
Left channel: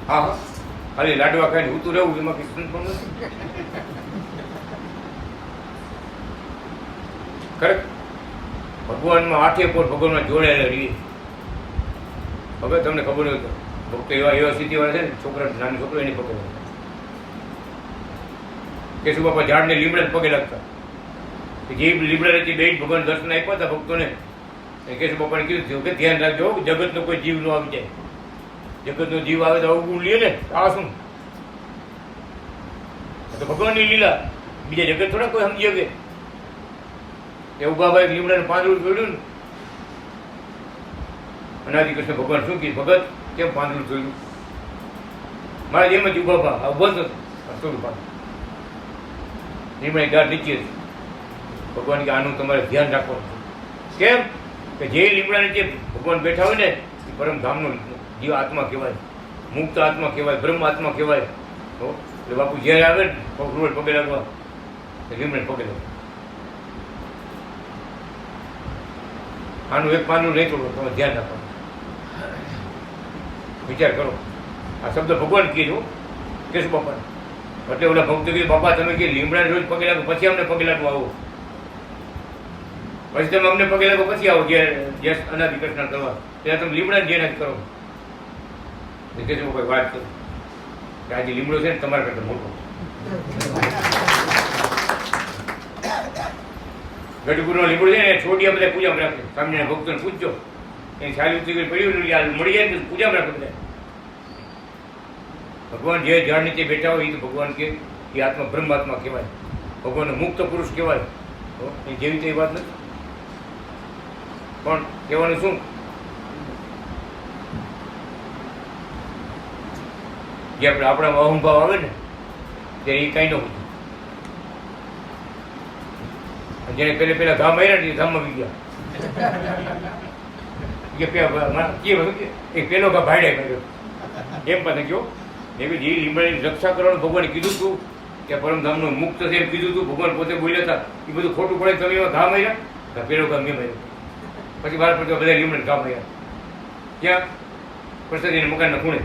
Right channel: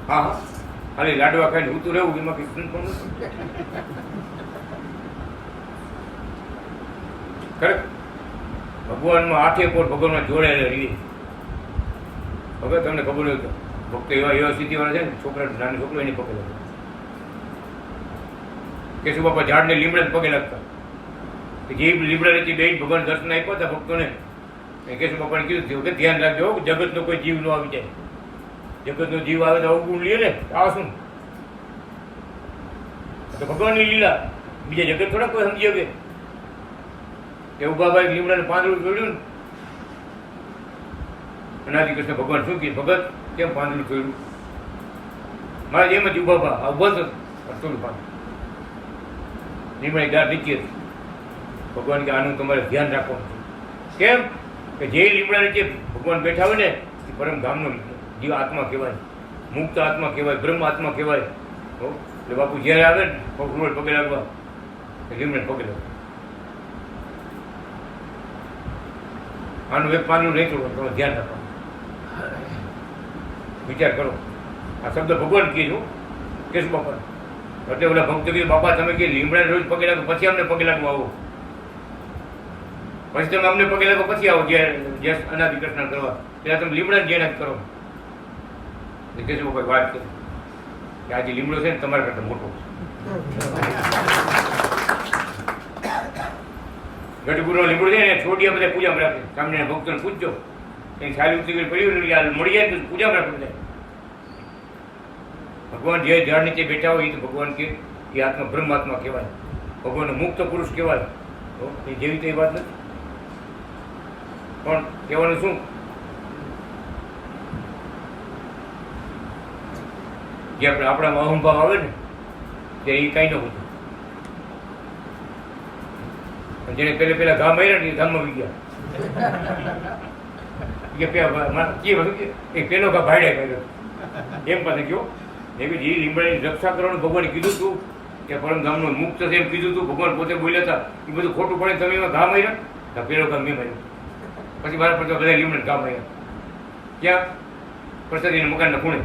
હા ખાલી લાડવા ખાઈને ઉતું રહેવું એમાં કઈ સંત પણ નથી. ખરેખર ભગવાનમાં 8 પોર ભગવાનમાં જોડાયેલા રહીએ. હવે તમને ખબર હોય તો ભક્તો એવા સ્થિતિવાળા છે ને છોકરા નાનો છોકરો એની પગે લાગતા. કેશુ બાપા ઝાડને લીમડે પગે લાગતા. જે લીમડા બે ભગવાન દર્શન આપ્યા હતા ભક્તોને. કેશુ બાપાને કીધું કે ધ્યાન રાખજો જગતનો કોઈ જીવ ન આવી જાય. જગતનો જીવ આવે તો અવગુણ લે ને આ શું? તો ભગવાનની લીલા. બીજા જગત થોડા કોઈ સમજી શકે. એ ઉભાભાઈ લીમડાનું પાંદડું જોડ્યું ને અનાદિ કૃષ્ણ ભગવાન શું કહે ભગત કેમ પાંદડું જોયું? મારે એમ જ ઉભાભા ઉભો હતો થોડું પાંદડું લીમડાની ગાઢ નીચે હતી. ભગવાન કે આનું તમારે ધ્યાન રાખવાનું. કેમ કે જે લીમડા નીચે ભગવાન બેઠા હોય ને એ પરમધામનો જીવ આત્મા કહેવાય, મુક્ત આત્મા કહેવાય, બ્રહ્મ આત્મા કહેવાય. એટલે બાપુ જ્યારે આવે ને રોડ પગે લાગવા લીમડે પગે લાગવા. આનું એક પાનું નહીં તોડવાનું, તમે ધ્યાન રાખવાનું, વિચાર કરો. આ શબ્દ ભગવાન કીધું કેશુ બાપા. એટલે ઓલા ભક્ત કીધું બાપા તમે કે લીમડા રોજ પગે લાગો પછી અમને પગે લાગવા આવો, પછી તમે અમને પગે લાગો પછી આવો જે અનાદિ કૃષ્ણ કરવા, ત્યારે તમે લીમડા ધ્યાન જ કરો. કેશુ બાપા વાત કરો કે આજે લીમડો છે ને તમારા કરતા મોટો. ગઢગુરુનો લીમડો છે ને છોડિયા બધા પૂજામાં રાખે. સ્વામિનારાયણ ભક્તોને પૂછજો એની સારી ઉતરી પડ્યું મળી જાય ને પૂજામાં રાખે બધા. ભગવાન જે ઝાડ નીચે બેઠા હોય એ તો ભગવાન કે એ આત્મા બ્રહ્માત્મા કહેવાય, ભગવાનનો મુક્ત પુરુષ કહેવાય. એ જેવી તેવી વાત નથી. પણ કહેવાનું શું, જે આપણામાં અહંભાવ આવે ને ત્યારે એ કાંઈ ન હતું. જેને પેલા ઘા માર્યા ને એ ધામમાં બી ગયા કે પેલો ઘા ભાડ્યા કર્યો એમ પાસે ગયો. એવી જે લીમડાની રક્ષા કરવાનું ભગવાને કીધું હતું કે પરમધામનો મુક્ત છે એમ કીધું હતું. ભગવાન પોતે બોલ્યા હતા એ બધું ખોટું પડે. તમે એમાં ઘા માર્યા, પેલો ઘા મેં માર્યો. પછી બહાર પડતો બધા લીમડા ઘા માર્યા. ક્યાં? પ્રસાદીના મકાનના ખૂણે.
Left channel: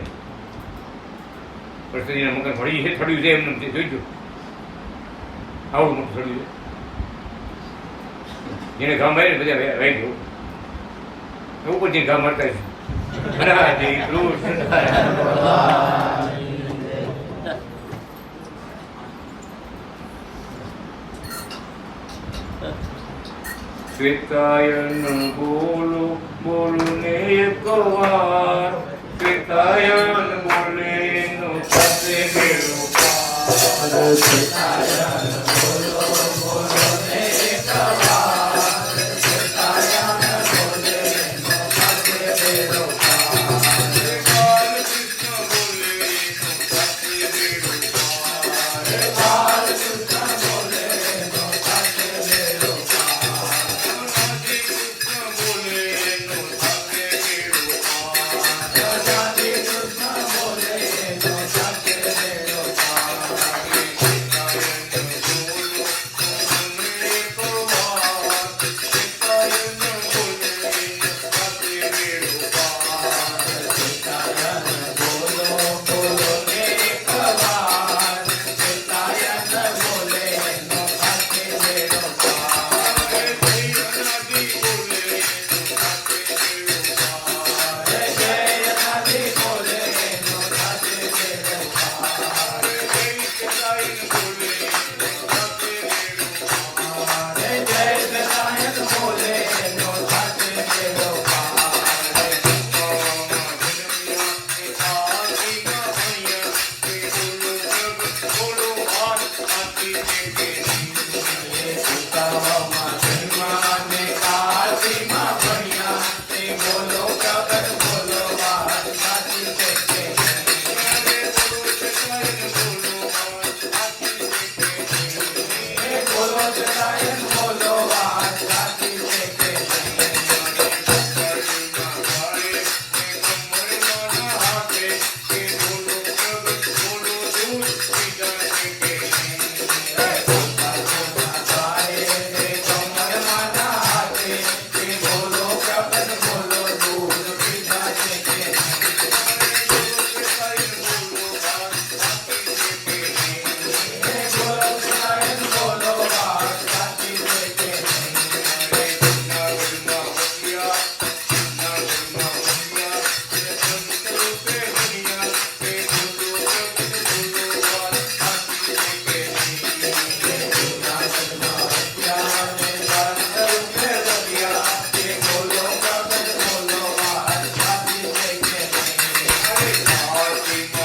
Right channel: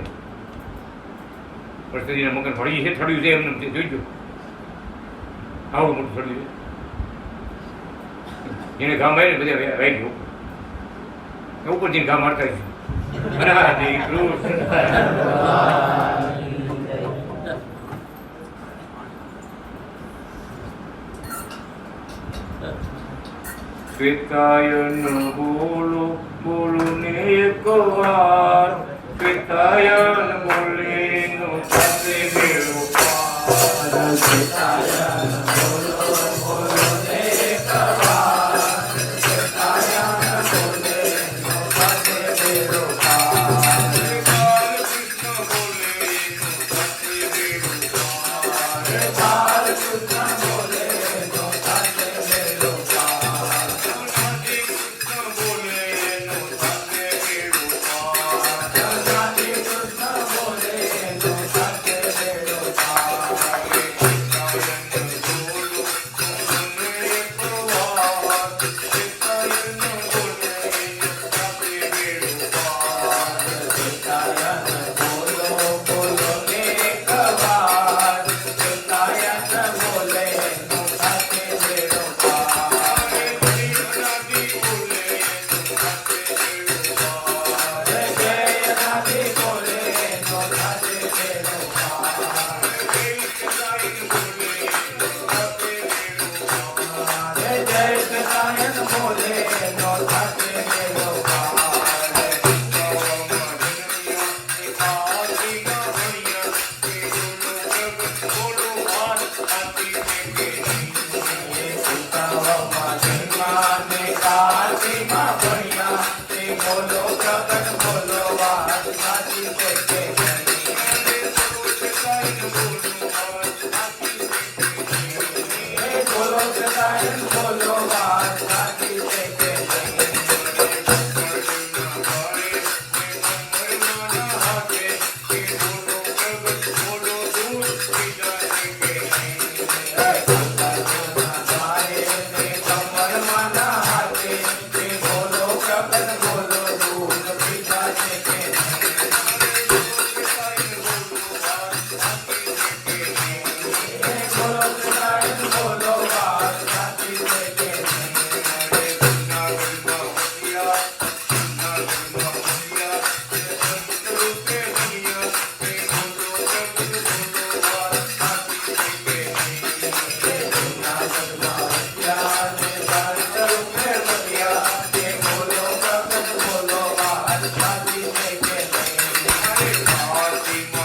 પ્રસાદીના મકાન ફળી છે, થડ્યું છે એમને જોઈજો. આવડું મોટું થડ્યું છે. જેને ઘા મારી બધા વાઈ ગયો ઉપર જઈને ઘા મારતા શ્વેતાયન બોલો બોલું ને એક વાર, શ્વેતાયન બોલે નો સાથે ગેલો પાર. શ્વેતાયન બોલો બોલો ને એક વાર, શ્વેતાયન બોલે નો સાથે ગેલો પાર. બાલકૃષ્ણ બોલે નો સાથે ગેલો પાર. બાલકૃષ્ણ બોલે નો સાથે ગેલો પાર. કૃષ્ણ બોલે નો સાથે ગેલો પાર. કૃષ્ણ બોલે નો સાથે ગેલો પાર. Happy